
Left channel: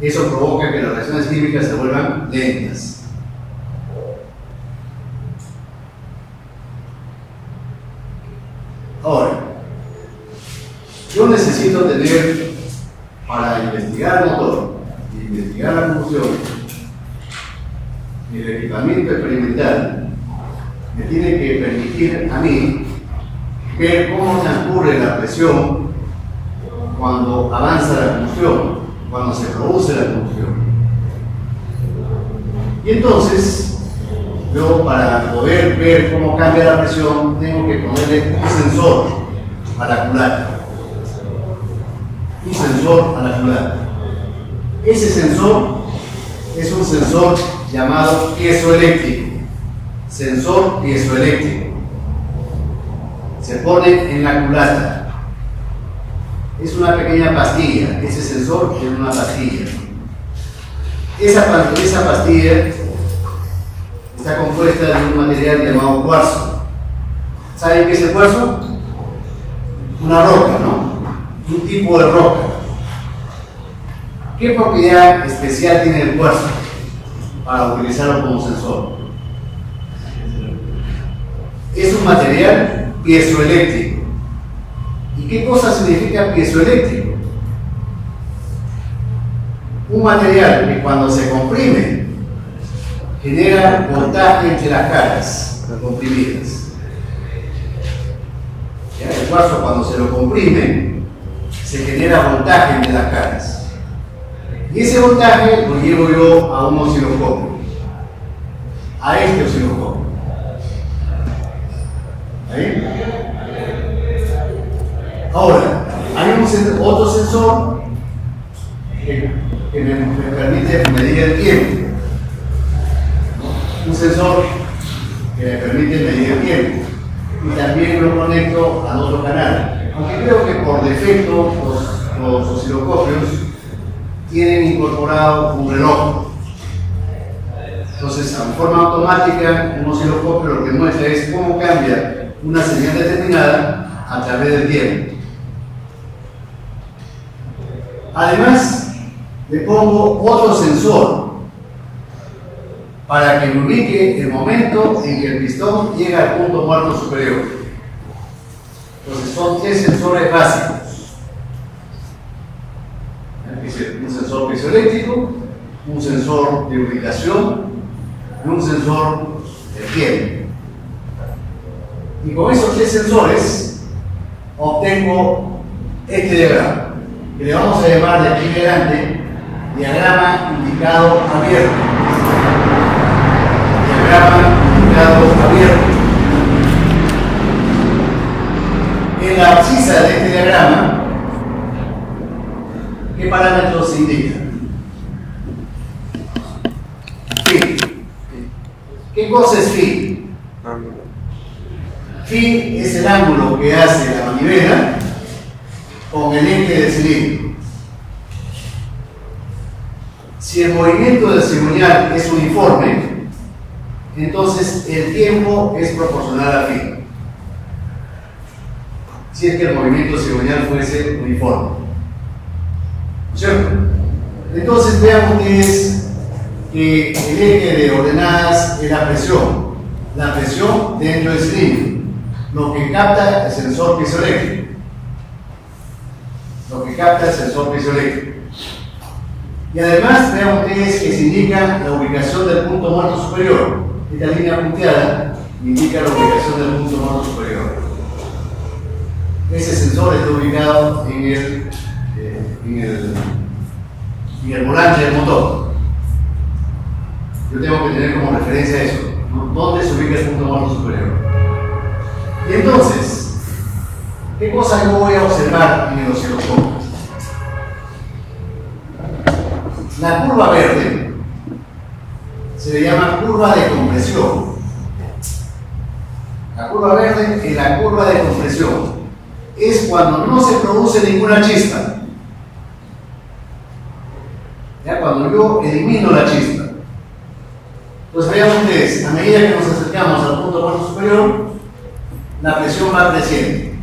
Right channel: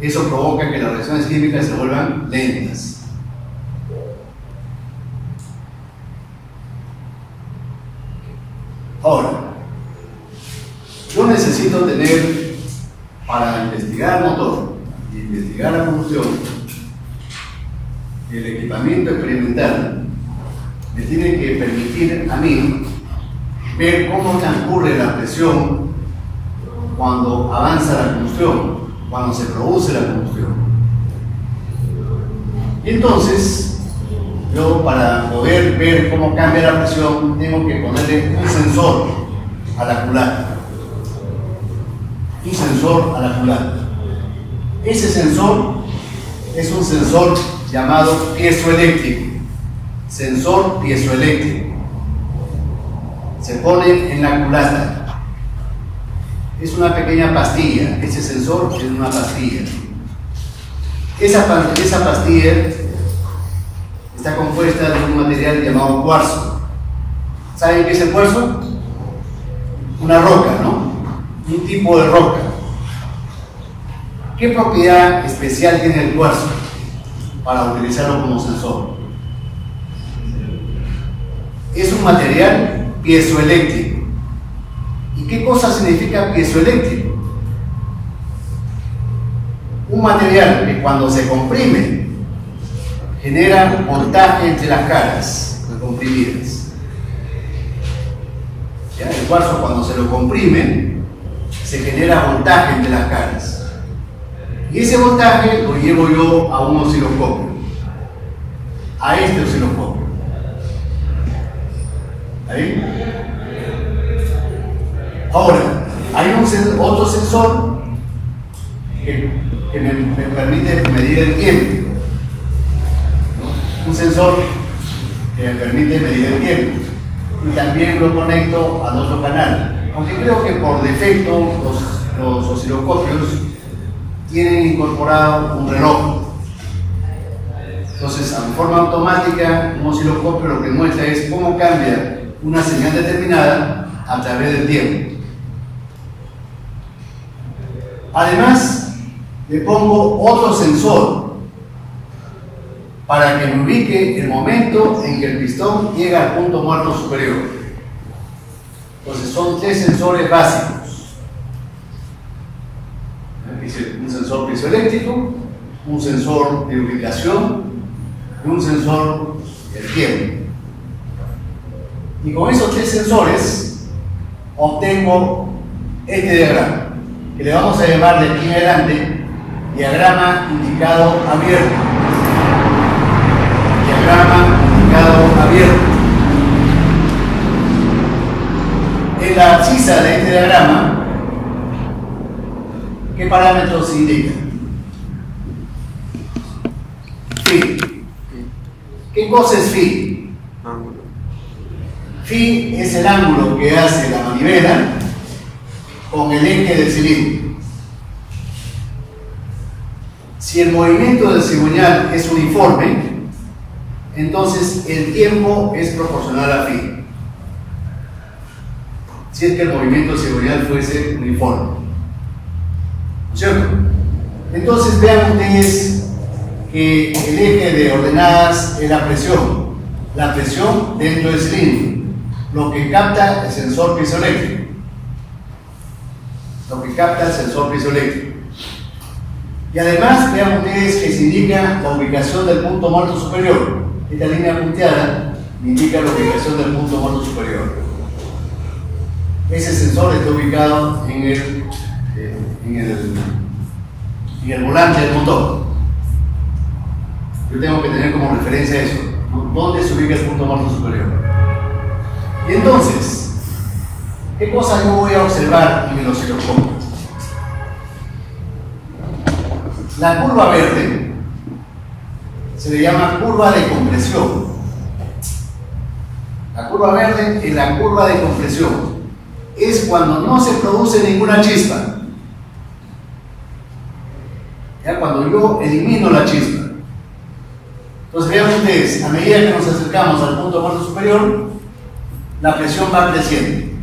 Eso provoca que las reacciones químicas se vuelvan lentas. Ahora, yo necesito tener, para investigar el motor, investigar la combustión, el equipamiento experimental me tiene que permitir a mí ver cómo transcurre la presión cuando avanza la combustión, cuando se produce la combustión. Y entonces, yo para poder ver cómo cambia la presión, tengo que ponerle un sensor a la culata. Un sensor a la culata. Ese sensor es un sensor llamado piezoeléctrico. Sensor piezoeléctrico. Se pone en la culata. Es una pequeña pastilla. Ese sensor es una pastilla. Esa pastilla está compuesta de un material llamado cuarzo. ¿Saben qué es el cuarzo? Una roca, ¿no? Un tipo de roca. ¿Qué propiedad especial tiene el cuarzo para utilizarlo como sensor? Es un material piezoeléctrico. ¿Y qué cosa significa piezoeléctrico? Un material que cuando se comprime genera voltaje entre las caras comprimidas. ¿Ya? El cuarzo cuando se lo comprime se genera voltaje entre las caras. Y ese voltaje lo llevo yo a un osciloscopio, a este osciloscopio. ¿Ahí? Ahora, hay otro sensor que me permite medir el tiempo. Un sensor que me permite medir el tiempo. Y también lo conecto al otro canal. Aunque creo que por defecto los osciloscopios tienen incorporado un reloj. Entonces, en forma automática, un osciloscopio lo que muestra es cómo cambia una señal determinada a través del tiempo. Además, le pongo otro sensor para que me ubique el momento en que el pistón llega al punto muerto superior. Entonces, son 3 sensores básicos. Un sensor piezoeléctrico, un sensor de ubicación y un sensor del tiempo. Y con esos 3 sensores obtengo este diagrama, que le vamos a llamar de aquí en adelante diagrama indicado abierto. Diagrama indicado abierto. En la abscisa de este diagrama, ¿qué parámetros se indican? Phi. ¿Qué cosa es phi? Ángulo. Phi es el ángulo que hace la manivela con el eje del cilindro. Si el movimiento del cigüeñal es uniforme, entonces el tiempo es proporcional a phi. Si es que el movimiento cigüeñal fuese uniforme, ¿cierto? Entonces vean ustedes que el eje de ordenadas es la presión dentro del cilindro, lo que capta el sensor piezoeléctrico. Y además vean ustedes que se indica la ubicación del punto muerto superior. Esta línea punteada indica la ubicación del punto muerto superior. Ese sensor está ubicado en el volante del motor. Yo tengo que tener como referencia eso, ¿no? ¿Dónde se ubica el punto muerto superior? Y entonces, ¿qué cosa yo voy a observar en el osciloscopio? La curva verde se le llama curva de compresión. La curva verde es la curva de compresión. Es cuando no se produce ninguna chispa. Ya cuando yo elimino la chispa. Entonces vean ustedes, a medida que nos acercamos al punto muerto superior, la presión va creciendo.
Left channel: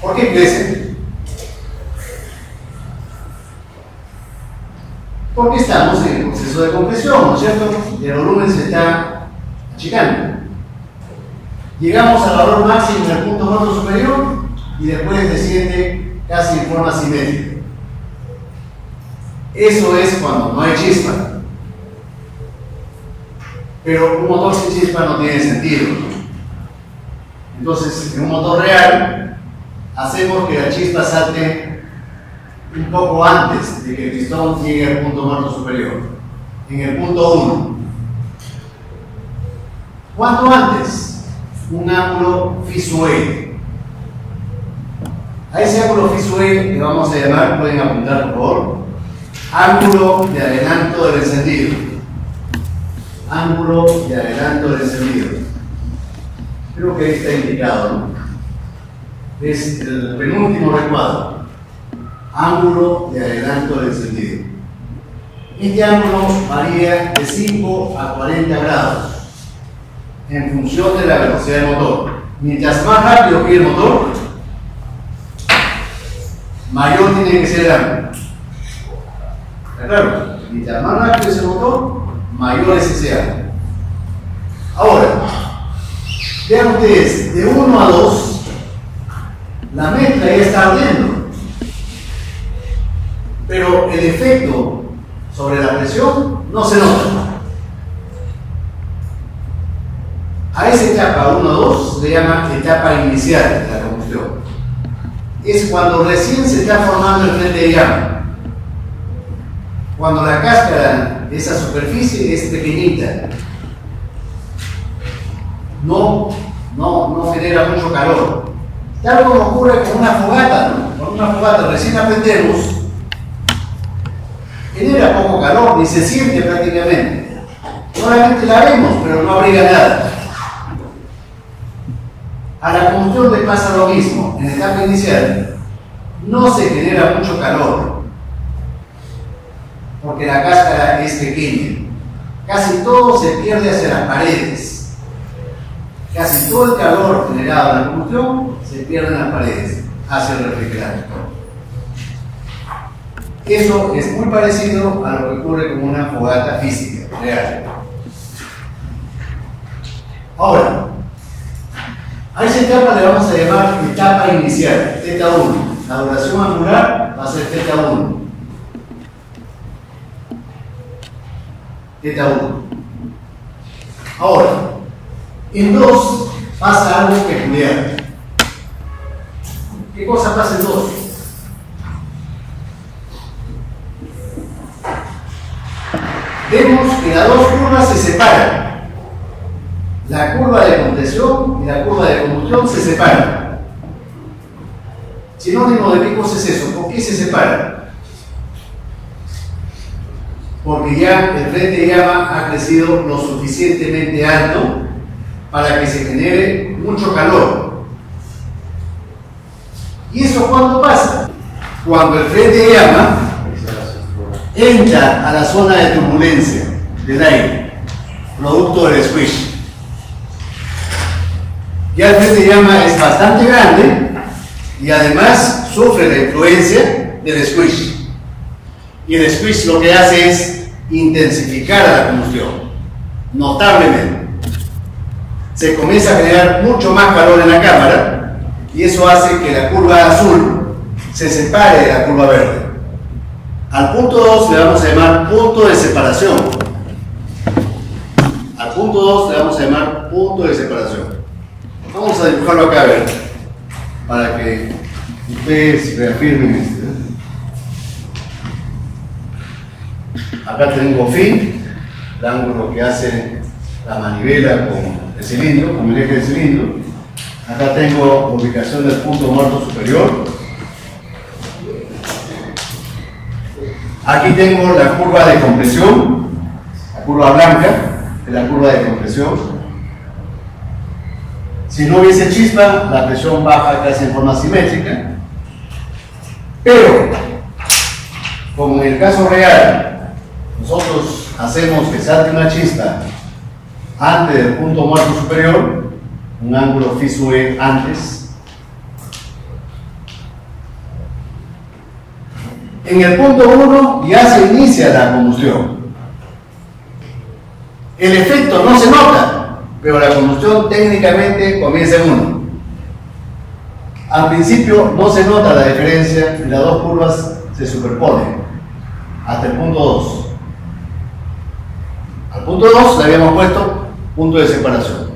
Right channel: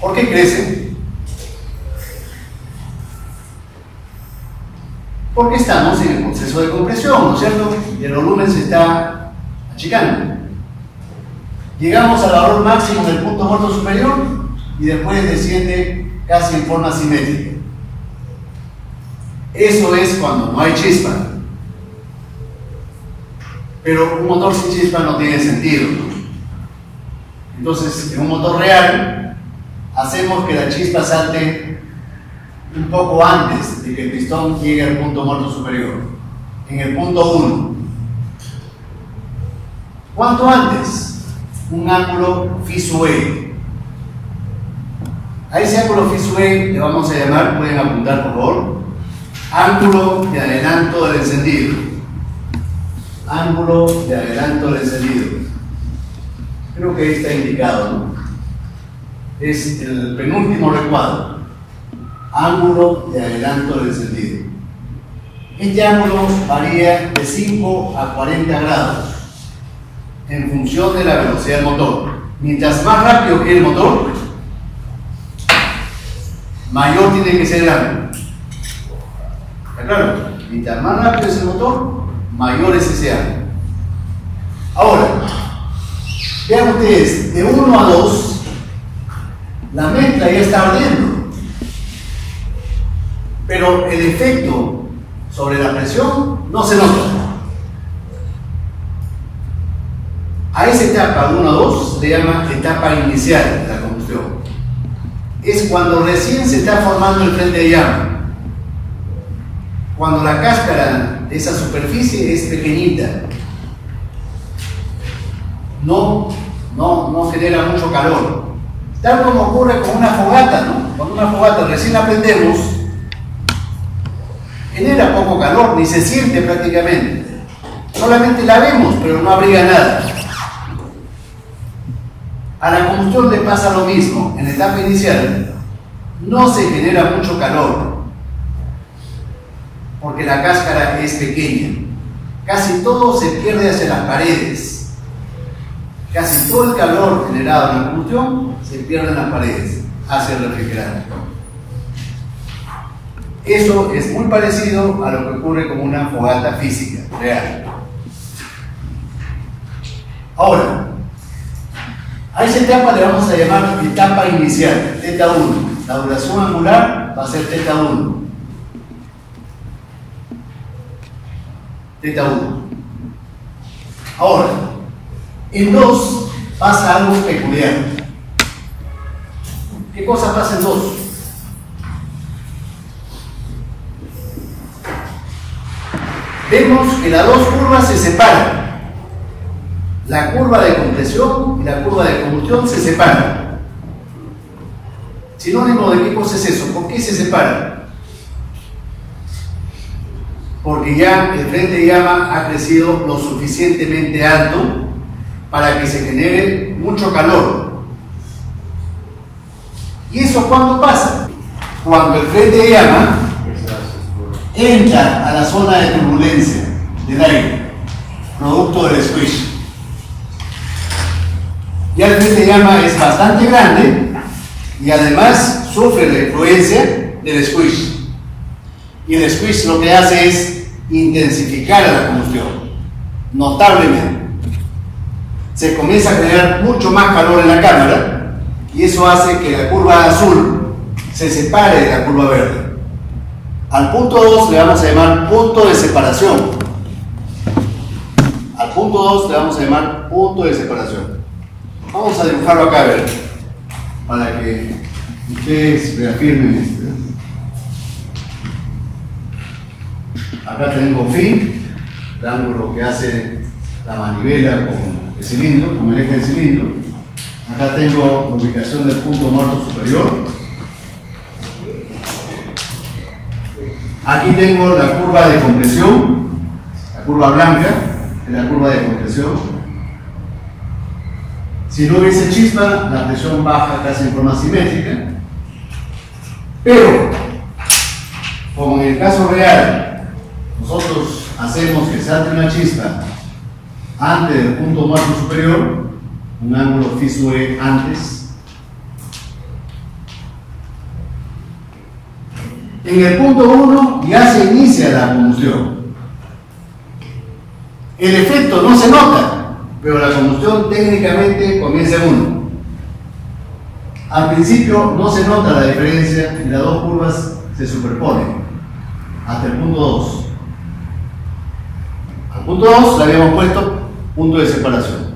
¿Por qué crece? Porque estamos en el proceso de compresión, ¿no es cierto? Y el volumen se está achicando. Llegamos al valor máximo del punto muerto superior y después desciende casi en forma simétrica. Eso es cuando no hay chispa. Pero un motor sin chispa no tiene sentido. Entonces, en un motor real, hacemos que la chispa salte un poco antes de que el pistón llegue al punto muerto superior, en el punto 1. ¿Cuánto antes? Un ángulo phi sub e. A ese ángulo phi sub e le vamos a llamar, pueden apuntar por favor, ángulo de adelanto del encendido. Ángulo de adelanto del encendido. Creo que está indicado, ¿no? Es el penúltimo recuadro. Ángulo de adelanto del encendido. Este ángulo varía de 5 a 40 grados en función de la velocidad del motor. Mientras más rápido quiere el motor, mayor tiene que ser el ángulo. ¿Está claro? Mientras más rápido es el motor, mayor es ese ángulo. Ahora, vean ustedes, de 1 a 2, la mezcla ya está ardiendo. Pero el efecto sobre la presión no se nota. A esa etapa 1-2 se le llama etapa inicial de la combustión. Es cuando recién se está formando el frente de llama. Cuando la cáscara de esa superficie es pequeñita. No genera mucho calor. Tal como ocurre con una fogata, ¿no? Con una fogata recién la prendemos, genera poco calor, ni se siente prácticamente. Solamente la vemos, pero no abriga nada. A la combustión le pasa lo mismo. En la etapa inicial no se genera mucho calor, porque la cáscara es pequeña. Casi todo se pierde hacia las paredes. Casi todo el calor generado en la combustión se pierde en las paredes, hacia el refrigerante. Eso es muy parecido a lo que ocurre con una fogata física, real. Ahora, a esa etapa le vamos a llamar etapa inicial, θ1. La duración angular va a ser θ1. θ1. Ahora, en 2 pasa algo peculiar. ¿Qué cosa pasa en 2? Vemos que las dos curvas se separan. La curva de compresión y la curva de combustión se separan. Sinónimo de qué cosa es eso. ¿Por qué se separan? Porque ya el frente de llama ha crecido lo suficientemente alto para que se genere mucho calor. ¿Y eso cuándo pasa? Cuando el frente de llama entra a la zona de turbulencia del aire, producto del squish. Ya el frente de llama es bastante grande y además sufre la influencia del squish. Y el squish lo que hace es intensificar la combustión, notablemente. Se comienza a generar mucho más calor en la cámara y eso hace que la curva azul se separe de la curva verde. Al punto 2 le vamos a llamar punto de separación. Al punto 2 le vamos a llamar punto de separación. Vamos a dibujarlo acá, a ver, para que ustedes reafirmen esto. Acá tengo fin, el ángulo que hace la manivela con el cilindro, con el eje del cilindro. Acá tengo la ubicación del punto muerto superior. Aquí tengo la curva de compresión, la curva blanca es la curva de compresión. Si no hubiese chispa, la presión baja casi en forma simétrica. Pero, como en el caso real, nosotros hacemos que salte una chispa antes del punto muerto superior, un ángulo fisure antes. En el punto 1 ya se inicia la combustión. El efecto no se nota, pero la combustión técnicamente comienza en 1. Al principio no se nota la diferencia y las dos curvas se superponen hasta el punto 2. Al punto 2 le habíamos puesto punto de separación.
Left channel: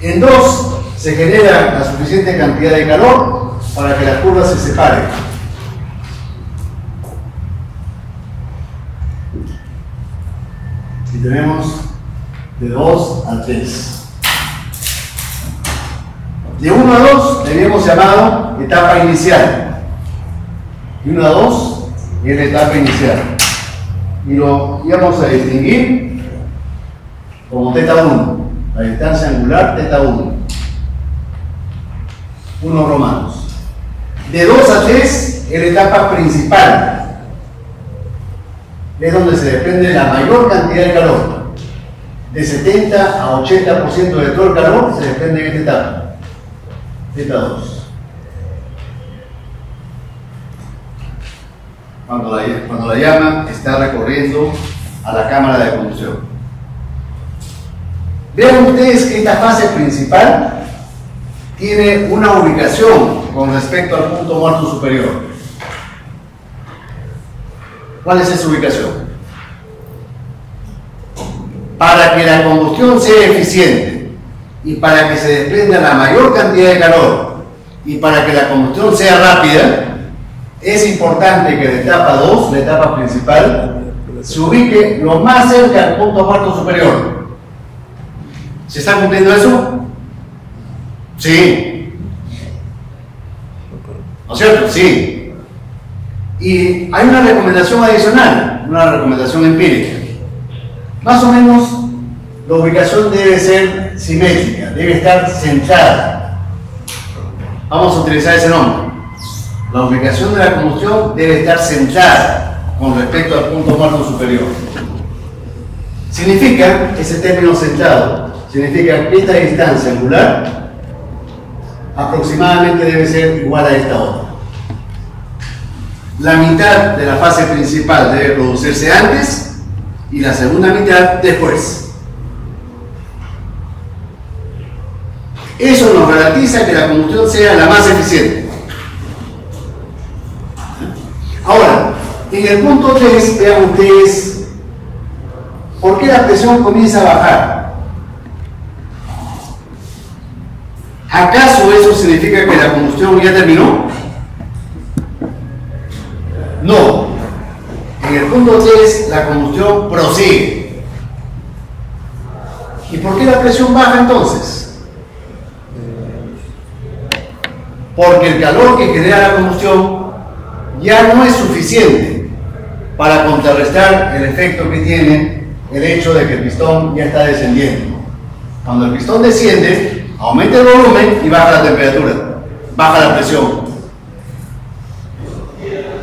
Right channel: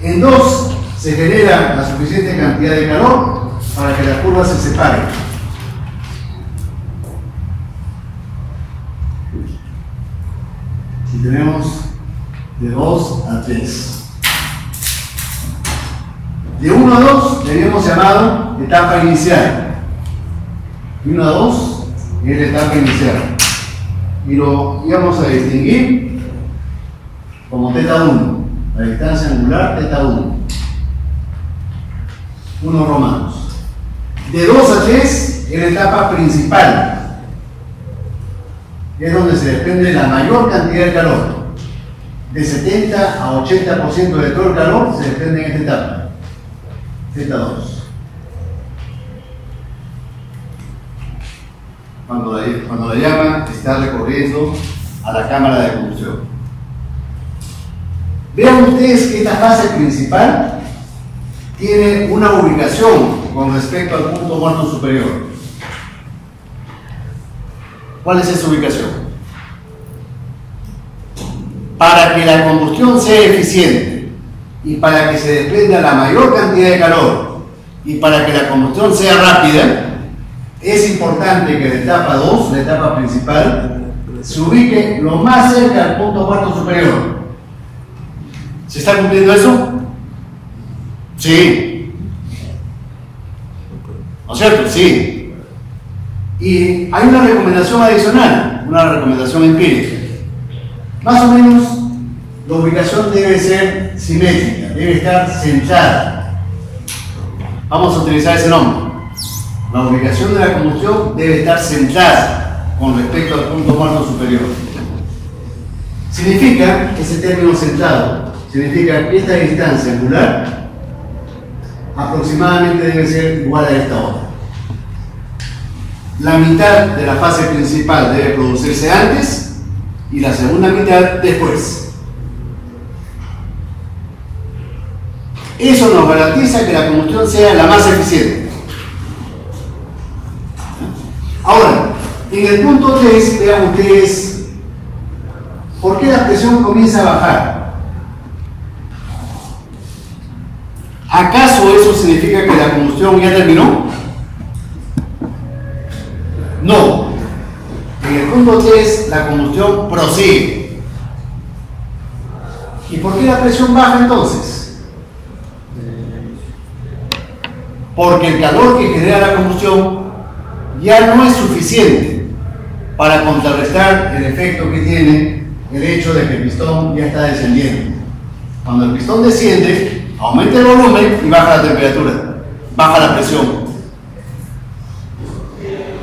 En 2 se genera la suficiente cantidad de calor para que las curvas se separen. Y tenemos de 2 a 3. De 1 a 2 le habíamos llamado etapa inicial. De 1 a 2 es la etapa inicial. Y lo íbamos a distinguir como θ1, la distancia angular θ1. 1 romanos. De 2 a 3 es la etapa principal. Es donde se desprende la mayor cantidad de calor. De 70 a 80% de todo el calor se desprende en esta etapa. θ2. Cuando la llama está recorriendo a la cámara de combustión. Vean ustedes que esta fase principal tiene una ubicación con respecto al punto muerto superior. ¿Cuál es esa ubicación? Para que la combustión sea eficiente y para que se desprenda la mayor cantidad de calor y para que la combustión sea rápida, es importante que la etapa 2, la etapa principal, se ubique lo más cerca al punto muerto superior. ¿Se está cumpliendo eso? Sí. ¿No es cierto? Sí. Y hay una recomendación adicional, una recomendación empírica. Más o menos, la ubicación debe ser simétrica, debe estar centrada. Vamos a utilizar ese nombre. La ubicación de la combustión debe estar centrada con respecto al punto muerto superior. Significa, ese término centrado, significa que esta distancia angular aproximadamente debe ser igual a esta otra. La mitad de la fase principal debe producirse antes y la segunda mitad después. Eso nos garantiza que la combustión sea la más eficiente. Ahora, en el punto 3, vean ustedes, ¿por qué la presión comienza a bajar? ¿Acaso eso significa que la combustión ya terminó? No. En el punto 3, la combustión prosigue. ¿Y por qué la presión baja entonces? Porque el calor que genera la combustión ya no es suficiente para contrarrestar el efecto que tiene el hecho de que el pistón ya está descendiendo. Cuando el pistón desciende, aumenta el volumen y baja la temperatura, baja la presión.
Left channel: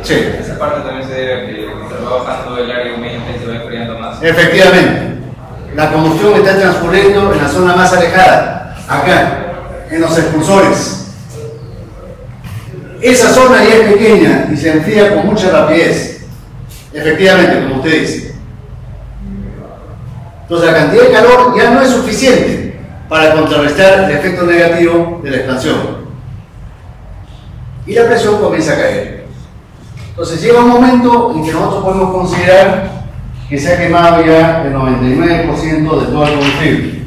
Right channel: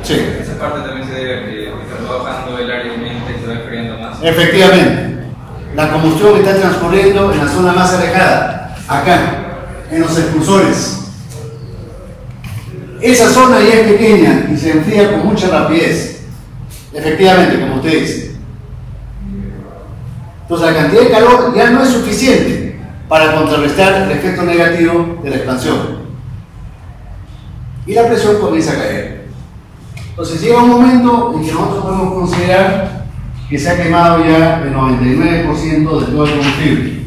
Sí. Esa parte también se debe a que se va bajando el área humedante y se va enfriando más. Efectivamente, la combustión está transcurriendo en la zona más alejada, acá, en los expulsores. Esa zona ya es pequeña y se enfría con mucha rapidez. Efectivamente, como usted dice. Entonces la cantidad de calor ya no es suficiente para contrarrestar el efecto negativo de la expansión. Y la presión comienza a caer. Entonces llega un momento en que nosotros podemos considerar que se ha quemado ya el 99% de todo el combustible.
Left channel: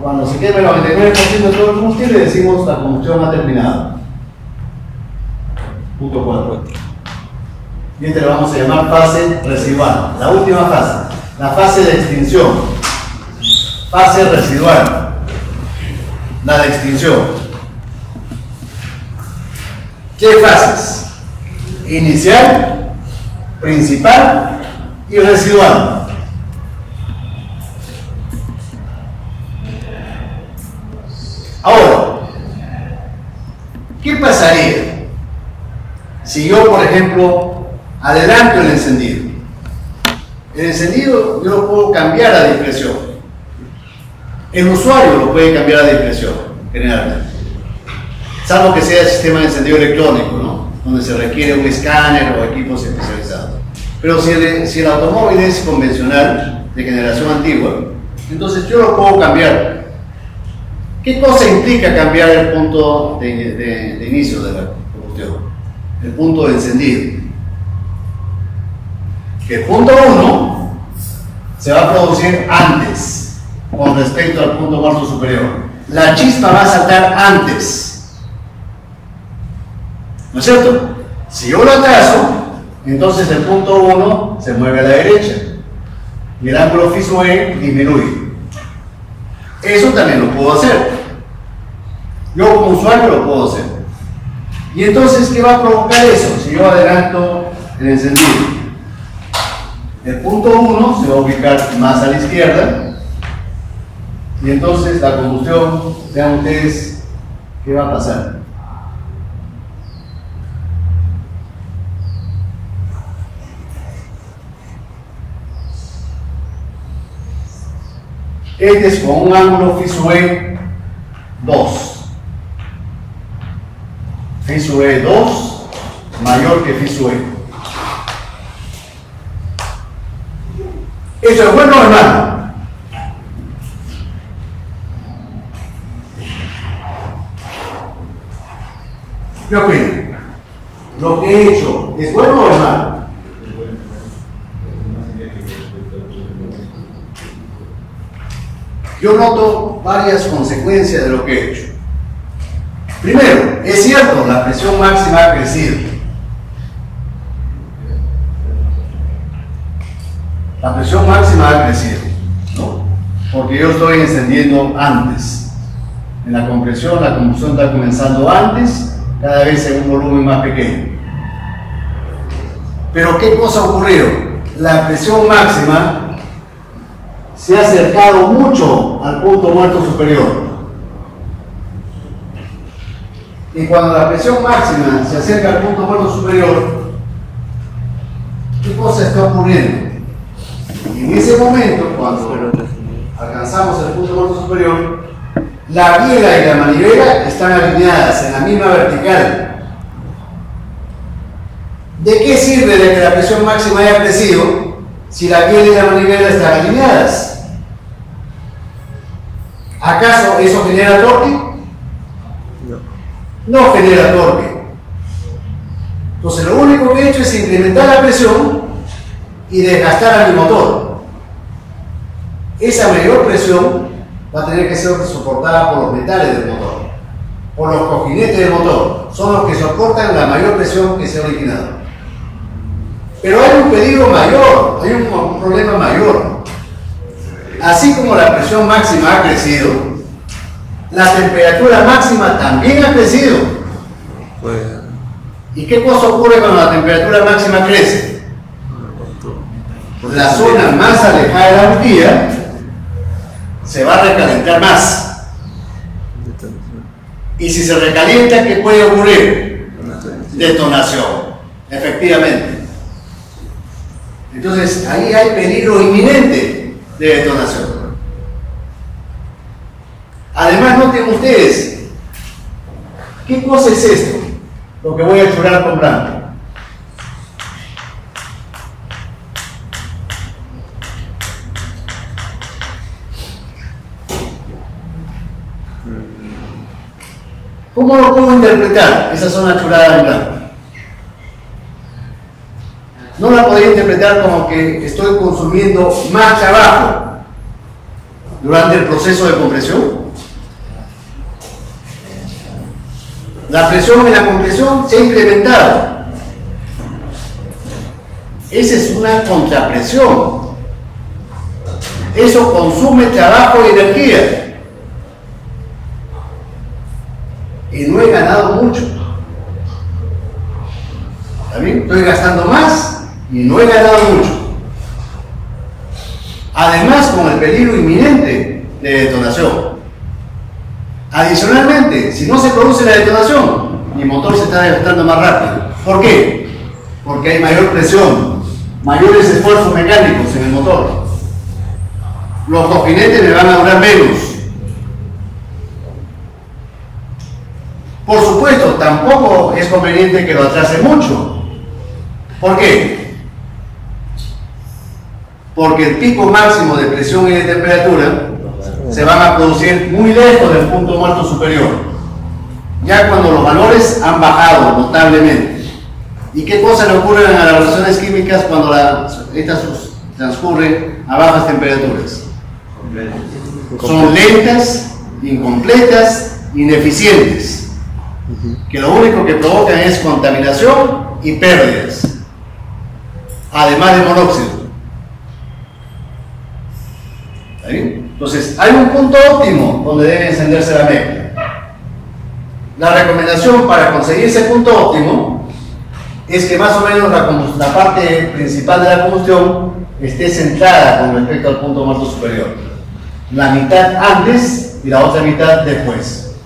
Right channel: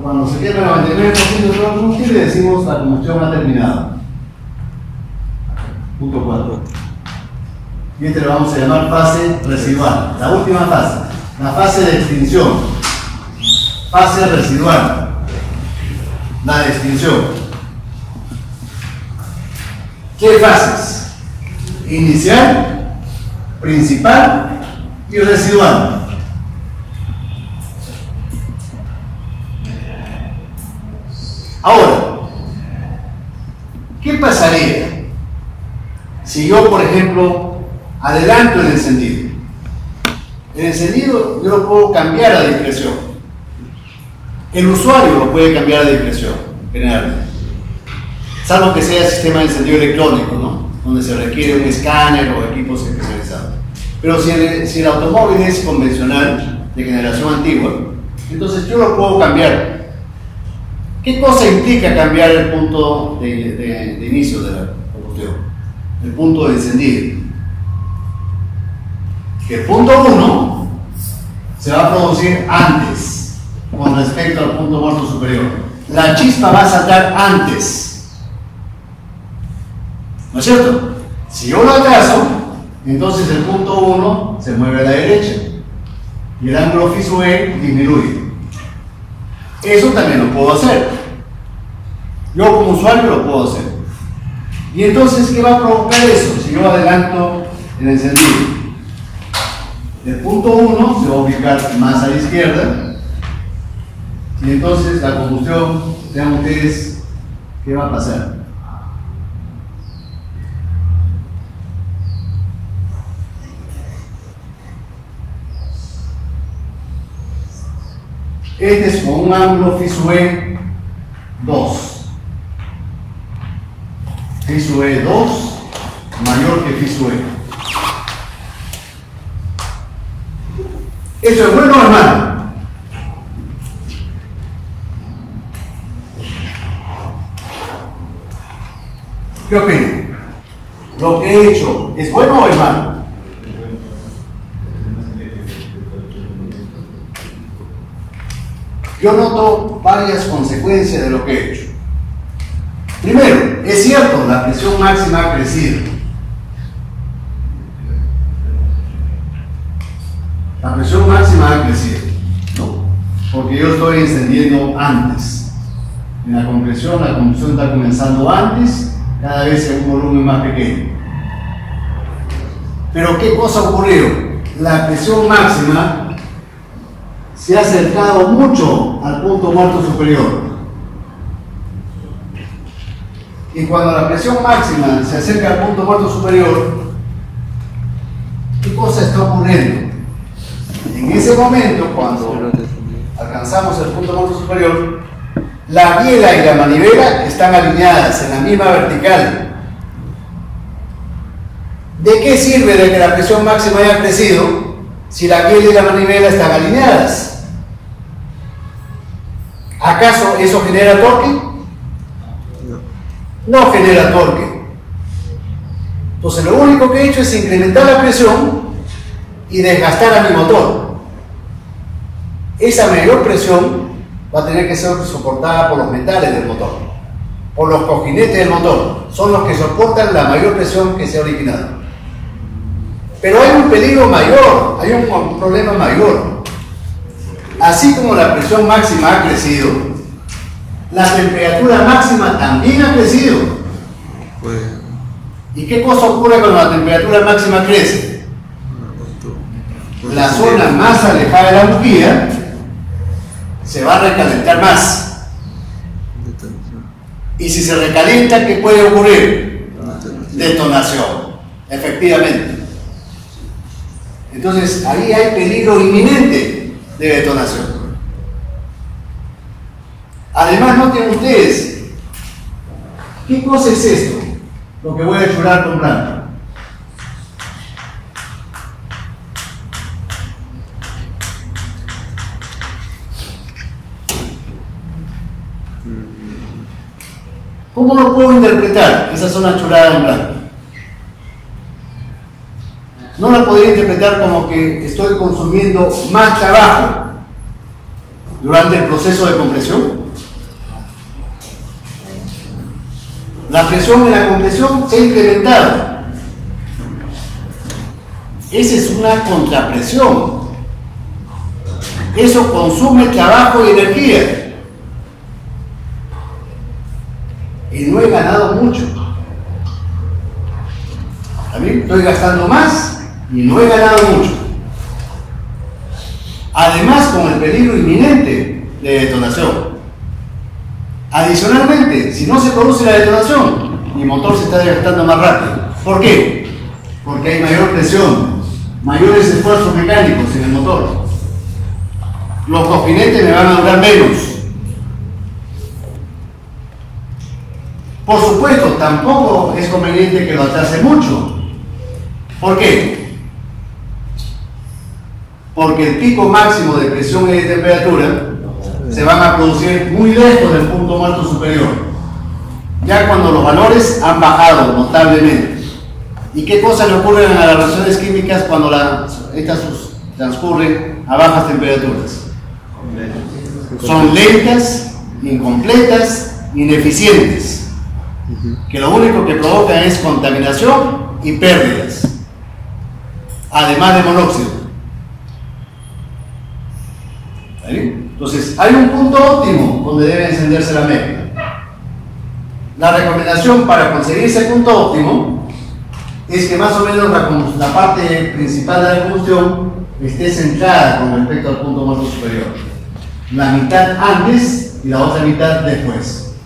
Cuando se quema el 99% de todo el combustible, decimos la combustión ha terminado. Punto 4. Y este lo vamos a llamar fase residual. La última fase, la fase de extinción. Fase residual. La de extinción. ¿Qué fases? Inicial, principal y residual. Ahora, ¿qué pasaría si yo, por ejemplo, adelanto el encendido? El encendido yo lo puedo cambiar a discreción. El usuario lo puede cambiar a discreción, generalmente. Salvo que sea el sistema de encendido electrónico, ¿no? Donde se requiere un escáner o equipos especializados. Pero si el automóvil es convencional, de generación antigua, entonces yo lo puedo cambiar. ¿Qué cosa implica cambiar el punto de inicio de la combustión? El punto de encendido. Que el punto 1 se va a producir antes con respecto al punto muerto superior. La chispa va a saltar antes. ¿No es cierto? Si yo lo atraso, entonces el punto 1 se mueve a la derecha y el ángulo fijo E disminuye. Eso también lo puedo hacer. Yo como usuario lo puedo hacer. Y entonces, ¿qué va a provocar eso? Si yo adelanto el encendido, el punto 1 se va a ubicar más a la izquierda y entonces la combustión, vean ustedes qué va a pasar. Este es con un ángulo fijo E 2. Fijo E 2 mayor que fijo E. ¿Eso es bueno o es malo? ¿Qué opinan? ¿Lo que he hecho es bueno o es malo? Yo noto varias consecuencias de lo que he hecho. Primero, es cierto, la presión máxima ha crecido. La presión máxima ha crecido, ¿no? Porque yo estoy encendiendo antes. En la compresión, la combustión está comenzando antes, cada vez en un volumen más pequeño. Pero ¿qué cosa ha ocurrido? La presión máxima se ha acercado mucho al punto muerto superior. Y cuando la presión máxima se acerca al punto muerto superior, ¿qué cosa está ocurriendo? En ese momento, cuando alcanzamos el punto muerto superior, la biela y la manivela están alineadas en la misma vertical. ¿De qué sirve de que la presión máxima haya crecido si la biela y la manivela están alineadas? ¿Acaso eso genera torque? No genera torque. Entonces lo único que he hecho es incrementar la presión y desgastar a mi motor. Esa mayor presión va a tener que ser soportada por los metales del motor, por los cojinetes del motor. Son los que soportan la mayor presión que se ha originado. Pero hay un peligro mayor, hay un problema mayor. Así como la presión máxima ha crecido, la temperatura máxima también ha crecido. ¿Y qué cosa ocurre cuando la temperatura máxima crece? La zona más alejada de la bujía se va a recalentar más. Y si se recalienta, ¿qué puede ocurrir? Detonación, efectivamente. Entonces, ahí hay peligro inminente de detonación. Además, noten ustedes, ¿qué cosa es esto? Lo que voy a churar con blanco. ¿Cómo lo puedo interpretar, esa zona churada en blanco? No la podría interpretar como que estoy consumiendo más trabajo durante el proceso de compresión. La presión en la compresión se ha incrementado. Esa es una contrapresión. Eso consume trabajo y energía. Y no he ganado mucho. ¿Está bien? Estoy gastando más y no he ganado mucho. Además, con el peligro inminente de detonación. Adicionalmente, si no se produce la detonación, mi motor se está desgastando más rápido. ¿Por qué? Porque hay mayor presión, mayores esfuerzos mecánicos en el motor. Los cojinetes me van a durar menos. Por supuesto, tampoco es conveniente que lo atrase mucho. ¿Por qué? Porque el pico máximo de presión y de temperatura se van a producir muy lejos del punto muerto superior, ya cuando los valores han bajado notablemente. ¿Y qué cosa le ocurren a las reacciones químicas cuando estas transcurren a bajas temperaturas? Son lentas, incompletas, ineficientes, que lo único que provocan es contaminación y pérdidas, además de monóxido. ¿Está bien? Entonces, hay un punto óptimo donde debe encenderse la mezcla. La recomendación para conseguir ese punto óptimo es que más o menos la parte principal de la combustión esté centrada con respecto al punto muerto superior. La mitad antes y la otra mitad después.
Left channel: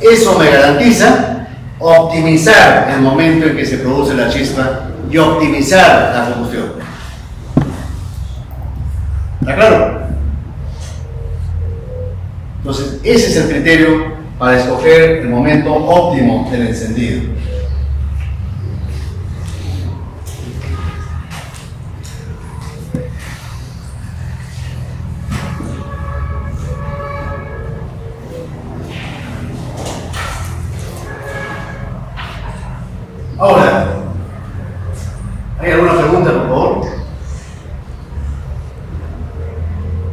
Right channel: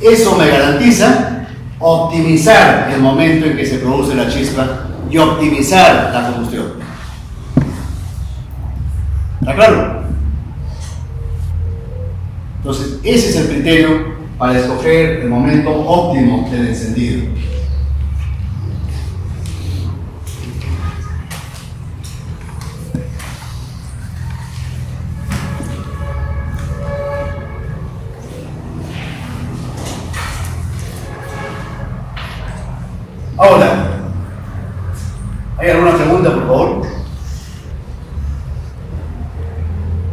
Eso me garantiza optimizar el momento en que se produce la chispa y optimizar la combustión. ¿Está claro? Entonces, ese es el criterio para escoger el momento óptimo del encendido. Ahora, ¿hay alguna pregunta, por favor?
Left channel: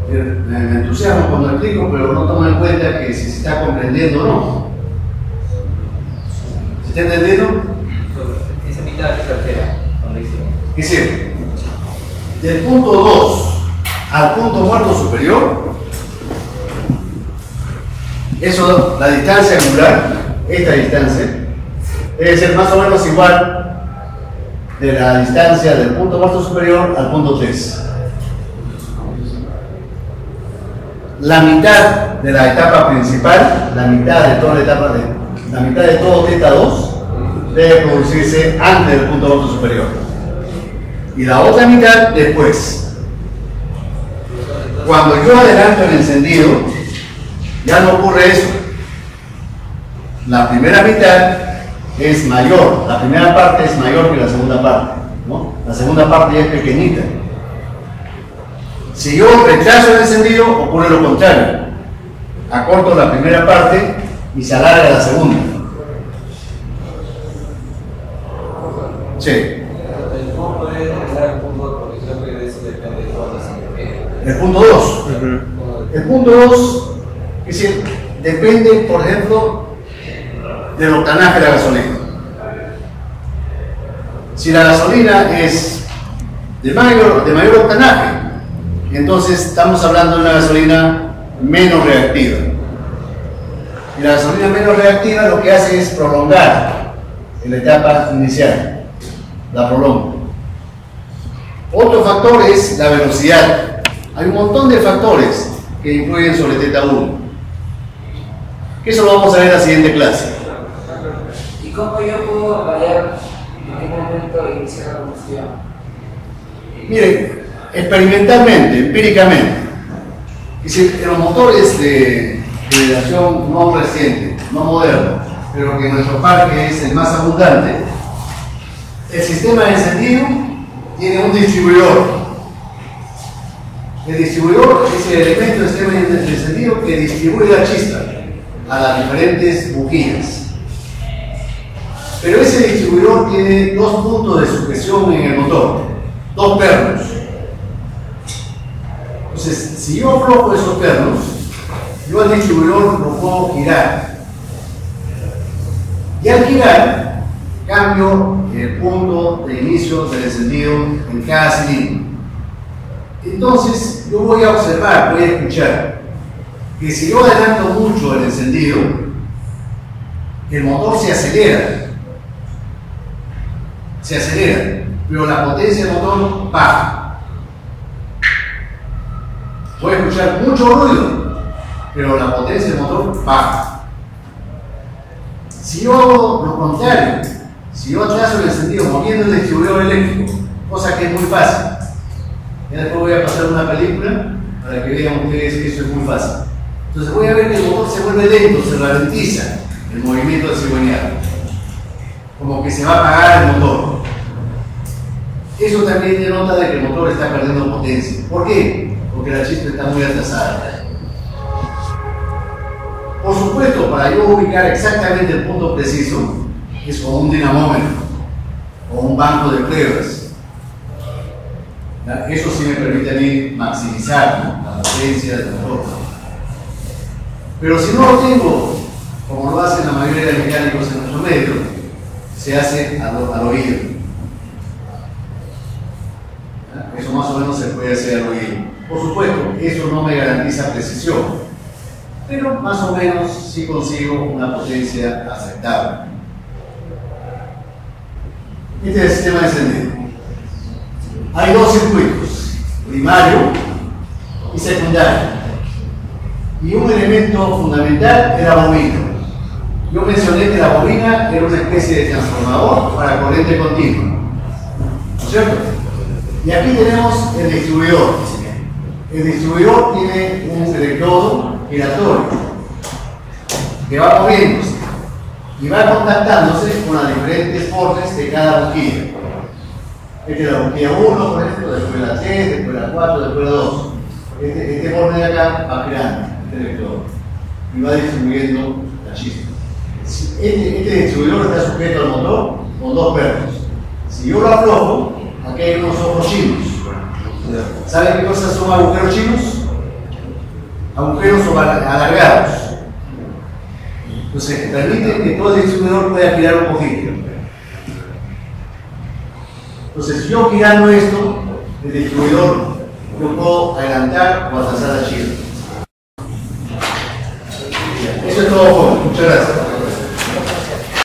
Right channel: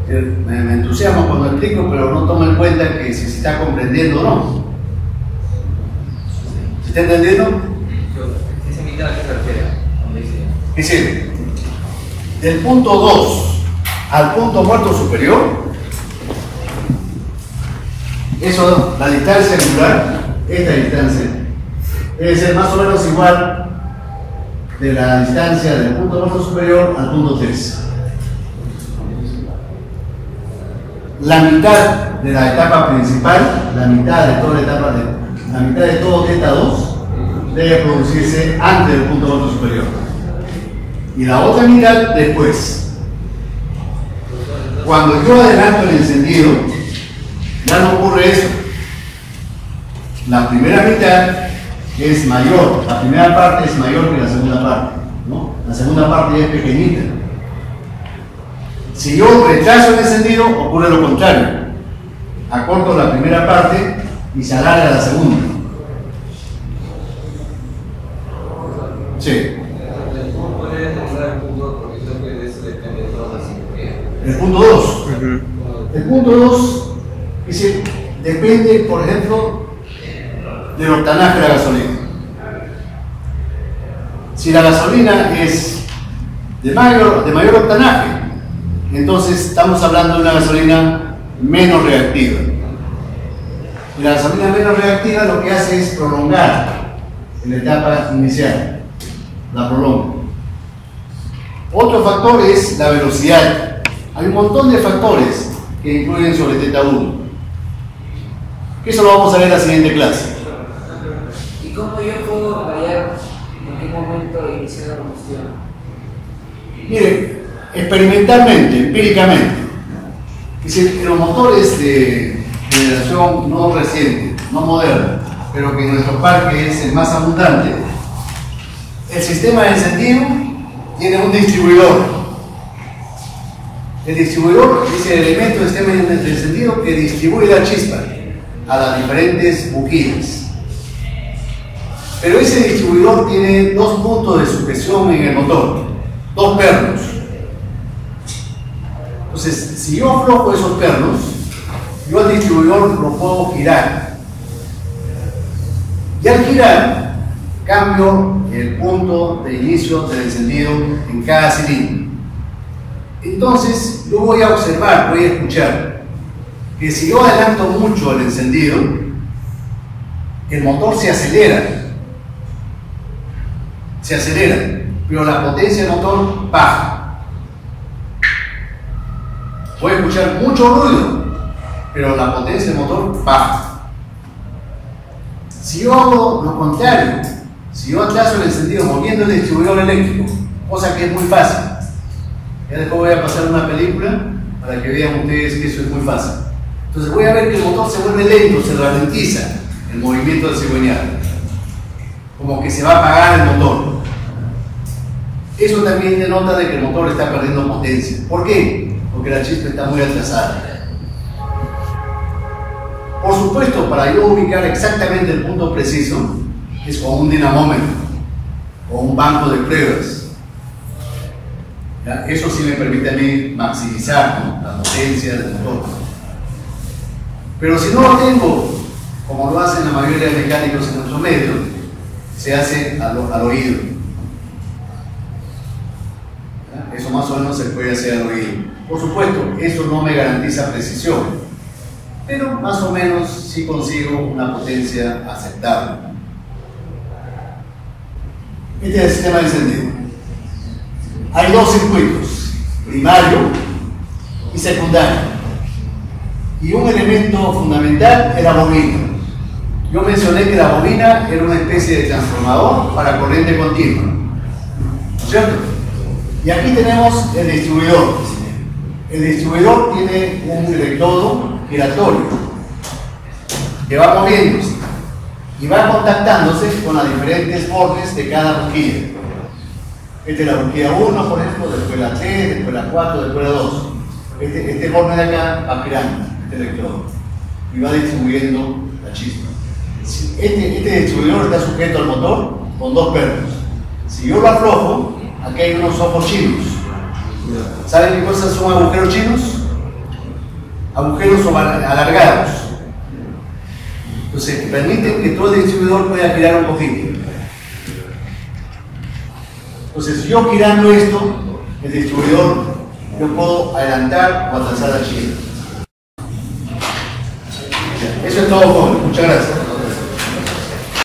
Me entusiasmo cuando explico, pero no tomo en cuenta que si se está comprendiendo o no. ¿Se está entendiendo? Dice mitad de tercera, donde dice. Es decir, del punto 2 al punto muerto superior, eso, la distancia angular, esta distancia, debe ser más o menos igual de la distancia del punto muerto superior al punto 3. La mitad de la etapa principal, la mitad de toda la etapa la mitad de todo θ2 debe producirse antes del punto alto superior. Y la otra mitad después. Cuando yo adelanto el encendido, ya no ocurre eso. La primera mitad es mayor, la primera parte es mayor que la segunda parte, ¿no? La segunda parte ya es pequeñita. Si yo retraso el encendido, ocurre lo contrario. Acorto la primera parte y se alarga la segunda. Sí. ¿Cómo podría determinar el punto? Porque yo creo que eso depende de todas las energías. El punto 2. El punto 2, es decir, depende, por ejemplo, del octanaje de la gasolina. Si la gasolina es de mayor octanaje, entonces estamos hablando de una gasolina menos reactiva. Y la gasolina menos reactiva lo que hace es prolongar en la etapa inicial, la prolonga. Otro factor es la velocidad. Hay un montón de factores que influyen sobre θ1. Que eso lo vamos a ver en la siguiente clase. ¿Y cómo yo puedo variar en qué momento iniciar la combustión? Miren, experimentalmente, empíricamente, es decir, en los motores de generación no reciente, no moderno, pero que en nuestro parque es el más abundante, el sistema de encendido tiene un distribuidor. El distribuidor es el elemento del sistema de encendido que distribuye la chispa a las diferentes bujías. Pero ese distribuidor tiene dos puntos de sujeción en el motor, dos pernos. Entonces, si yo aflojo esos pernos, yo al distribuidor lo puedo girar. Y al girar, cambio el punto de inicio del encendido en cada cilindro. Entonces, yo voy a observar, voy a escuchar que si yo adelanto mucho el encendido, el motor se acelera, pero la potencia del motor baja. Voy a escuchar mucho ruido, pero la potencia del motor baja. Si yo hago lo contrario, si yo atraso el encendido moviendo el distribuidor eléctrico, cosa que es muy fácil, ya después voy a pasar una película para que vean ustedes que eso es muy fácil. Entonces voy a ver que el motor se vuelve lento, se ralentiza el movimiento del cigüeñal, como que se va a apagar el motor. Eso también denota de que el motor está perdiendo potencia. ¿Por qué? Porque la chispa está muy atrasada. Por supuesto, para yo ubicar exactamente el punto preciso, es con un dinamómetro o un banco de pruebas. ¿Ya? Eso sí me permite a mí maximizar, ¿no?, la potencia del motor. Pero si no lo tengo, como lo hacen la mayoría de mecánicos en nuestro medio, se hace al oído. ¿Ya? Eso más o menos se puede hacer al oído. Por supuesto, eso no me garantiza precisión, pero más o menos sí consigo una potencia aceptable. Este es el sistema de encendido. Hay dos circuitos, primario y secundario. Y un elemento fundamental es la bobina. Yo mencioné que la bobina era una especie de transformador para corriente continua, ¿no es cierto? Y aquí tenemos el distribuidor. El distribuidor tiene un electrodo giratorio que va moviéndose y va contactándose con las diferentes bornes de cada bujía. Esta es la bujía 1, por ejemplo, después la 3, después la 4, después la 2. Este borne de acá va girando, este electrodo, y va distribuyendo la chispa. Este distribuidor está sujeto al motor con dos pernos. Si yo lo aflojo, aquí hay unos ojos chinos. ¿Saben qué cosas son agujeros chinos? Agujeros alargados. Entonces, permiten que todo el distribuidor pueda girar un poquito. Entonces, yo girando esto, el distribuidor, yo puedo adelantar o atrasar la chispa. Eso es todo, joven. Muchas gracias.